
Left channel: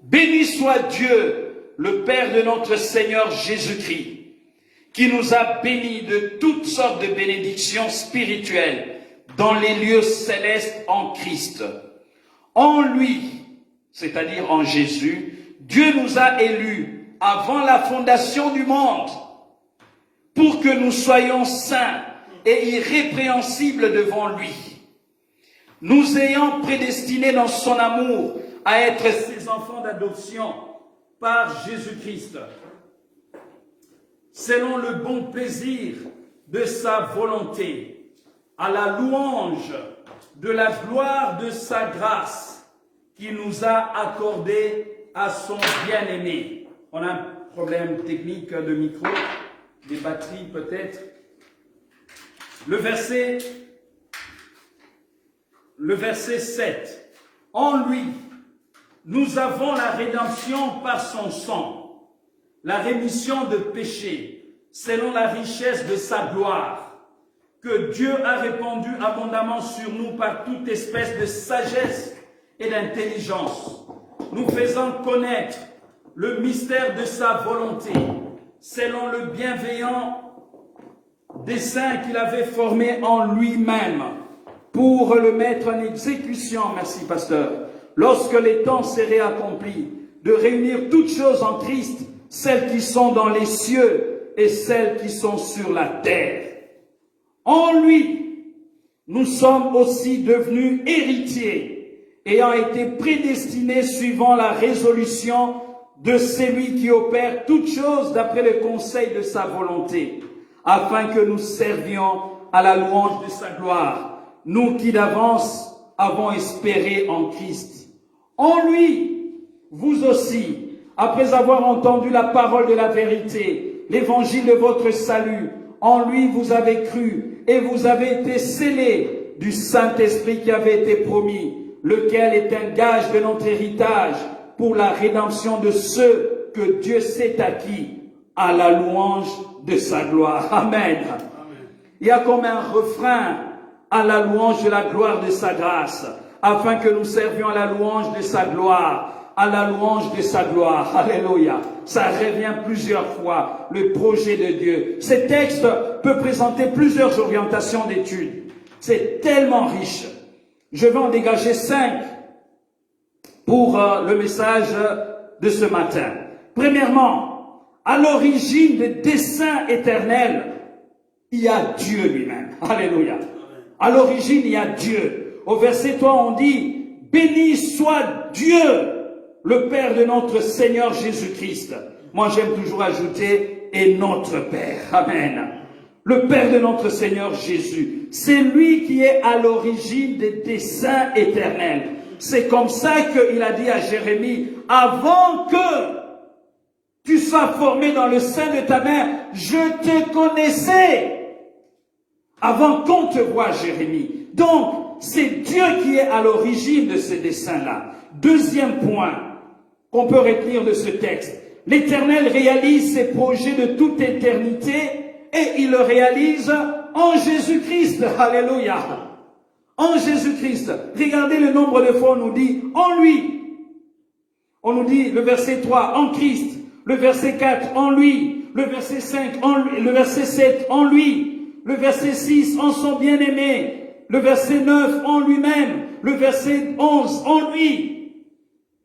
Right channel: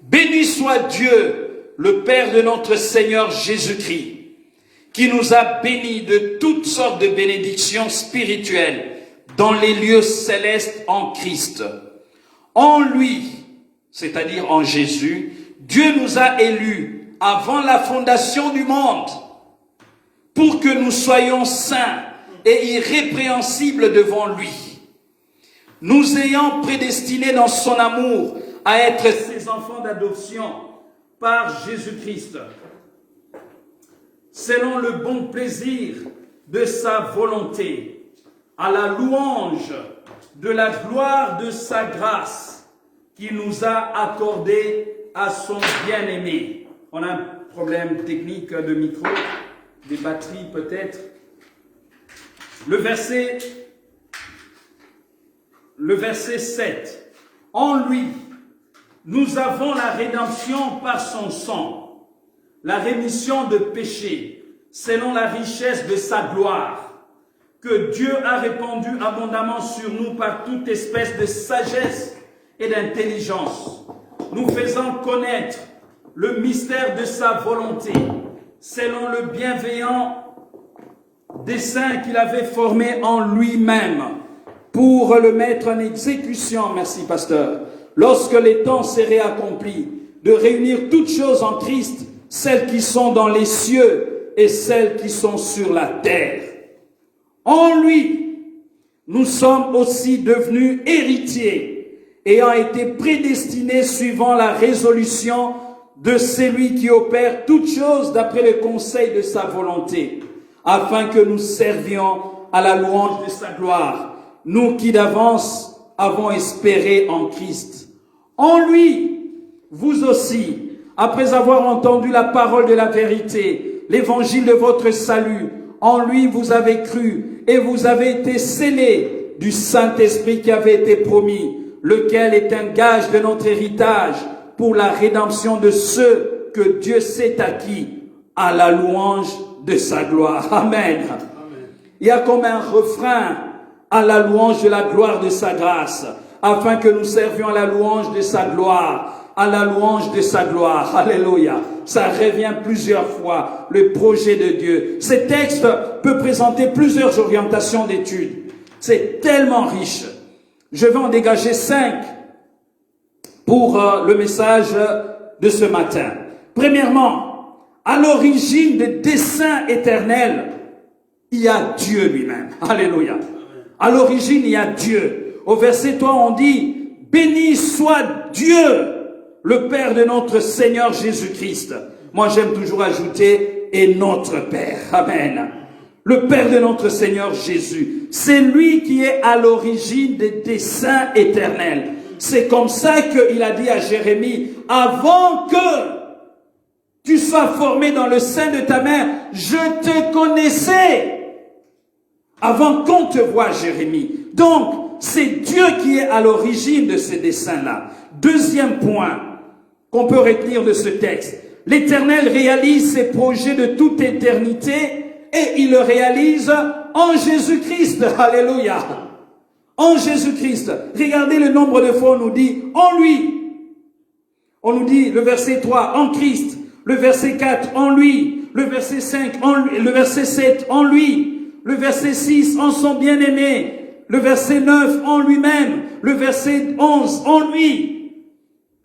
Béni soit Dieu, le Père de notre Seigneur Jésus-Christ, qui nous a bénis de toutes sortes de bénédictions spirituelles dans les lieux célestes en Christ. En lui, c'est-à-dire en Jésus, Dieu nous a élus avant la fondation du monde pour que nous soyons saints et irrépréhensibles devant lui, nous ayant prédestinés dans son amour à être ses enfants d'adoption par Jésus-Christ, selon le bon plaisir de sa volonté, à la louange de la gloire de sa grâce qu'il nous a accordée à son bien-aimé. On a un problème technique de micro, des batteries peut-être. Le verset 7. En lui, nous avons la rédemption par son sang, la rémission de péchés, selon la richesse de sa gloire, que Dieu a répandu abondamment sur nous par toute espèce de sagesse et d'intelligence, nous faisant connaître le mystère de sa volonté, selon le bienveillant dessein qu'il avait formé en lui-même, pour le mettre en exécution, merci pasteur, lorsque les temps seraient accomplis, de réunir toutes choses en Christ, celles qui sont dans les cieux et celles qui sont sur la terre. En lui, nous sommes aussi devenus héritiers, ayant été prédestinés suivant la résolution de celui qui opère toutes choses d'après le conseil de sa volonté, afin que nous servions à la louange de sa gloire, nous qui d'avance avons espéré en Christ. En lui, vous aussi, après avoir entendu la parole de la vérité, l'évangile de votre salut, en lui vous avez cru et vous avez été scellés du Saint-Esprit qui avait été promis, lequel est un gage de notre héritage pour la rédemption de ceux que Dieu s'est acquis à la louange de sa gloire. Amen. Il y a comme un refrain à la louange de la gloire de sa grâce, afin que nous servions à la louange de sa gloire, à la louange de sa gloire. Alléluia. Ça revient plusieurs fois, le projet de Dieu. Ce texte peut présenter plusieurs orientations d'études. C'est tellement riche. Je vais en dégager 5 pour le message de ce matin. Premièrement, à l'origine des desseins éternels, il y a Dieu lui-même. Alléluia. À l'origine, il y a Dieu. Au verset 3, on dit, béni soit Dieu, le Père de notre Seigneur Jésus-Christ. Moi, j'aime toujours ajouter, et notre Père. Amen. Le Père de notre Seigneur Jésus. C'est lui qui est à l'origine des desseins éternels. C'est comme ça qu'il a dit à Jérémie, avant que tu sois formé dans le sein de ta mère, je te connaissais. Avant qu'on te voie, Jérémie. Donc, c'est Dieu qui est à l'origine de ces desseins-là. Deuxième point qu'on peut retenir de ce texte. L'Éternel réalise ses projets de toute éternité et il le réalise en Jésus-Christ. Alléluia. En Jésus-Christ. Regardez le nombre de fois où on nous dit en lui. On nous dit le verset 3, en Christ. Le verset 4, en lui. Le verset 5, en lui. Le verset 7, en lui. Le verset 6, en son bien-aimé. Le verset 9, en lui-même. Le verset 11, en lui.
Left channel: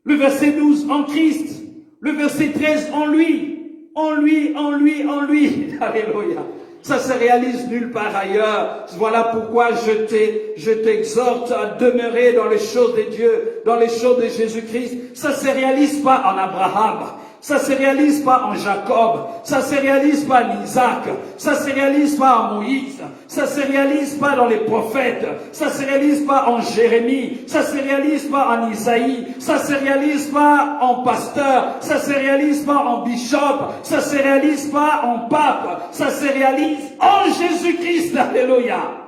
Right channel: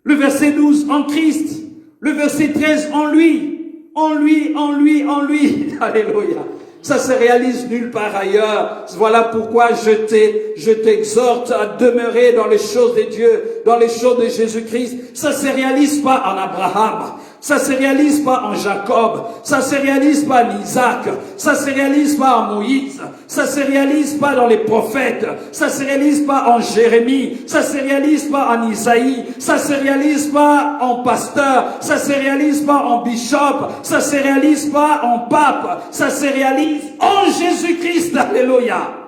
Le verset 12, en Christ. Le verset 13, en lui. En lui, en lui, en lui. Alléluia. Ça se réalise nulle part ailleurs. Voilà pourquoi je t'exhorte à demeurer dans les choses de Dieu, dans les choses de Jésus-Christ. Ça se réalise pas en Abraham. Ça se réalise pas en Jacob, ça se réalise pas en Isaac, ça se réalise pas en Moïse, ça se réalise pas dans les prophètes, ça se réalise pas en Jérémie, ça se réalise pas en Isaïe, ça se réalise pas en pasteur, ça se réalise pas en bishop, ça se réalise pas en pape, ça se réalise en Jésus-Christ, alléluia.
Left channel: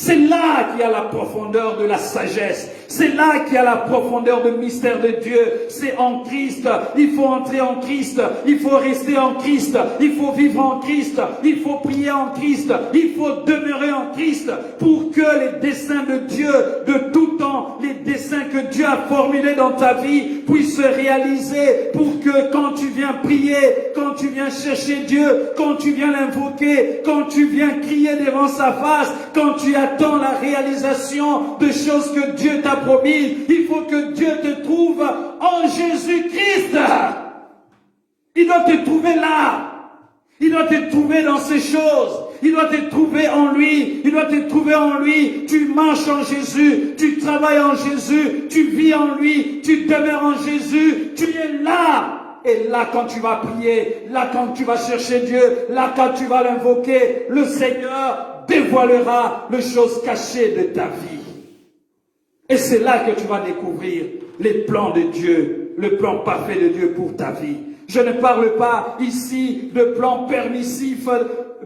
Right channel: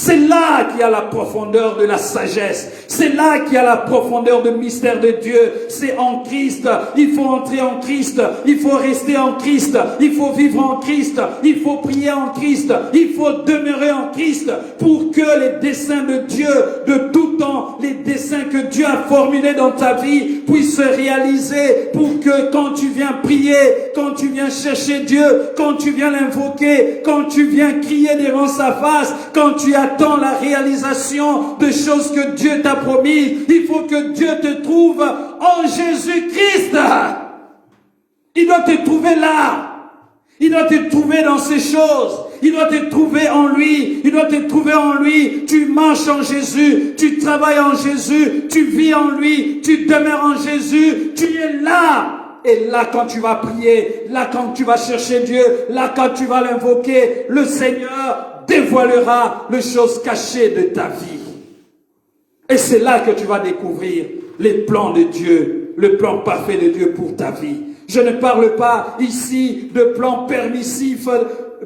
C'est là qu'il y a la profondeur de la sagesse. C'est là qu'il y a la profondeur du mystère de Dieu. C'est en Christ. Il faut entrer en Christ. Il faut rester en Christ. Il faut vivre en Christ. Il faut prier en Christ. Il faut demeurer en Christ pour que les desseins de Dieu de tout temps, les desseins que Dieu a formulés dans ta vie puissent se réaliser, pour que quand tu viens prier, quand tu viens chercher Dieu, quand tu viens l'invoquer, quand tu viens crier devant sa face, quand tu attends la réalisation de choses que Dieu t'a promises, il faut que Dieu te trouve en Jésus-Christ. Il doit te trouver là. Il doit te trouver dans ces choses. Il doit te trouver en lui. Il doit te trouver en lui. Tu marches en Jésus. Tu travailles en Jésus. Tu vis en lui. Tu demeures en Jésus. Tu es là. Et là, quand tu vas prier, là, quand tu vas chercher Dieu, là, quand tu vas l'invoquer, le Seigneur dévoilera les choses cachées de ta vie. Et c'est là que tu vas découvrir les plans de Dieu, le plan parfait de Dieu pour ta vie. Je ne parle pas ici de plans permissifs,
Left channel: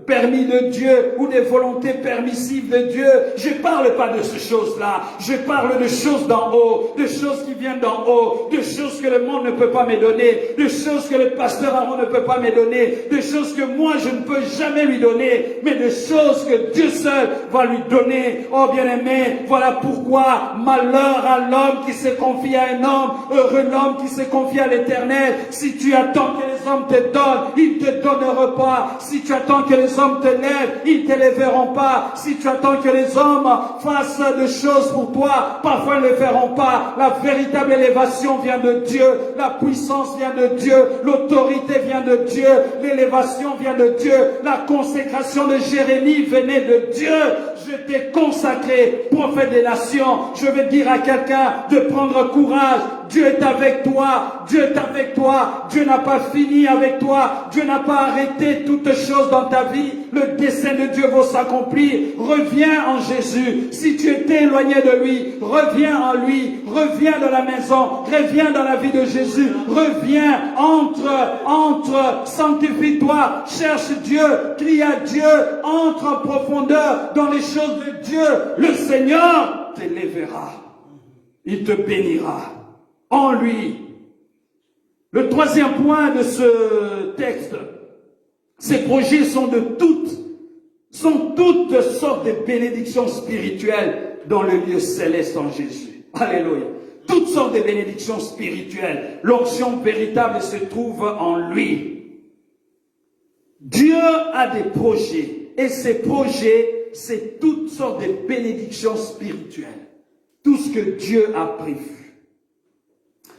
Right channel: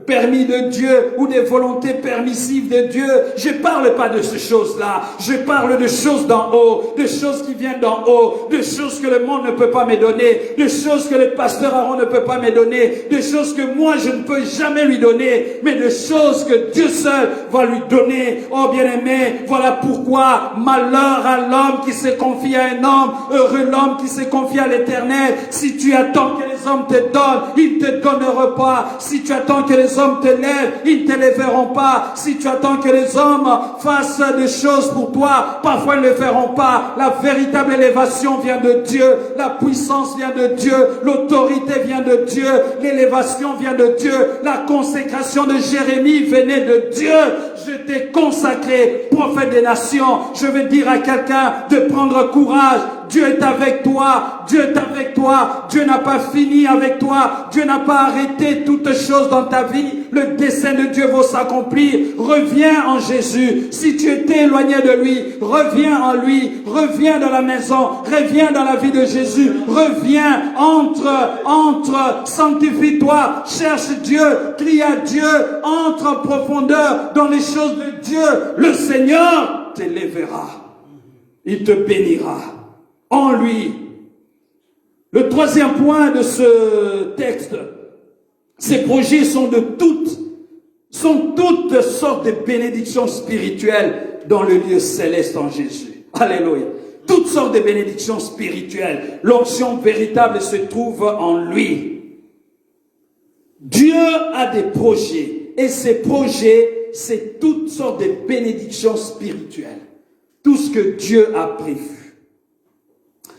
permis de Dieu, ou des volontés permissives de Dieu. Je ne parle pas de ces choses-là. Je parle de choses d'en haut, de choses qui viennent d'en haut, de choses que le monde ne peut pas me donner, de choses que le pasteur Aaron ne peut pas me donner, de choses que moi je ne peux jamais lui donner, mais de choses que Dieu seul va lui donner. Oh bien-aimé, voilà pourquoi malheur à l'homme qui se confie à un homme, heureux l'homme qui se confie à l'Éternel. Si tu attends que les hommes te donnent, ils ne te donneront pas. Si tu attends que les hommes te lèvent, ils ne te lèveront pas. Si tu attends que les hommes fassent des choses pour toi, parfois ils ne le feront pas. La véritable élévation vient de Dieu, la puissance vient de Dieu, l'autorité vient de Dieu, l'élévation vient de Dieu, la consécration de Jérémie venait de Dieu. Je t'ai consacré, prophète des nations. Je vais dire à quelqu'un de prendre courage. Dieu est avec toi. Dieu est avec toi. Dieu n'a pas fini avec toi. Dieu n'a pas arrêté toutes choses dans ta vie. Le dessein de Dieu va s'accomplir. Reviens en Jésus. Si tu étais éloigné de lui, reviens en lui. Reviens dans la maison. Reviens dans la vie de Jésus. Reviens. Entre. Sanctifie-toi. Cherche Dieu. Crie à Dieu. Entre en profondeur dans les choses de Dieu. Le Seigneur t'élèvera. Il te bénira. En lui. Le troisième point de ce texte, ces projets sont toutes sortes de bénédictions spirituelles dans le lieu céleste en Jésus. Alléluia. Toutes sortes de bénédictions spirituelles. L'onction véritable se trouve en lui. Dieu a des projets, et ces projets, c'est toutes sortes de bénédictions spirituelles. Tout ce que Dieu a prévu.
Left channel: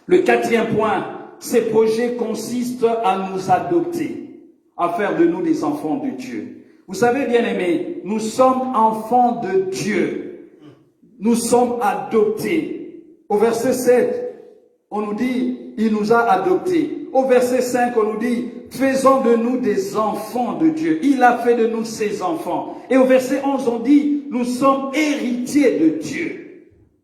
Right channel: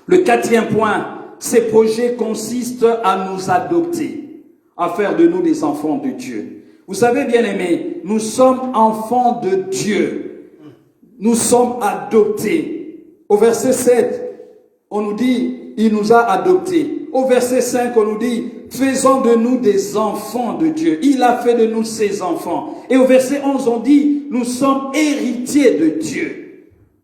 Le quatrième point, ces projets consistent à nous adopter, à faire de nous des enfants de Dieu. Vous savez, bien-aimés, nous sommes enfants de Dieu. Nous sommes adoptés. Au verset 7, on nous dit, il nous a adoptés. Au verset 5, on nous dit, faisons de nous des enfants de Dieu. Il a fait de nous ses enfants. Et au verset 11, on dit, nous sommes héritiers de Dieu.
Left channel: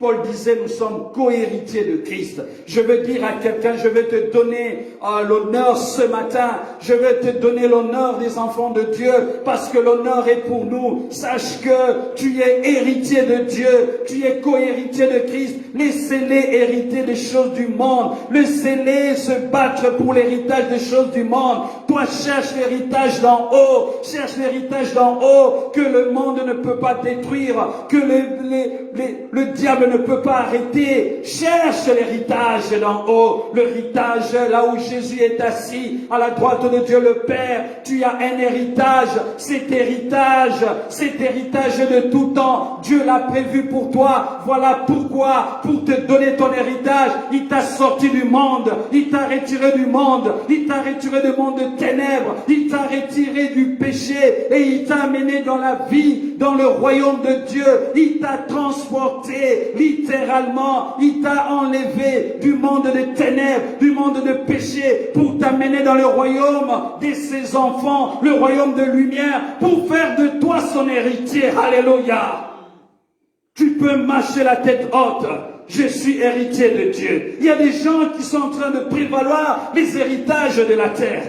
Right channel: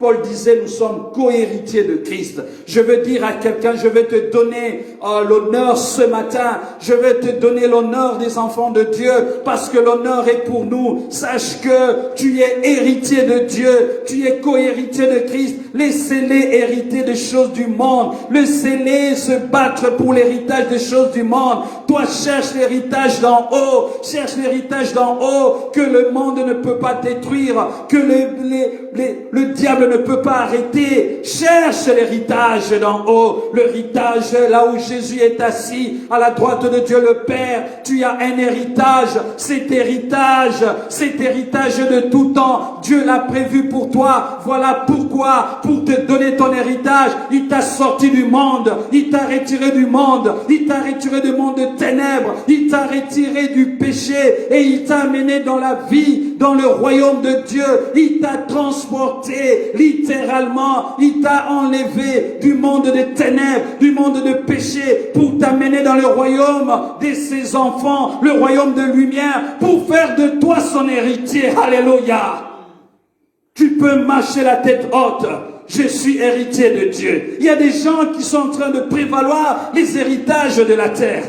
Paul disait, nous sommes co-héritiers de Christ. Je veux dire à quelqu'un, je vais te donner l'honneur ce matin. Je vais te donner l'honneur des enfants de Dieu, parce que l'honneur est pour nous. Sache que tu es héritier de Dieu. Tu es co-héritier de Christ. Laissez-les hériter des choses du monde. Laissez-les se battre pour l'héritage des choses du monde. Toi, cherche l'héritage d'en haut. Cherche l'héritage d'en haut que le monde ne peut pas détruire, que le diable ne peut pas arrêter. Cherche l'héritage d'en haut, l'héritage là où Jésus est assis à la droite de Dieu le Père. Tu as un héritage, cet héritage de tout temps, Dieu l'a prévu pour toi. Voilà pourquoi, pour te donner ton héritage, il t'a sorti du monde, il t'a retiré du monde, il t'a retiré du monde de ténèbres, il t'a retiré du péché et il t'a amené dans la vie, dans le royaume de Dieu. Il t'a transporté littéralement, il t'a enlevé du monde de ténèbres, du monde de péché pour t'amener dans le royaume de ses enfants, le royaume de lumière, pour faire de toi son héritier. Alléluia. Tu peux marcher la tête haute. Je suis héritier de Dieu. Il y a des gens qui sont en train de prévaloir les héritages de la terre.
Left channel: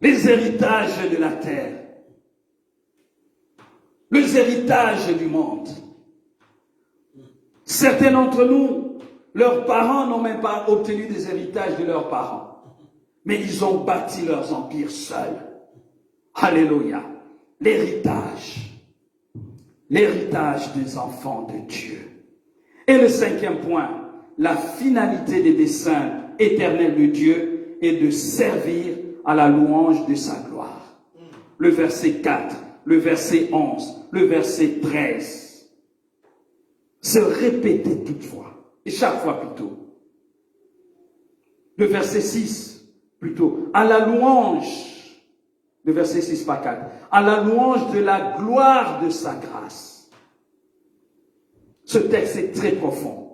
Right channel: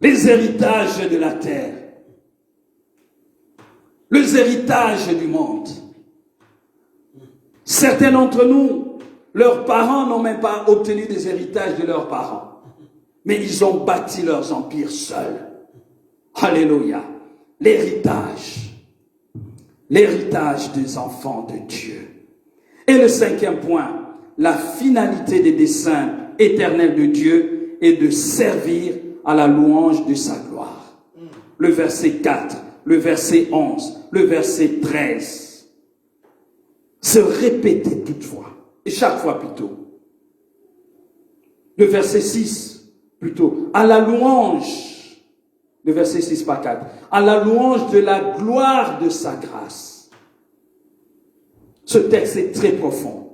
Les héritages de la terre. Les héritages du monde. Certains d'entre nous, leurs parents n'ont même pas obtenu des héritages de leurs parents. Mais ils ont bâti leurs empires seuls. Alléluia. L'héritage. L'héritage des enfants de Dieu. Et le cinquième point, la finalité des desseins éternels de Dieu est de servir à la louange de sa gloire. Le verset 4, le verset 11, le verset 13. Se répéter toutefois, et chaque fois plutôt. Le verset 6, plutôt, à la louange, le verset 6 par 4, à la louange de la gloire de sa grâce. Ce texte est très profond.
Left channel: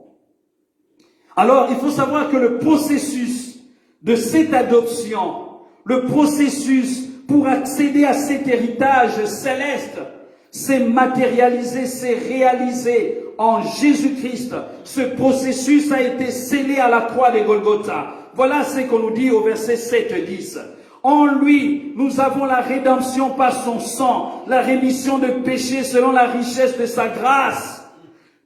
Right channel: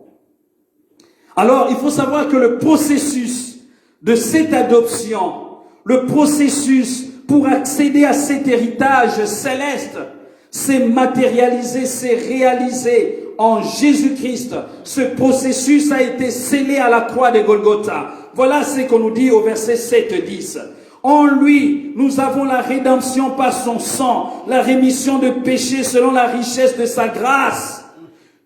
Alors, il faut savoir que le processus de cette adoption, le processus pour accéder à cet héritage céleste, s'est matérialisé, s'est réalisé en Jésus-Christ. Ce processus a été scellé à la croix de Golgotha. Voilà ce qu'on nous dit au verset 7-10. En lui, nous avons la rédemption par son sang, la rémission de péchés selon la richesse de sa grâce,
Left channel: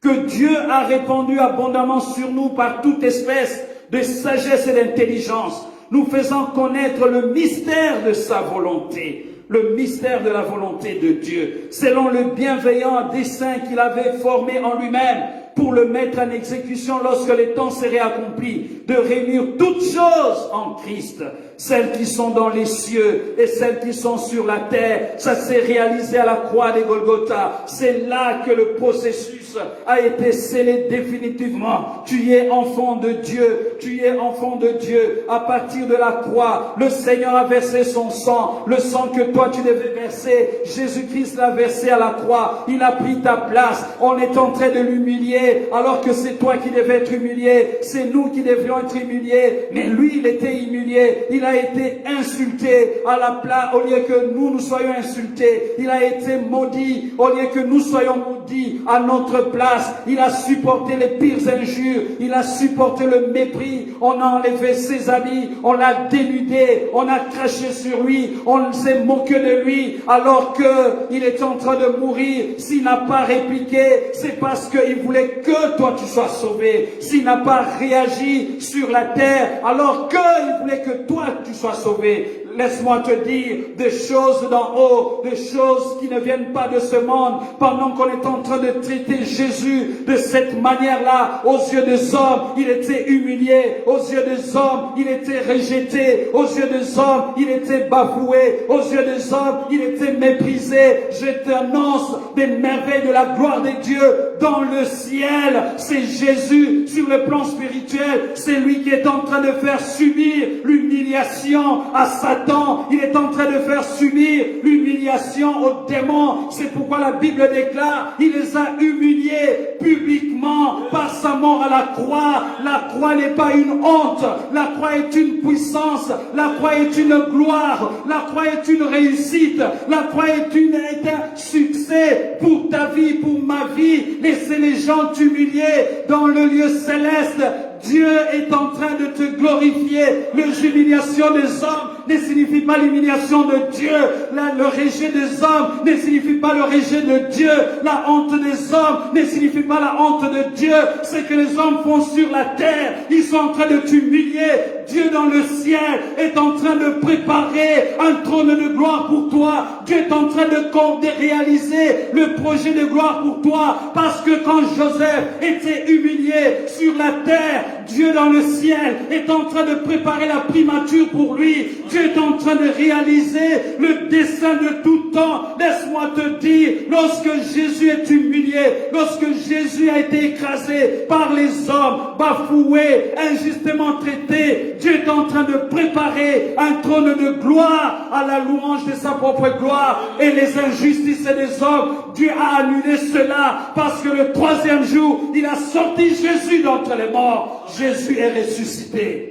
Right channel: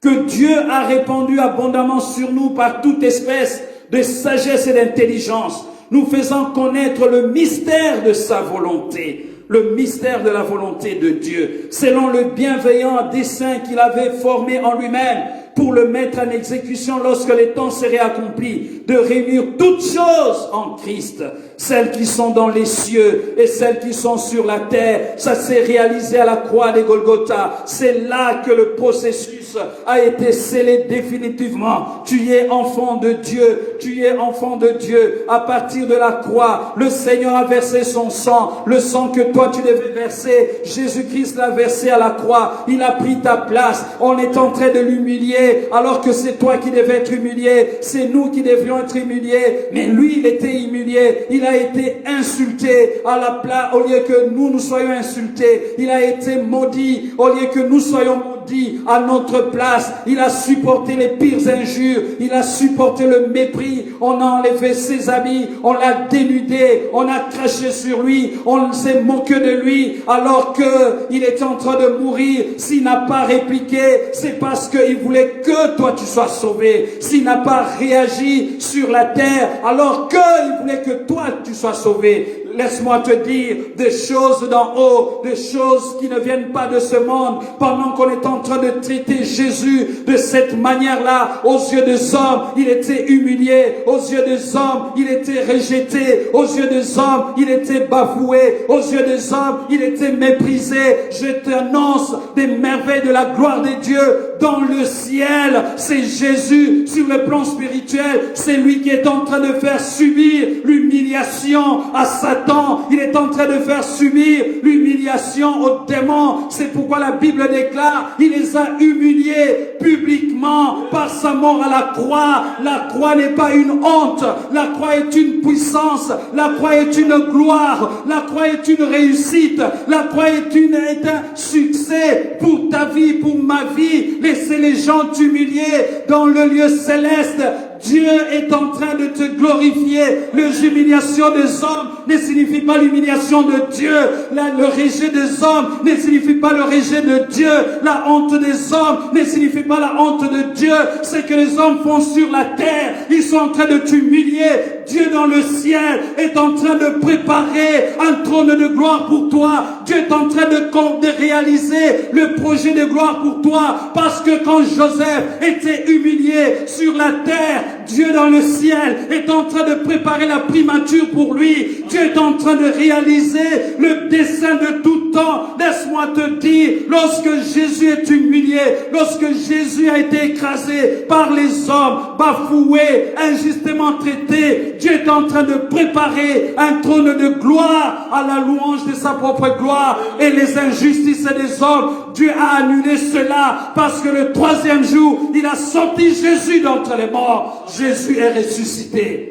que Dieu a répandue abondamment sur nous par toute espèce de sagesse et d'intelligence, nous faisant connaître le mystère de sa volonté, le mystère de la volonté de Dieu, selon le bienveillant dessein qu'il avait formé en lui-même, pour le mettre en exécution lorsque les temps seraient accomplis, de réunir toutes choses en Christ, celles qui sont dans les cieux et celles qui sont sur la terre. Ça s'est réalisé à la croix de Golgotha. C'est là que le processus a été scellé définitivement. Tu es enfant de Dieu, tu es enfant de Dieu. À partir de la croix, le Seigneur a versé son sang, le sang que toi tu devais verser. Jésus-Christ l'a versé à la croix. Il a pris ta place. On est en train de l'humilier, alors que c'est toi qui devais être humilié, c'est nous qui devions être humiliés, mais lui il était humilié, il a été insulté à la place, au lieu que nous soyons insultés, il a été maudit, au lieu que nous soyons maudits à notre place, il a supporté les pires injures, il a supporté le mépris, on a enlevé ses habits, on l'a dénudé, on a craché sur lui, on s'est moqué de lui, alors qu'il est en train de mourir. S'il n'a pas répliqué, c'est parce qu'il voulait que toi tu sois sauvé. S'il n'a pas réagi sur la terre, alors qu'il voulait que toi tu sois sauvé. Laisse-moi te dire des choses d'en haut, des choses qui ne viennent pas de ce monde, pendant qu'on est en train de traiter Jésus de cette manière-là. Aux yeux des hommes, il était humilié. Aux yeux des hommes, il était rejeté. Aux yeux des hommes, il était bafoué. Aux yeux des hommes, il était méprisé. Je t'annonce des merveilles de la gloire de Dieu dans le ciel. C'est Jésus sur le plan spirituel. C'est lui qui est en train de faire subir l'humiliation à Satan. Il est en train de faire subir l'humiliation aux démons. C'est pourquoi la Bible déclare, il les a humiliés publiquement par sa mort à la croix. La croix n'est pas une honte. La croix est une puissance. La croix est une gloire. La croix est une réussite. La croix est un succès pour ta vie, pour ma vie. Laissez les gens t'humilier dans le lieu céleste. Dieu est en train de te glorifier. L'humiliation des hommes ne signifie pas l'humiliation de Dieu. Le rejet des hommes ne signifie pas le rejet de Dieu. La honte des hommes ne signifie pas la honte de Dieu. Ce que les hommes font sur la terre, ils sont en train de t'humilier. Dieu dans le ciel est en train de préparer un trône de gloire pour toi. Dieu est en train de réaliser le projet de gloire pour toi. Parce que quand Joseph était humilié sur la terre, Dieu dans le ciel est en train de préparer la primature pour lui. Dieu est en train de réaliser le dessein de tout temps. Laisse-moi te dire, lorsque Jésus est humilié, lorsque Jésus a été écrasé par les hommes, bafoué, injustement traité, Dieu est en train de préparer un trône de gloire à la louange de sa propre gloire. Et les injustices des hommes, Dieu a annulé cela parce que le troisième jour, il a sorti Jésus d'entre les morts. Jésus est ressuscité.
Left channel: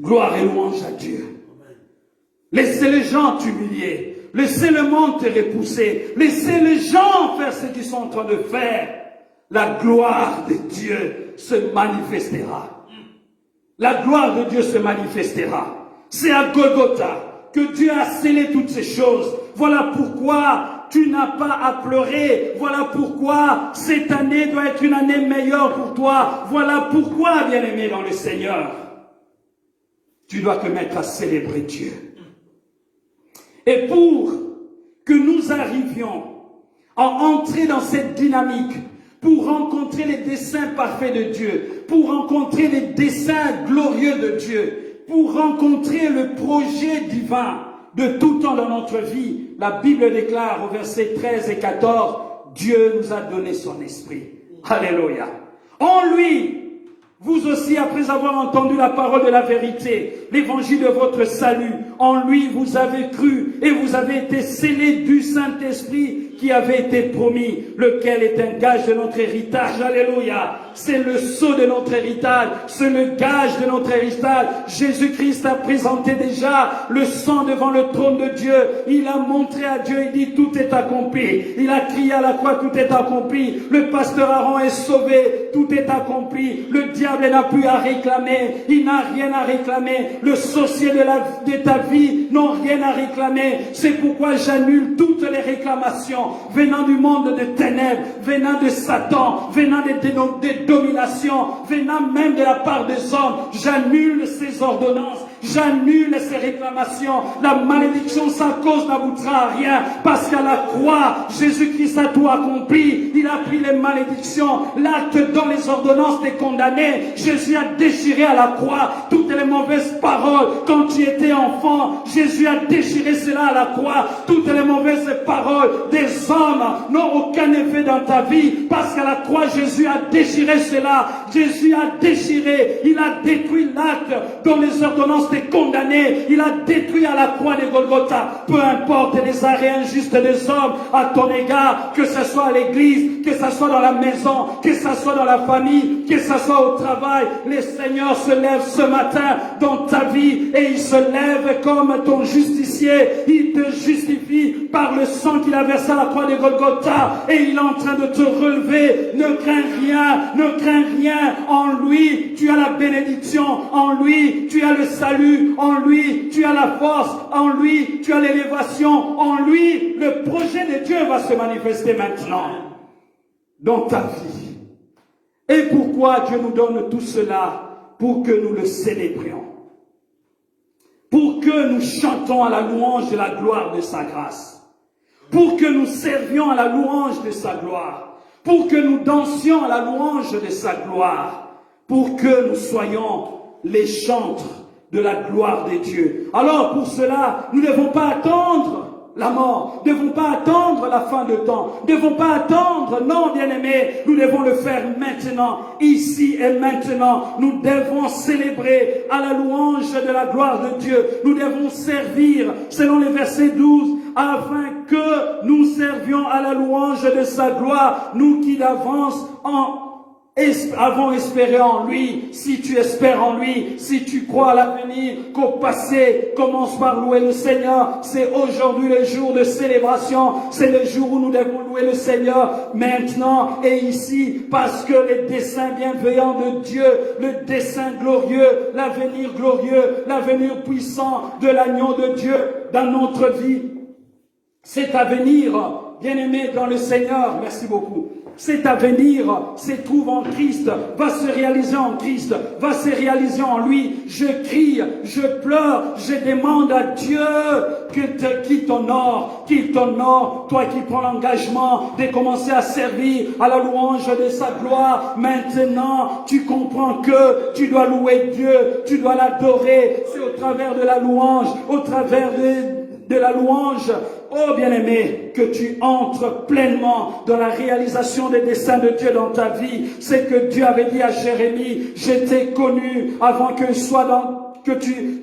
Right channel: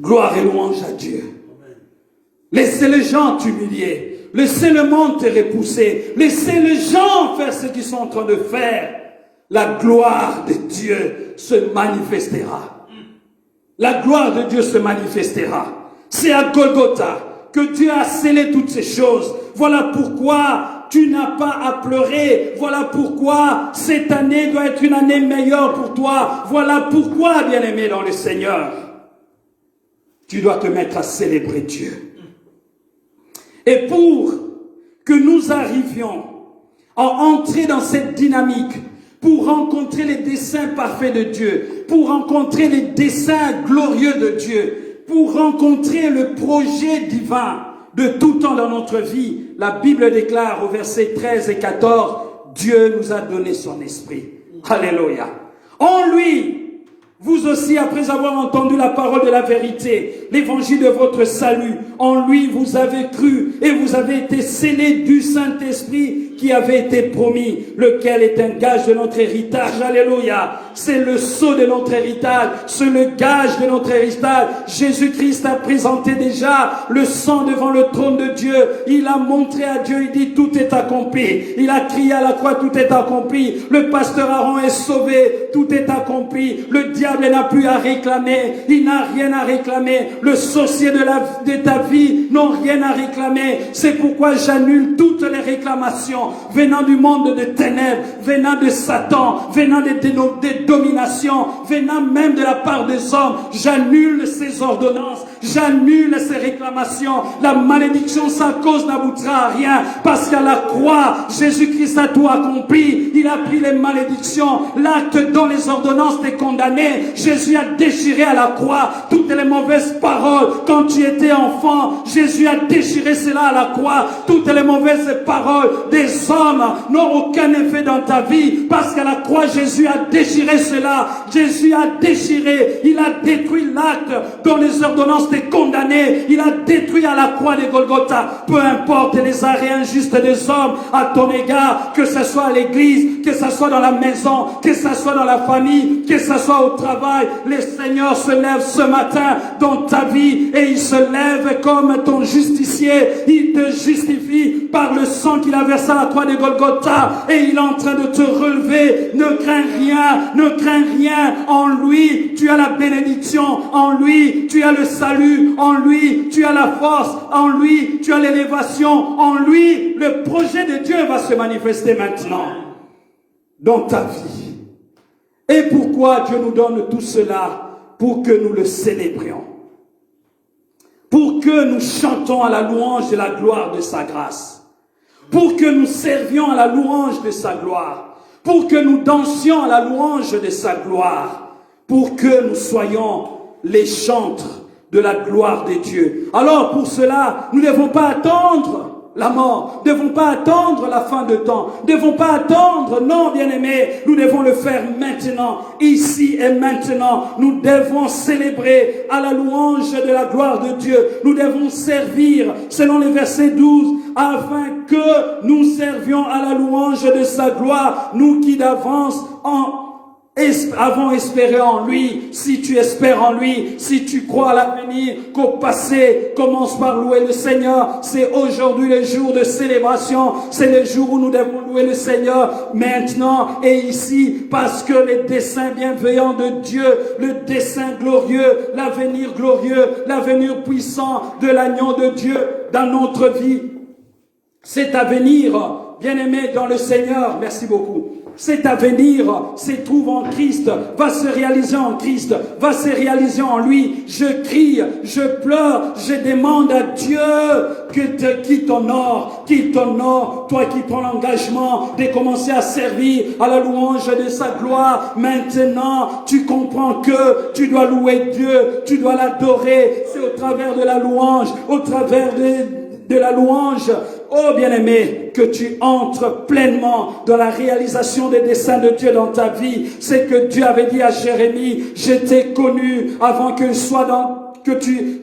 Gloire et louange à Dieu. Laissez les gens t'humilier. Laissez le monde te repousser. Laissez les gens faire ce qu'ils sont en train de faire. La gloire de Dieu se manifestera. La gloire de Dieu se manifestera. C'est à Golgotha que Dieu a scellé toutes ces choses. Voilà pourquoi tu n'as pas à pleurer. Voilà pourquoi cette année doit être une année meilleure pour toi. Voilà pourquoi, bien-aimé dans le Seigneur, tu dois te mettre à célébrer Dieu. Et pour que nous arrivions à entrer dans cette dynamique, pour rencontrer les desseins parfaits de Dieu, pour rencontrer les desseins glorieux de Dieu, pour rencontrer le projet divin de tout temps dans notre vie, la Bible déclare au verset 13 et 14, Dieu nous a donné son esprit. Alléluia. En lui, vous aussi, après avoir entendu la parole de la vérité, l'évangile de votre salut, en lui vous avez cru et vous avez été scellés du Saint-Esprit qui avait été promis, lequel est un gage de notre héritage. Alléluia. C'est le sceau de notre héritage, c'est le gage de notre héritage. Jésus-Christ a présenté déjà le sang devant le trône de Dieu. Il a montré à Dieu, il dit tout est accompli. Il a crié à la croix, tout est accompli. Le pasteur Aaron est sauvé, tout est accompli. Le diable n'a plus à réclamer, il n'a rien à réclamer. Le sorcier de ta vie n'a rien à réclamer. C'est pourquoi j'annule toutes les réclamations venant du monde de ténèbres, venant de Satan, venant des dominations, venant même de la part des hommes. J'annule ces ordonnances, j'annule ces réclamations. La malédiction sans cause n'aboutira à rien, parce qu'à la croix, Jésus-Christ a tout accompli. Il a pris les malédictions, l'acte dont les ordonnances t'es condamné. Jésus a déchiré à la croix toutes les mauvaises paroles. Quand tu étais enfant, Jésus a déchiré cela à la croix. Toutes les mauvaises paroles des hommes n'ont aucun effet dans ta vie, parce qu'à la croix, Jésus a déchiré cela. Jésus a déchiré, il a détruit l'acte dont les ordonnances t'es condamné. Il a détruit à la croix de Golgotha. Peu importe les arrêts injustes des hommes à ton égard, que ce soit à l'église, que ce soit dans la maison, que ce soit dans la famille, que ce soit au travail, le Seigneur se lève ce matin dans ta vie et il se lève comme ton justicier. Il te justifie par le sang qu'il a versé à la croix de Golgotha et il est en train de te relever. Ne crains rien, ne crains rien. En lui, tu as la bénédiction. En lui, tu as le salut. En lui, tu as la force. En lui, tu as l'élévation. En lui, le projet de Dieu va se manifester maintenant dans ta vie. Et pourquoi Dieu nous donne tout cela? Pour que nous le célébrions. Pour que nous chantons à la louange et la gloire de sa grâce. Pour que nous servions à la louange de sa gloire. Pour que nous dansions à la louange de sa gloire. Pour que nous soyons les chantres de la gloire de Dieu. Alors pour cela, nous ne devons pas attendre la mort, ne devons pas attendre la fin de temps, ne devons pas attendre, non bien-aimés, nous devons le faire maintenant, ici et maintenant. Nous devons célébrer à la louange de la gloire de Dieu. Nous devons servir, selon les versets 12, afin que nous servions à la louange de sa gloire, nous qui d'avance avons espéré en lui, si tu espères en lui, si tu crois à l'avenir, qu'au passé, commence par louer le Seigneur. C'est aujourd'hui le jour de célébration, c'est le jour où nous devons louer le Seigneur, maintenant et ici, parce que les desseins bienveillants de Dieu, le dessein glorieux, l'avenir puissant de l'agneau de Dieu dans notre vie, cet avenir, bien-aimé dans le Seigneur, merci beaucoup. Cet avenir se trouve en Christ, va se réaliser en Christ, va se réaliser en lui. Je crie, je pleure, je demande à Dieu qui t'honore, toi qui prends l'engagement de commencer à servir à la louange de sa gloire. Maintenant, tu comprends que tu dois louer Dieu, tu dois l'adorer. C'est au travers de la louange, au travers de la louange, oh bien-aimé, que tu entres pleinement dans la réalisation des desseins de Dieu dans ta vie. C'est que Dieu avait dit à Jérémie, je t'ai connu avant que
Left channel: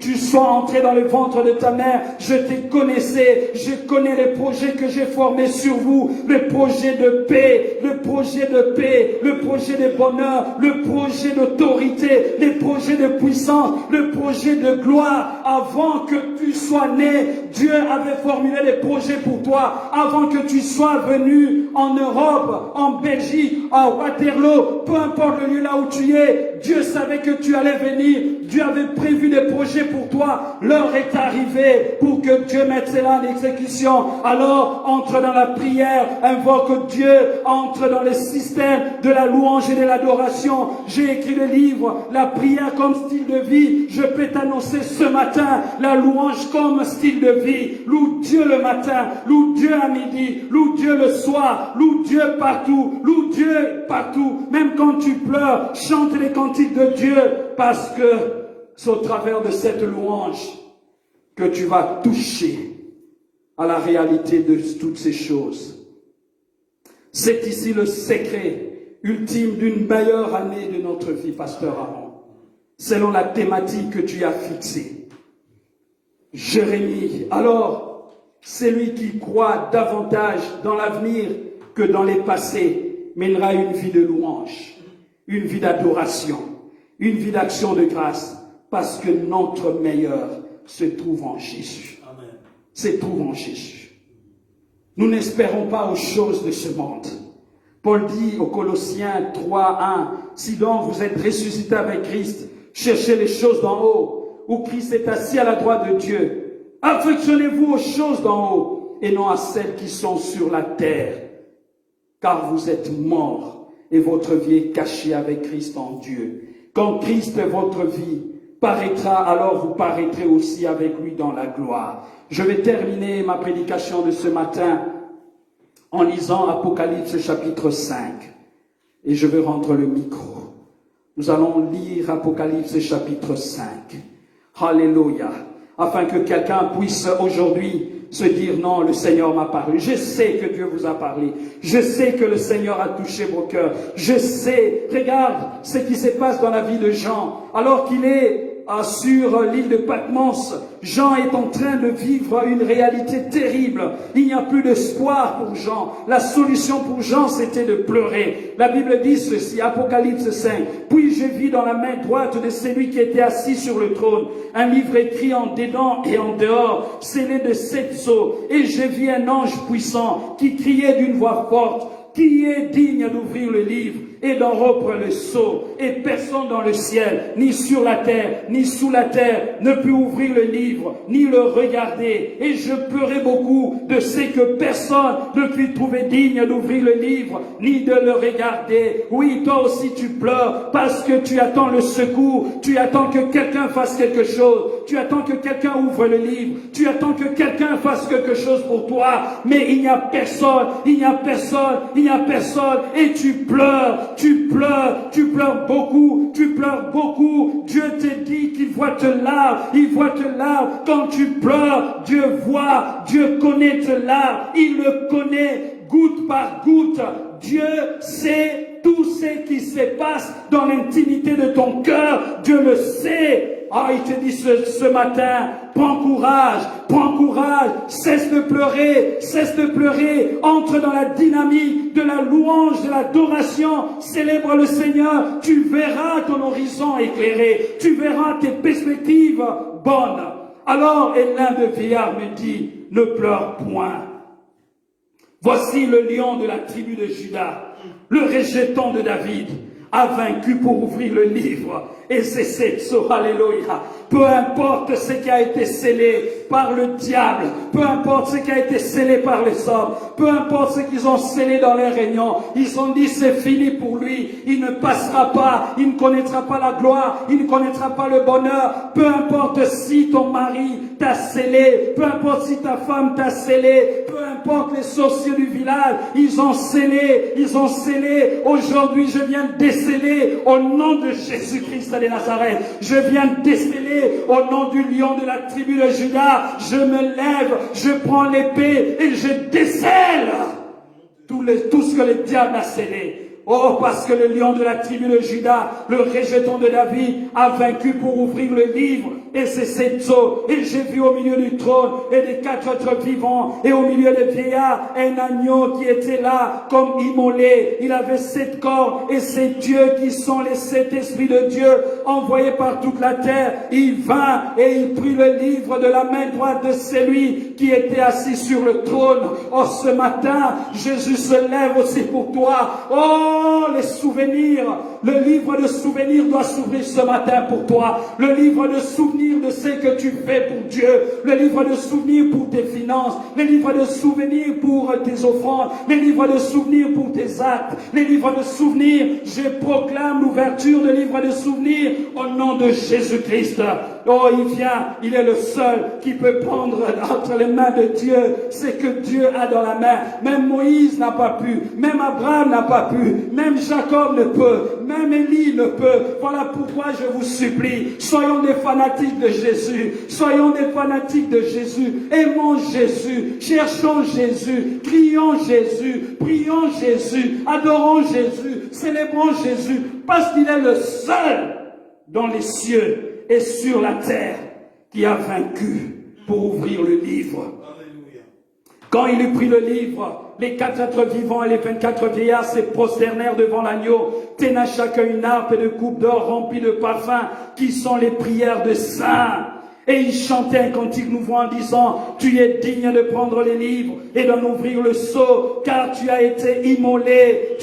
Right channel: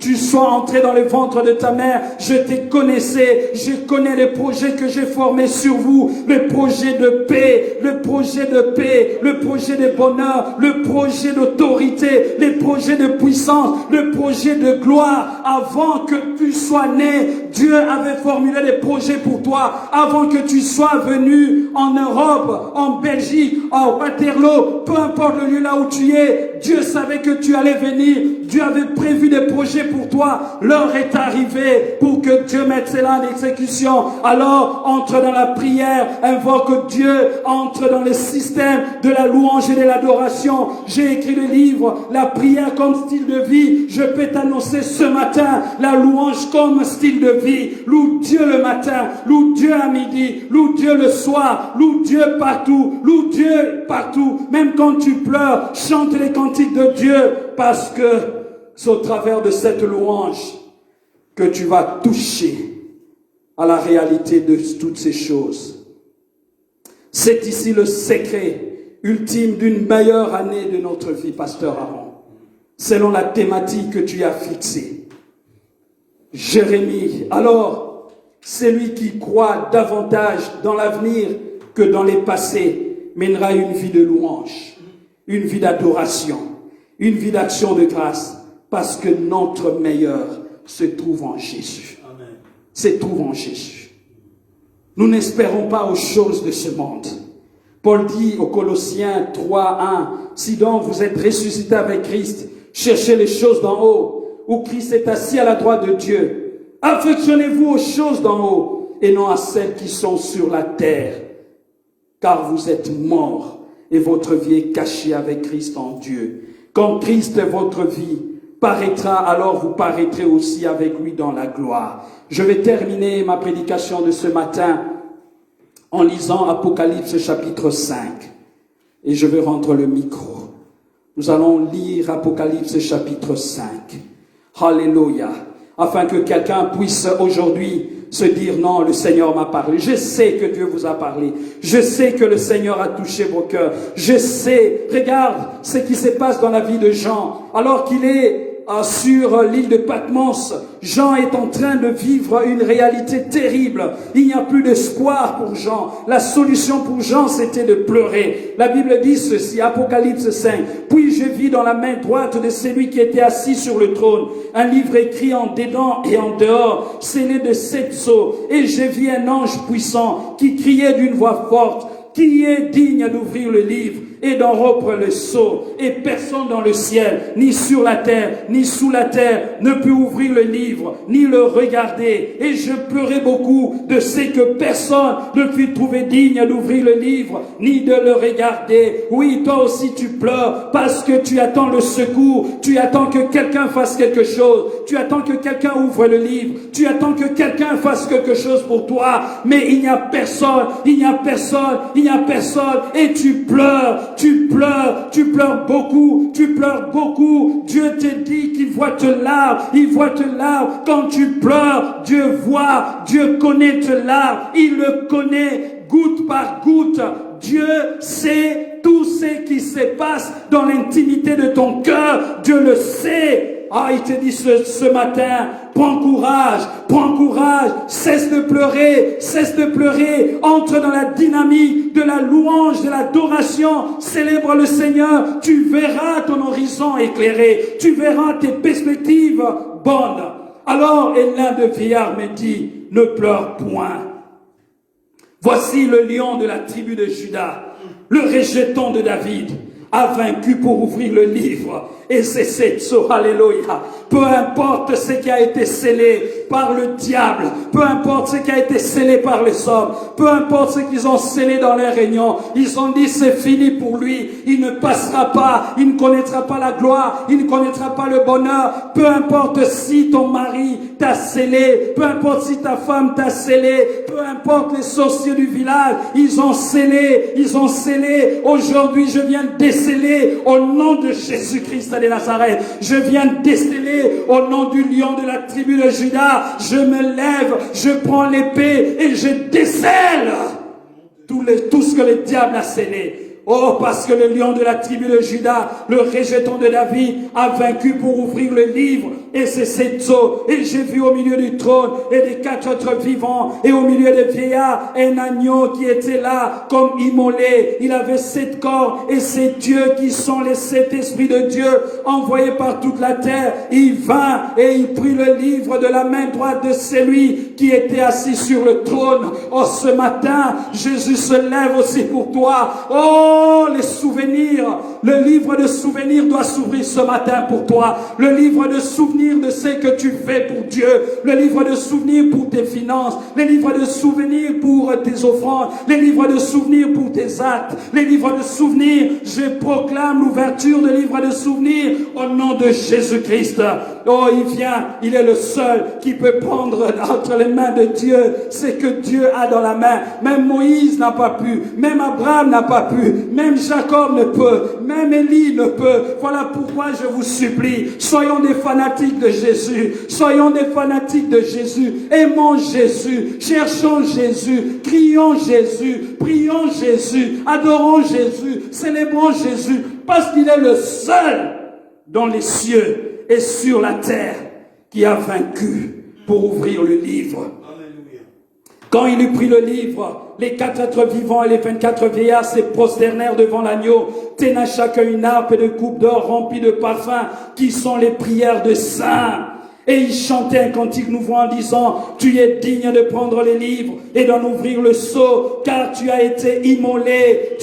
tu sois entré dans le ventre de ta mère, je te connaissais, je connais les projets que j'ai formés sur vous, le projet de paix, le projet de bonheur, le projet d'autorité, les projets de puissance, le projet de gloire. Avant que tu sois né, Dieu avait formulé des projets pour toi. Avant que tu sois venu en Europe, en Belgique, en Waterloo, peu importe le lieu là où tu es, Dieu savait que tu allais venir. Dieu avait prévu des projets pour toi. L'heure est arrivée pour que Dieu mette cela en exécution. Alors, entre dans la prière, invoque Dieu, entre dans le système de la louange et de l'adoration. J'ai écrit le livre, la prière comme style de vie. Je peux t'annoncer ce matin, la louange comme style de vie. Loue Dieu le matin, loue Dieu à midi, loue Dieu le soir, loue Dieu partout, loue Dieu partout. Même quand tu pleures, chante les cantiques de Dieu, parce que c'est au travers de cette louange que tu vas toucher à la réalité de toutes ces choses. C'est ici le secret ultime d'une meilleure année de notre vie, Pasteur Aaron, selon la thématique que tu as fixée. Jérémie, alors, celui qui croit davantage dans l'avenir que dans les passés mènera une vie de louange, une vie d'adoration, une vie d'action de grâce, parce que notre meilleur se trouve en Jésus. Amen. Se trouve en Jésus. Nous n'espérons pas aux choses de ce monde. Paul dit aux Colossiens 3:1, si donc vous êtes ressuscités avec Christ, cherchez les choses d'en haut, où Christ est assis à la droite de Dieu. Affectionnez-vous aux choses d'en haut, et non à celles qui sont sur la terre, car vous êtes morts, et votre vie est cachée avec Christ en Dieu. Quand Christ est votre vie paraîtra, alors vous paraîtrez aussi avec lui dans la gloire. Je vais terminer ma prédication de ce matin en lisant Apocalypse chapitre 5. Et je vais rendre le micro. Nous allons lire Apocalypse chapitre 5. Alléluia. Afin que quelqu'un puisse aujourd'hui se dire non, le Seigneur m'a parlé. Je sais que Dieu vous a parlé. Je sais que le Seigneur a touché vos cœurs. Je sais, regarde ce qui se passe dans la vie de Jean. Alors qu'il est sur l'île de Patmos, Jean est en train de vivre une réalité terrible. Il n'y a plus d'espoir pour Jean. La solution pour Jean, c'était de pleurer. La Bible dit ceci, Apocalypse 5. Puis je vis dans la main droite de celui qui était assis sur le trône un livre écrit en dedans et en dehors, scellé de 7 sceaux. Et je vis un ange puissant qui criait d'une voix forte, qui est digne d'ouvrir le livre et d'en rompre le sceau, et personne dans le ciel, ni sur la terre, ni sous la terre, ne peut ouvrir le livre, ni le regarder. Et je pleurais beaucoup de ce que personne ne put trouver digne d'ouvrir le livre, ni de le regarder. Oui, toi aussi tu pleures, parce que tu attends le secours, tu attends que quelqu'un fasse quelque chose, tu attends que quelqu'un ouvre le livre, tu attends que quelqu'un fasse quelque chose pour toi, mais il n'y a personne, il n'y a personne, il n'y a personne, et tu pleures beaucoup, Dieu te dit qu'il voit tes larmes, il voit tes larmes. Quand tu pleures, Dieu voit, Dieu connaît tes larmes, il le connaît goutte par goutte. Dieu sait tout ce qui se passe dans l'intimité de ton cœur, Dieu le sait. Ah, il te dit ce matin, prends courage, cesse de pleurer, entre dans la dynamique de la louange, de l'adoration, célèbre le Seigneur, tu verras ton horizon éclairé, tu verras tes perspectives bonnes. Alors, et l'un de vieillards me dit, ne pleure point. Voici le lion de la tribu de Juda, le rejeton de David, a vaincu pour ouvrir le livre. Et c'est cette alléluia. Peu importe ce qui a été scellé par le diable, peu importe ce qui a été scellé par les hommes, peu importe ce qu'ils ont scellé dans les réunions, ils ont dit c'est fini pour lui, il ne passera pas, il ne connaîtra pas la gloire, il ne connaîtra pas le bonheur. Peu importe si ton mari t'a scellé, peu importe si ta femme t'a scellé, peu importe les sorciers du village, ils ont scellé. Aujourd'hui, je viens déceler au nom de Jésus-Christ de Nazareth. Je viens déceler au nom du lion de la tribu de Juda. Je me lève, je prends l'épée et je décèle tout ce que le diable a scellé. Oh, parce que le lion de la tribu de Juda, le rejeton de David, a vaincu pour ouvrir le livre. Et c'est cette eau. Et j'ai vu au milieu du trône et des 4 êtres vivants et au milieu des vieillards un agneau qui était là comme immolé. Il avait 7 corps et ces dieux qui sont les 7 esprits de Dieu envoyés par toute la terre. Il vint et il prit le livre de la main droite de celui qui était assis sur le trône. Oh, ce matin, Jésus se lève aussi pour toi. Oh, les souvenirs. Le livre de souvenirs doit s'ouvrir ce matin pour toi. Le livre de souvenirs de ce que tu fais pour Dieu, le livre de souvenirs pour tes finances, les livres de souvenirs pour tes offrandes, les livres de souvenirs pour tes actes, les livres de souvenirs. Je proclame l'ouverture de livres de souvenirs au nom de Jésus-Christ. Oh, il vient, il est le seul qui peut prendre entre les mains de Dieu ce que Dieu a dans la main. Même Moïse n'a pas pu, même Abraham n'a pas pu, même Jacob ne peut, même Élie ne peut. Voilà pourquoi je vous supplie, soyons des fanatiques de Jésus, soyons des fanatiques de Jésus, aimons Jésus, cherchons Jésus, crions Jésus, prions Jésus, adorons Jésus, célébrons Jésus, parce qu'il est le seul dans les cieux et sur la terre qui a vaincu pour ouvrir le livre. Quand il eut pris le livre, les 4 êtres vivants et les 24 vieillards se prosternèrent devant l'agneau, tenant chacun une harpe et de coupes d'or remplies de parfums, qui sont les prières de saints. Et il chantait un cantique nouveau en disant, tu es digne de prendre les livres et d'en ouvrir le sceau, car tu as été immolé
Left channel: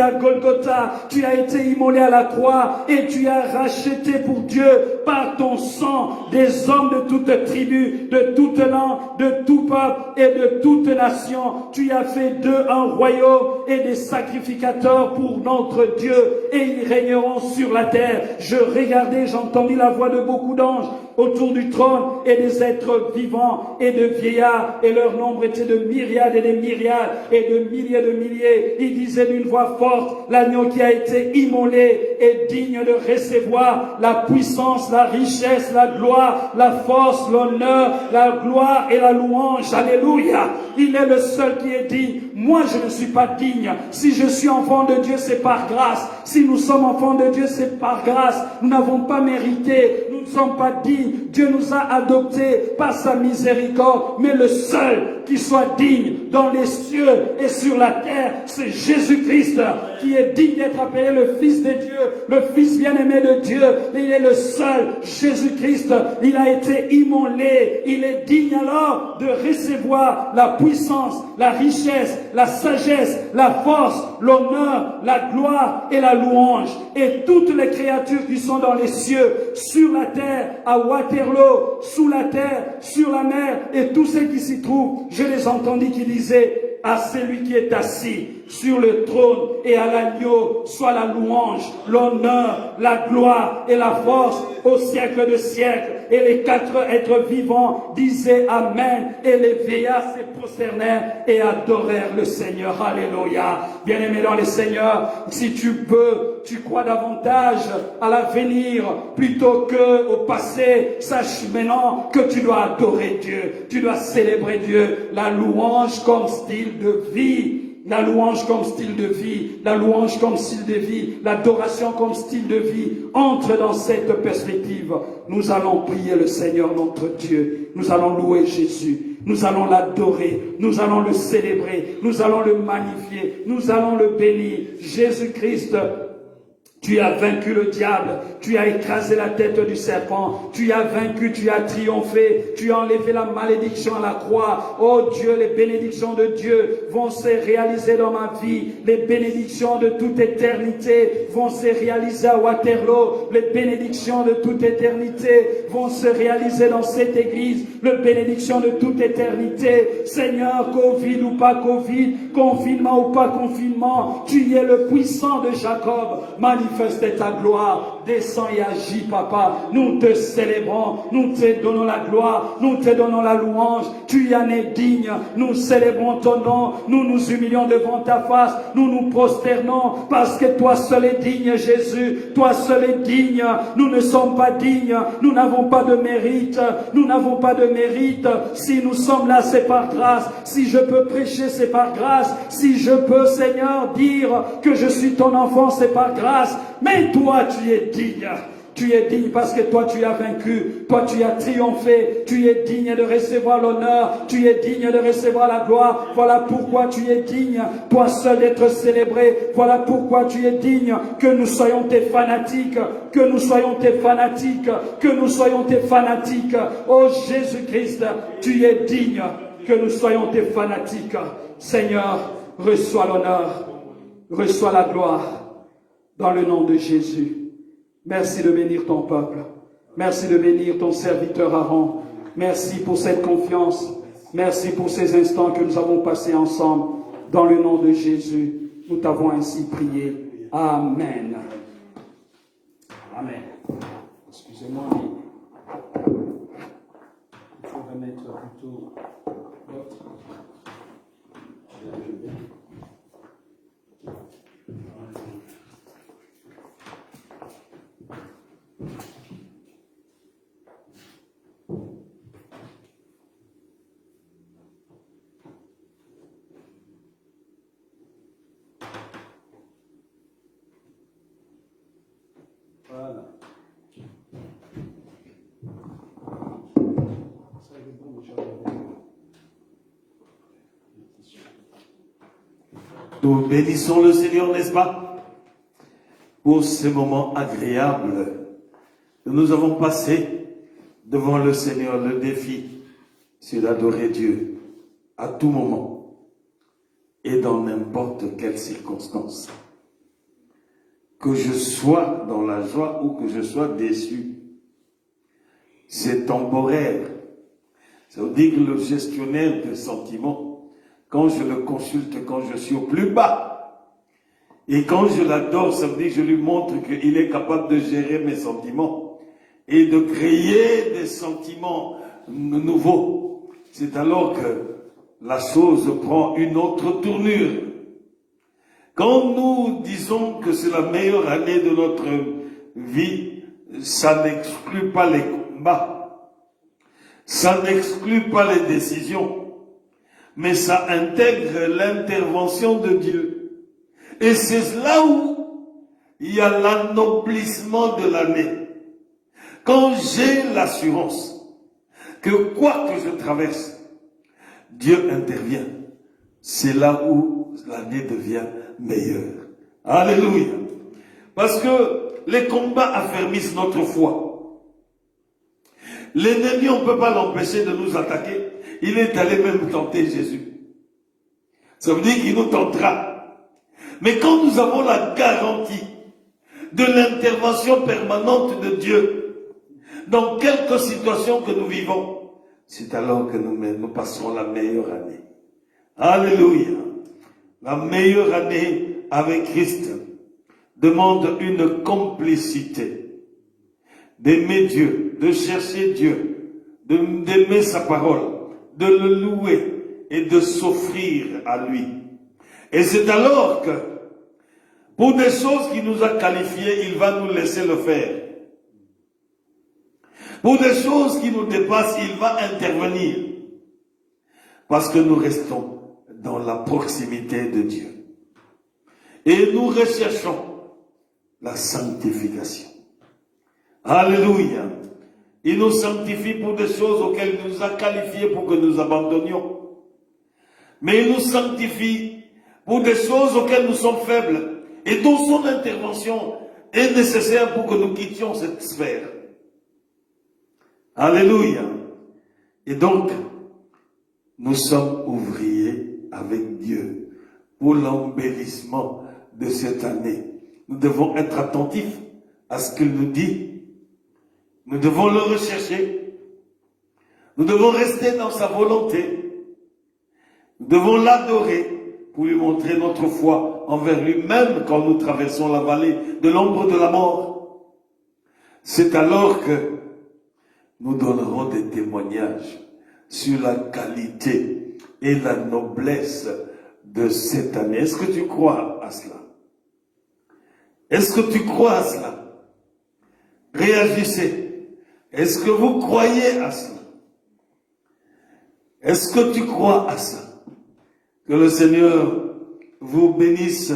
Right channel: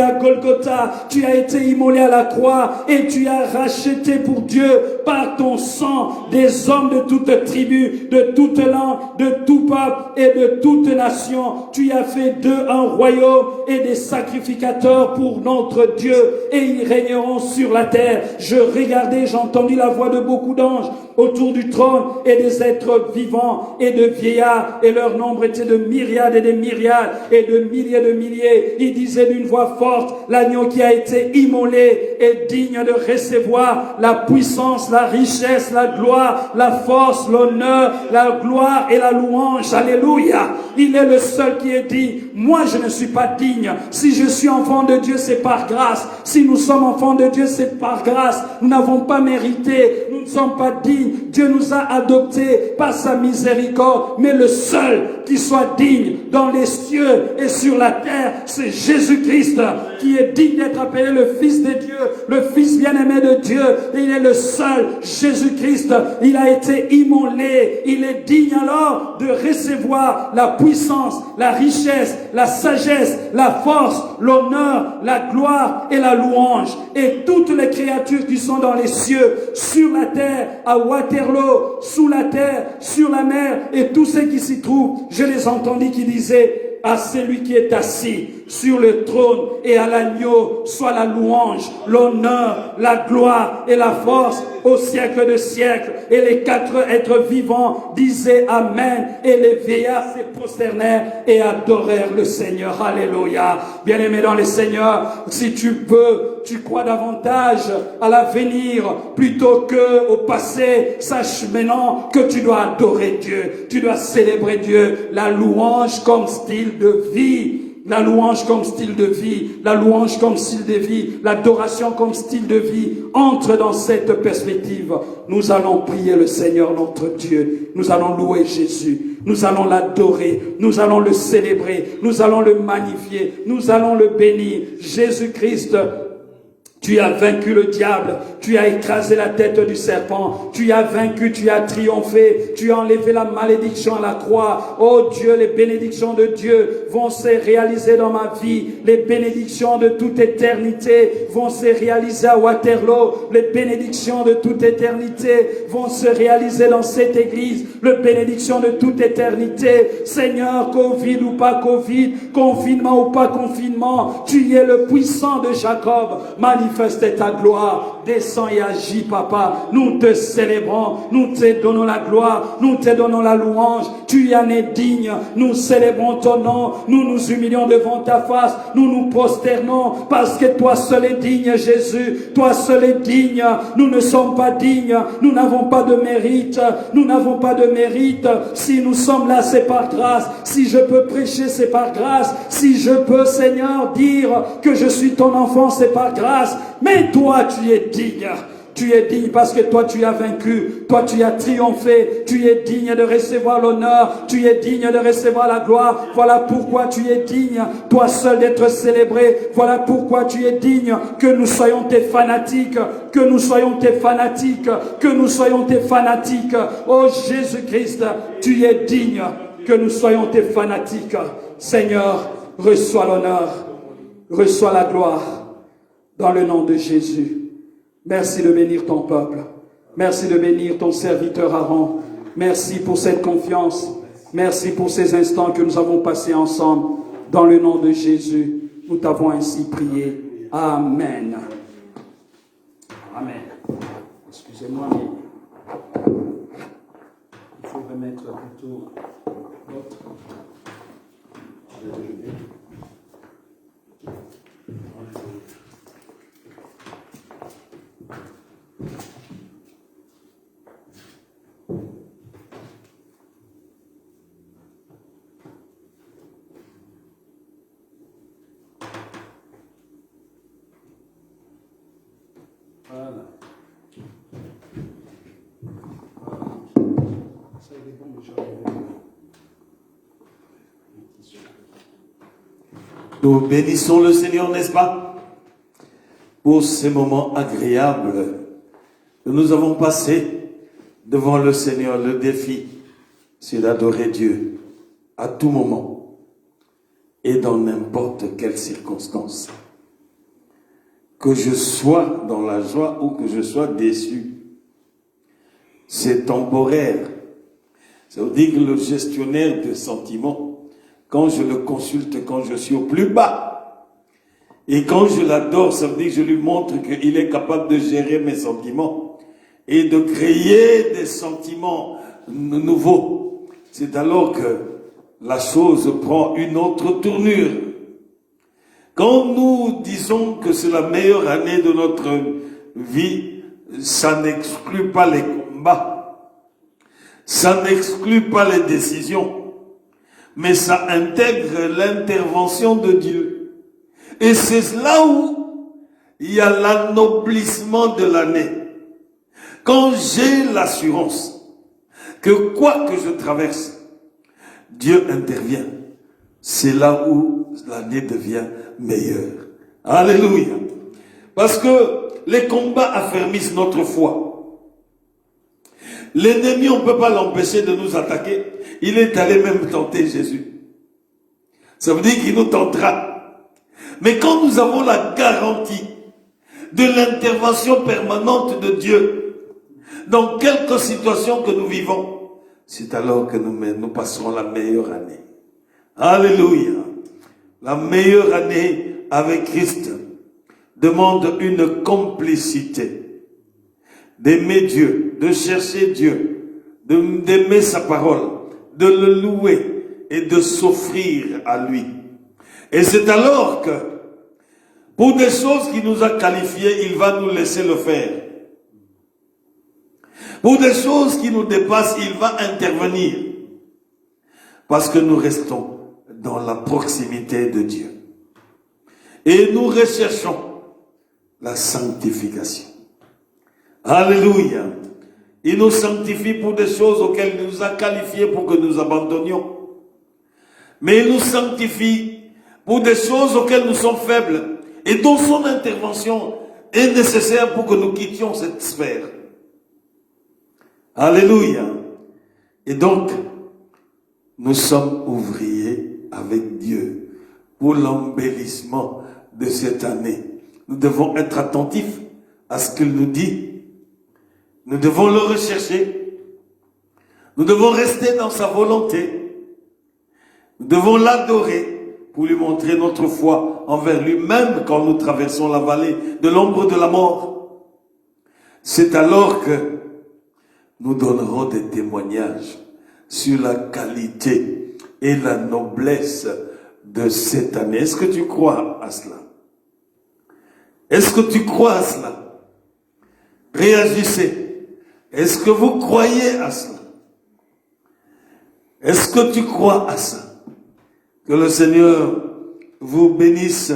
à Golgotha, tu as été immolé à la croix, et tu as racheté pour Dieu par ton sang des hommes de toute tribu, de toute langue, de tout peuple et de toute nation. Tu as fait d'eux un royaume et des sacrificateurs pour notre Dieu, et ils régneront sur la terre. Je regardais, j'ai entendu la voix de beaucoup d'anges autour du trône et des êtres vivants et de vieillards, et leur nombre était de myriades et de myriades et de milliers. Ils disaient d'une voix forte, l'agneau qui a été immolé est digne de recevoir la puissance, la richesse, la gloire, la force, l'honneur, la gloire et la louange. Alléluia. Il est le seul qui est dit, moi je ne suis pas digne. Si je suis enfant de Dieu, c'est par grâce. Si nous sommes enfants de Dieu, c'est par grâce. Nous n'avons pas mérité, nous ne sommes pas dignes. Dieu nous a adoptés par sa miséricorde, mais le seul qui soit digne dans les cieux et sur la terre, c'est Jésus-Christ, qui est digne d'être appelé le Fils de Dieu, le Fils bien-aimé de Dieu. Et il est le seul, Jésus-Christ. Il a été immolé. Il est digne alors de recevoir la puissance, la richesse, la sagesse, la force, l'honneur, la gloire et la louange. Et toutes les créatures qui sont dans les cieux, sur la terre, à Waterloo, sous la terre, sur la mer, et tous ceux qui s'y trouvent, je les entendis qui disaient, à celui qui est assis sur le trône et à l'agneau soit la louange, l'honneur, la gloire et la force au siècle de siècles. Et les 4 êtres vivants disaient Amen, et les vieillards se prosternèrent et adorèrent le Seigneur. Alléluia. Bien-aimé dans le Seigneur, si tu veux, tu crois davantage à l'avenir plutôt que au passé, sache maintenant que tu dois adorer Dieu, tu dois célébrer Dieu, la louange comme style de vie. la louange comme style de vie, la louange comme style de vie, l'adoration comme style de vie, entre dans cette perspective. Nous allons prier le Seigneur notre Dieu, nous allons louer Jésus, nous allons l'adorer, nous allons le célébrer, nous allons le magnifier, nous allons le bénir. Jésus-Christ, tu as vaincu le diable, tu as écrasé la tête du serpent, tu as vaincu, tu as triomphé, tu as enlevé la malédiction à la croix. Oh Dieu, les bénédictions de Dieu vont se réaliser dans ma vie, les bénédictions de toute éternité vont se réaliser à Waterloo, les bénédictions de toute éternité vont se réaliser dans cette église, les bénédictions de toute éternité. Seigneur, Covid ou pas Covid, confinement ou pas confinement, tu es le puissant de Jacob. Manifeste ta gloire, descends et agis, papa. Nous te célébrons, nous te donnons la gloire, nous te donnons la louange. Tu en es digne, nous célébrons ton nom, nous nous humilions devant ta face, nous nous prosternons parce que toi seul es digne, Jésus, toi seul es digne. Nous ne sommes pas dignes, nous n'avons pas de mérite, nous n'avons pas de mérite. Si nous sommes là, c'est par grâce. Si je peux prêcher, c'est par grâce. Si je peux, Seigneur, dire que je suis ton enfant, c'est par grâce. Mais toi, tu es digne. Tu es digne parce que toi, tu as vaincu. Toi, tu as triomphé. Tu es digne de recevoir l'honneur. Tu es digne de recevoir la gloire. Voilà pourquoi tu es digne, toi seul, d'être célébré. Voilà pourquoi tu es digne que nous soyons tes fanatiques. Que nous soyons tes fanatiques. Que nous soyons tes fanatiques. Oh Jésus-Christ, tu es digne que nous soyons tes fanatiques. Seigneur, reçois l'honneur. Reçois la gloire. Dans le nom de Jésus. Merci de bénir ton peuple. Merci de bénir ton serviteur Aaron. Merci pour cette confiance. Merci pour ces instants que nous avons passés ensemble. Dans le nom de Jésus, nous t'avons ainsi prié. Amen. Amen. Excusez-moi, mais il faut remettre plutôt l'autre. Voilà. Ça il est bon, mais j'enlève le tissu. Nous bénissons le Seigneur, n'est-ce pas, pour ces moments agréables que nous avons passés devant le Seigneur. Le défi, c'est d'adorer Dieu à tout moment et dans n'importe quelle circonstance. Que je sois dans la joie ou que je sois déçu, c'est temporaire. Ça veut dire que le gestionnaire de sentiments, quand je le consulte, quand je suis au plus bas, et quand je l'adore, ça veut dire que je lui montre qu'il est capable de gérer mes sentiments et de créer des sentiments nouveaux. C'est alors que la chose prend une autre tournure. Quand nous disons que c'est la meilleure année de notre vie, ça n'exclut pas les combats, ça n'exclut pas les décisions, mais ça intègre l'intervention de Dieu. Et c'est là où il y a l'anoblissement de l'année. Quand j'ai l'assurance que quoi que je traverse, Dieu intervient, c'est là où l'année devient meilleure. Alléluia. Parce que les combats affermissent notre foi. L'ennemi, on ne peut pas l'empêcher de nous attaquer. Il est allé même tenter Jésus. Ça veut dire qu'il nous tentera. Mais quand nous avons la garantie de l'intervention permanente de Dieu dans quelque situation que nous vivons, c'est alors que nous passerons la meilleure année. Alléluia. La meilleure année avec Christ demande une complicité, d'aimer Dieu, de chercher Dieu, d'aimer sa parole, de le louer et de s'offrir à lui. Et c'est alors que, pour des choses qu'il nous a qualifiées, il va nous laisser le faire. Pour des choses qui nous dépassent, il va intervenir. Parce que nous restons dans la proximité de Dieu. Et nous recherchons la sanctification. Alléluia. Il nous sanctifie pour des choses auxquelles il nous a qualifiés pour que nous abandonnions. Mais il nous sanctifie pour des choses auxquelles nous sommes faibles et dont son intervention est nécessaire pour que nous quittions cette sphère. Alléluia. Et donc, nous sommes ouvriers avec Dieu pour l'embellissement de cette année. Nous devons être attentifs à ce qu'il nous dit. Nous devons le rechercher. Nous devons rester dans sa volonté. Nous devons l'adorer pour lui montrer notre foi envers lui-même quand nous traversons la vallée de l'ombre de la mort. C'est alors que nous donnerons des témoignages sur la qualité et la noblesse de cette année. Est-ce que tu crois à cela? Est-ce que tu crois à cela? Réagissez. Est-ce que vous croyez à cela? Est-ce que tu crois à ça? Que le Seigneur vous bénisse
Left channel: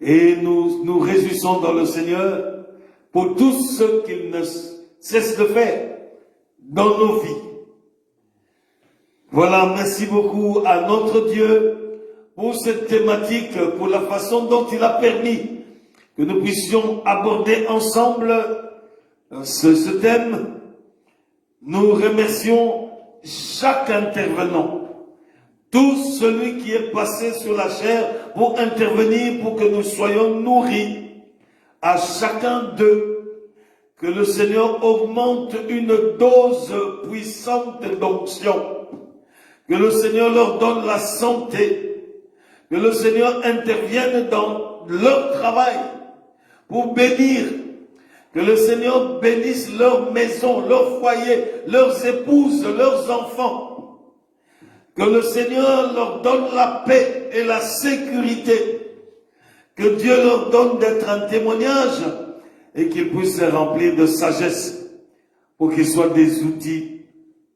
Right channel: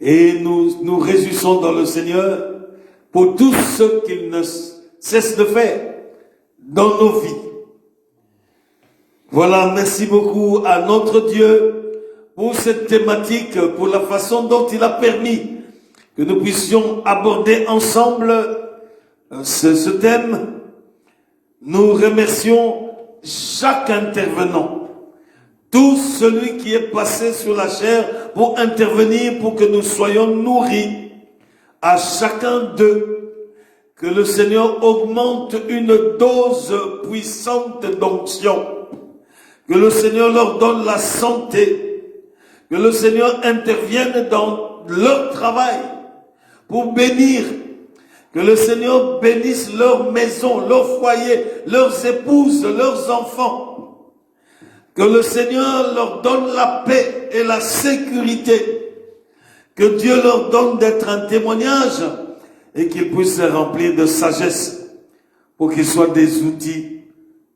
et nous nous réjouissons dans le Seigneur pour tout ce qu'il ne cesse de faire dans nos vies. Voilà, merci beaucoup à notre Dieu pour cette thématique, pour la façon dont il a permis que nous puissions aborder ensemble ce thème. Nous remercions chaque intervenant, tout celui qui est passé sur la chair pour intervenir, pour que nous soyons nourris. À chacun d'eux, que le Seigneur augmente une dose puissante d'onction, que le Seigneur leur donne la santé, que le Seigneur intervienne dans leur travail pour bénir, que le Seigneur bénisse leur maison, leur foyer, leurs épouses, leurs enfants, que le Seigneur leur donne la paix et la sécurité, que Dieu leur donne d'être un témoignage et qu'ils puissent se remplir de sagesse pour qu'ils soient des outils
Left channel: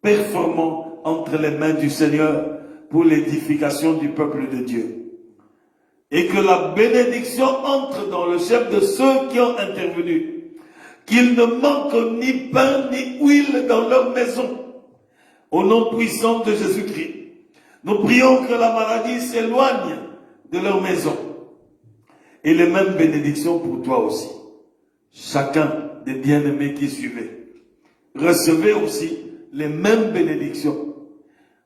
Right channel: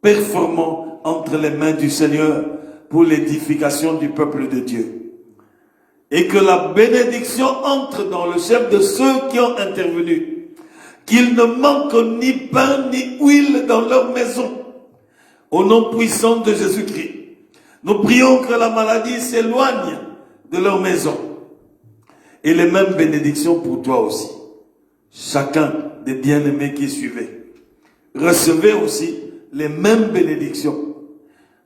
performants entre les mains du Seigneur pour l'édification du peuple de Dieu. Et que la bénédiction entre dans le chef de ceux qui ont intervenu, qu'il ne manque ni pain ni huile dans leur maison. Au nom puissant de Jésus-Christ, nous prions que la maladie s'éloigne de leur maison. Et les mêmes bénédictions pour toi aussi. Chacun des bien-aimés qui suivaient. Recevez aussi les mêmes bénédictions.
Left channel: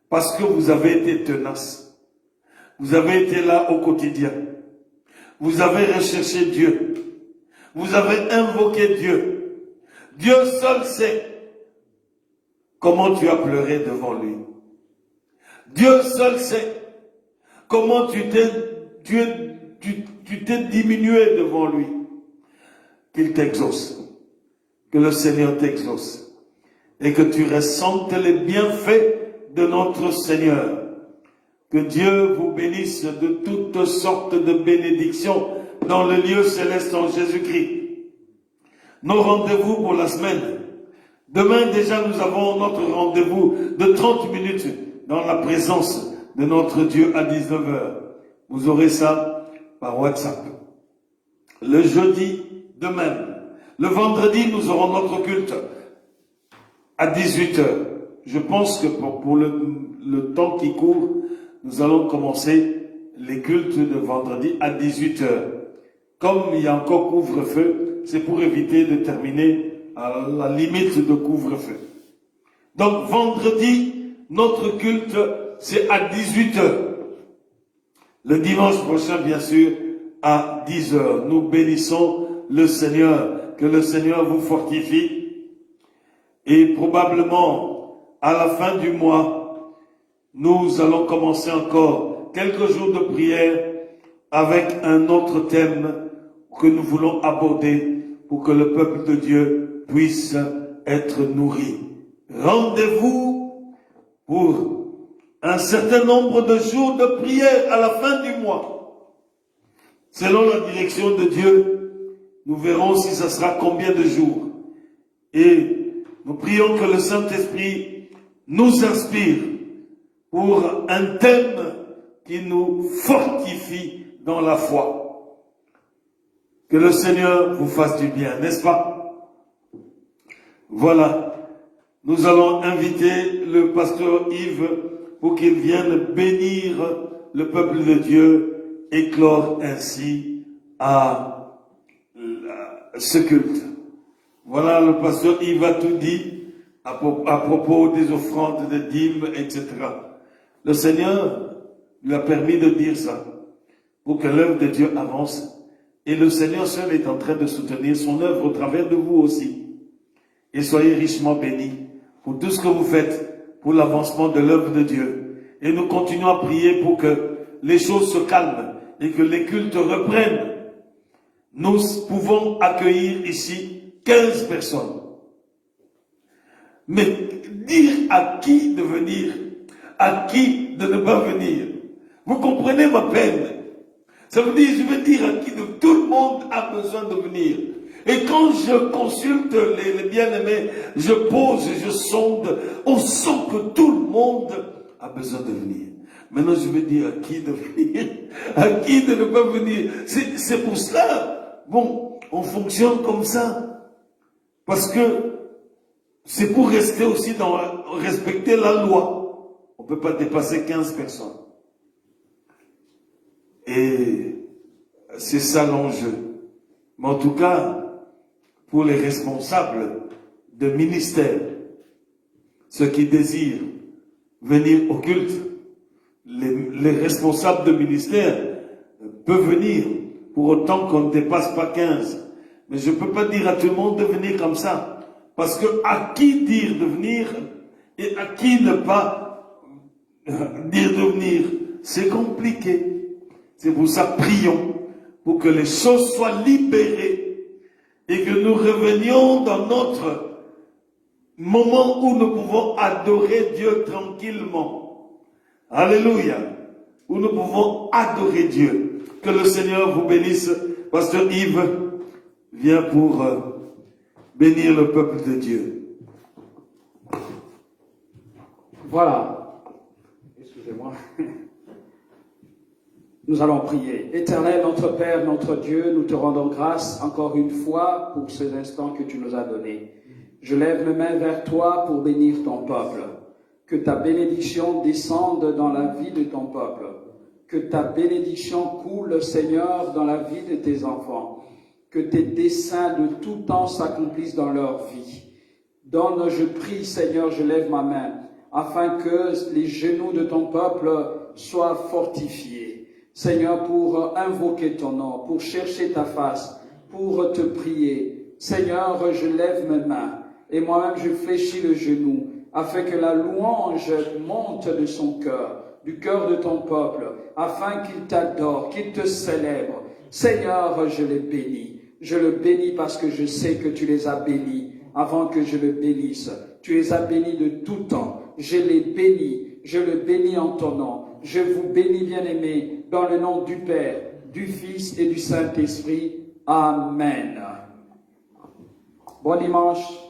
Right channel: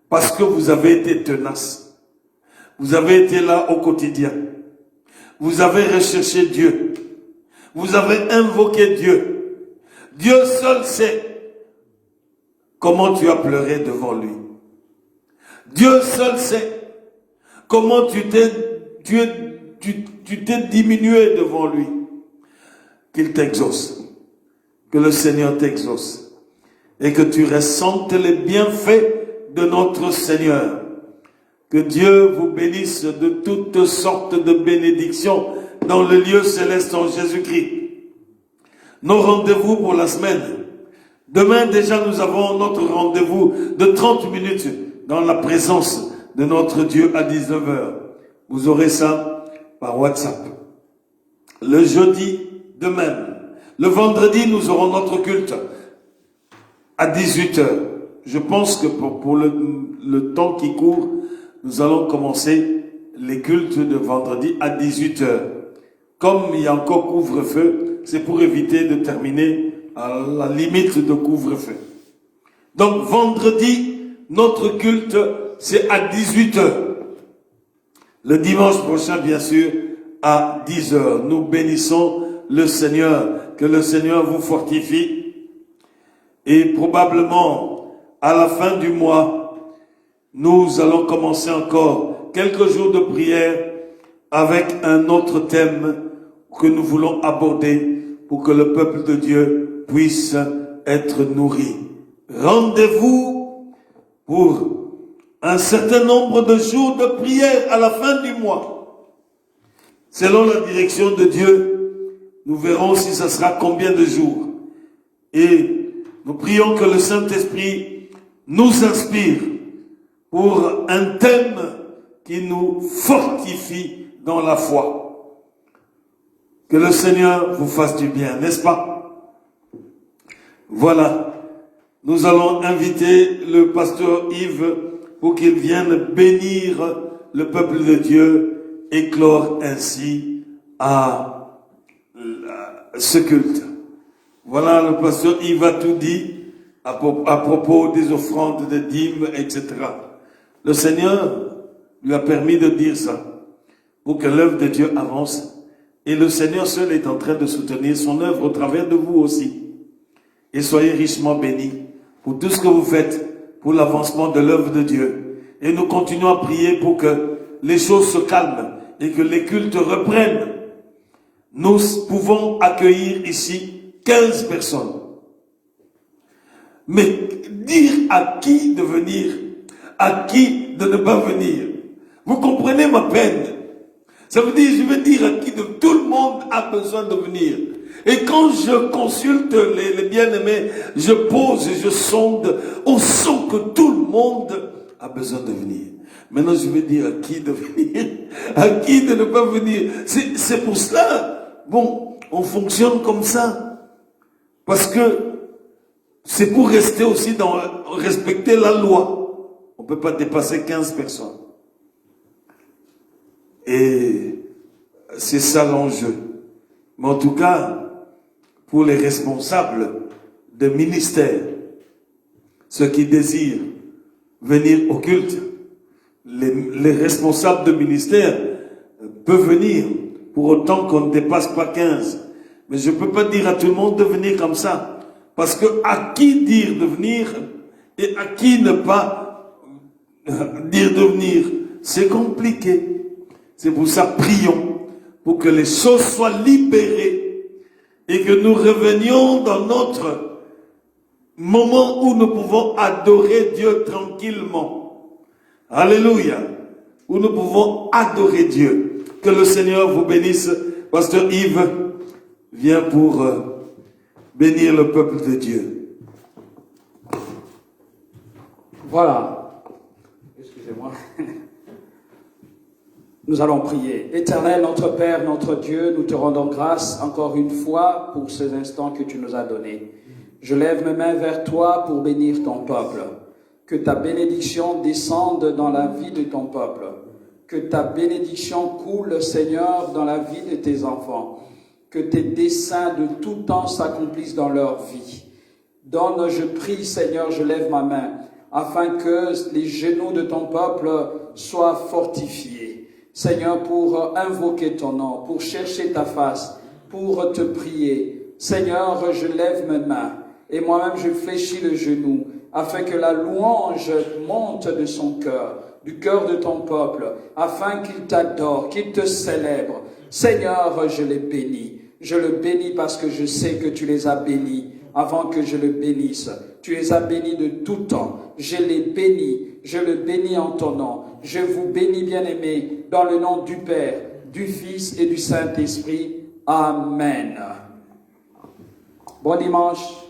Parce que vous avez été tenaces. Vous avez été là au quotidien. Vous avez recherché Dieu. Vous avez invoqué Dieu. Dieu seul sait comment tu as pleuré devant lui. Dieu seul sait comment tu t'es diminué devant lui. Qu'il t'exauce. Que le Seigneur t'exauce. Et que tu ressentes les bienfaits de notre Seigneur. Que Dieu vous bénisse de toutes sortes de bénédictions dans le lieu céleste en Jésus-Christ. Nos rendez-vous pour la semaine. Demain déjà nous avons notre rendez-vous de 30 minutes dans la présence de notre Dieu à 19h. Vous aurez ça par WhatsApp. Le jeudi de même. Le vendredi nous aurons notre culte à 18h. Je pense que pour le temps qui court, nous allons commencer les cultes de vendredi à 18h. Comme il y a encore couvre-feu, c'est pour éviter de terminer à la limite de couvre-feu. Donc vendredi, notre culte, c'est à 18h. Le dimanche prochain, bien sûr, à 10h. Nous bénissons le Seigneur, que le Seigneur vous fortifie. Et probablement, à la fin du mois, nous allons commencer encore quelques jours de prière avec un autre thème que nous voulons aborder pour que le peuple de Dieu puisse être nourri. Rendez-vous pour un certain nombre de jours de prière à la fin du mois. Selon la direction de Dieu, nous verrons si ce sera combien de jours. Et nous prions que le Saint-Esprit nous inspire pour un thème qui nous fortifie dans la foi. Que le Seigneur vous fasse du bien, n'est-ce pas? Voilà. Nous allons inviter le pasteur Yves pour qu'il vienne bénir le peuple de Dieu et clore ainsi à ce culte. Voilà, le pasteur Yves a tout dit à propos des offrandes, des dîmes, etc. Le Seigneur lui a permis de dire ça pour que l'œuvre de Dieu avance. Et le Seigneur seul est en train de soutenir son œuvre au travers de vous aussi. Et soyez richement bénis pour tout ce que vous faites pour l'avancement de l'œuvre de Dieu. Et nous continuons à prier pour que les choses se calment et que les cultes reprennent. Nous pouvons accueillir ici 15 personnes. Mais dire à qui de venir, à qui de ne pas venir. Vous comprenez ma peine? Ça veut dire, je veux dire à qui de tout le monde a besoin de venir. Et quand je consulte les bien-aimés, je pose, je sonde, on sent que tout le monde a besoin de venir. Maintenant, je veux dire à qui de venir, à qui de ne pas venir. C'est pour cela, bon, on fonctionne comme ça. Parce que c'est pour rester aussi dans respecter la loi. On ne peut pas dépasser 15 personnes. Et c'est ça l'enjeu. Mais en tout cas, pour les responsables de ministère, ceux qui désirent venir au culte, les responsables de ministère peuvent venir, pour autant qu'on ne dépasse pas 15. Mais je ne peux pas dire à tout le monde de venir comme ça. Parce que à qui dire de venir et à qui ne pas dire de venir, c'est compliqué. C'est pour ça, prions pour que les choses soient libérées et que nous revenions dans notre moment où nous pouvons adorer Dieu tranquillement. Alléluia. Où nous pouvons adorer Dieu. Que le Seigneur vous bénisse. Pasteur Yves vient pour bénir le peuple de Dieu. Voilà. Excusez-moi. Nous allons prier. Éternel, notre Père, notre Dieu, nous te rendons grâce encore une fois pour ces instants que tu nous as donnés. Je lève mes mains vers toi pour bénir ton peuple. Que ta bénédiction descende dans la vie de ton peuple. Que ta bénédiction coule, Seigneur, dans la vie de tes enfants. Que tes desseins de tout temps s'accomplissent dans leur vie. Donne, je prie, Seigneur, je lève ma main, afin que les genoux de ton peuple soient fortifiés. Seigneur, pour invoquer ton nom, pour chercher ta face, pour te prier. Seigneur, je lève mes mains et moi-même je fléchis le genou afin que la louange monte de son cœur, du cœur de ton peuple, afin qu'il t'adore, qu'il te célèbre. Seigneur, je les bénis. Je le bénis parce que je sais que tu les as bénis avant que je le bénisse. Tu les as bénis de tout temps. Je les bénis. Je le bénis en ton nom. Je vous bénis, bien-aimés, dans le nom du Père, du Fils et du Saint-Esprit. Amen. Bon dimanche.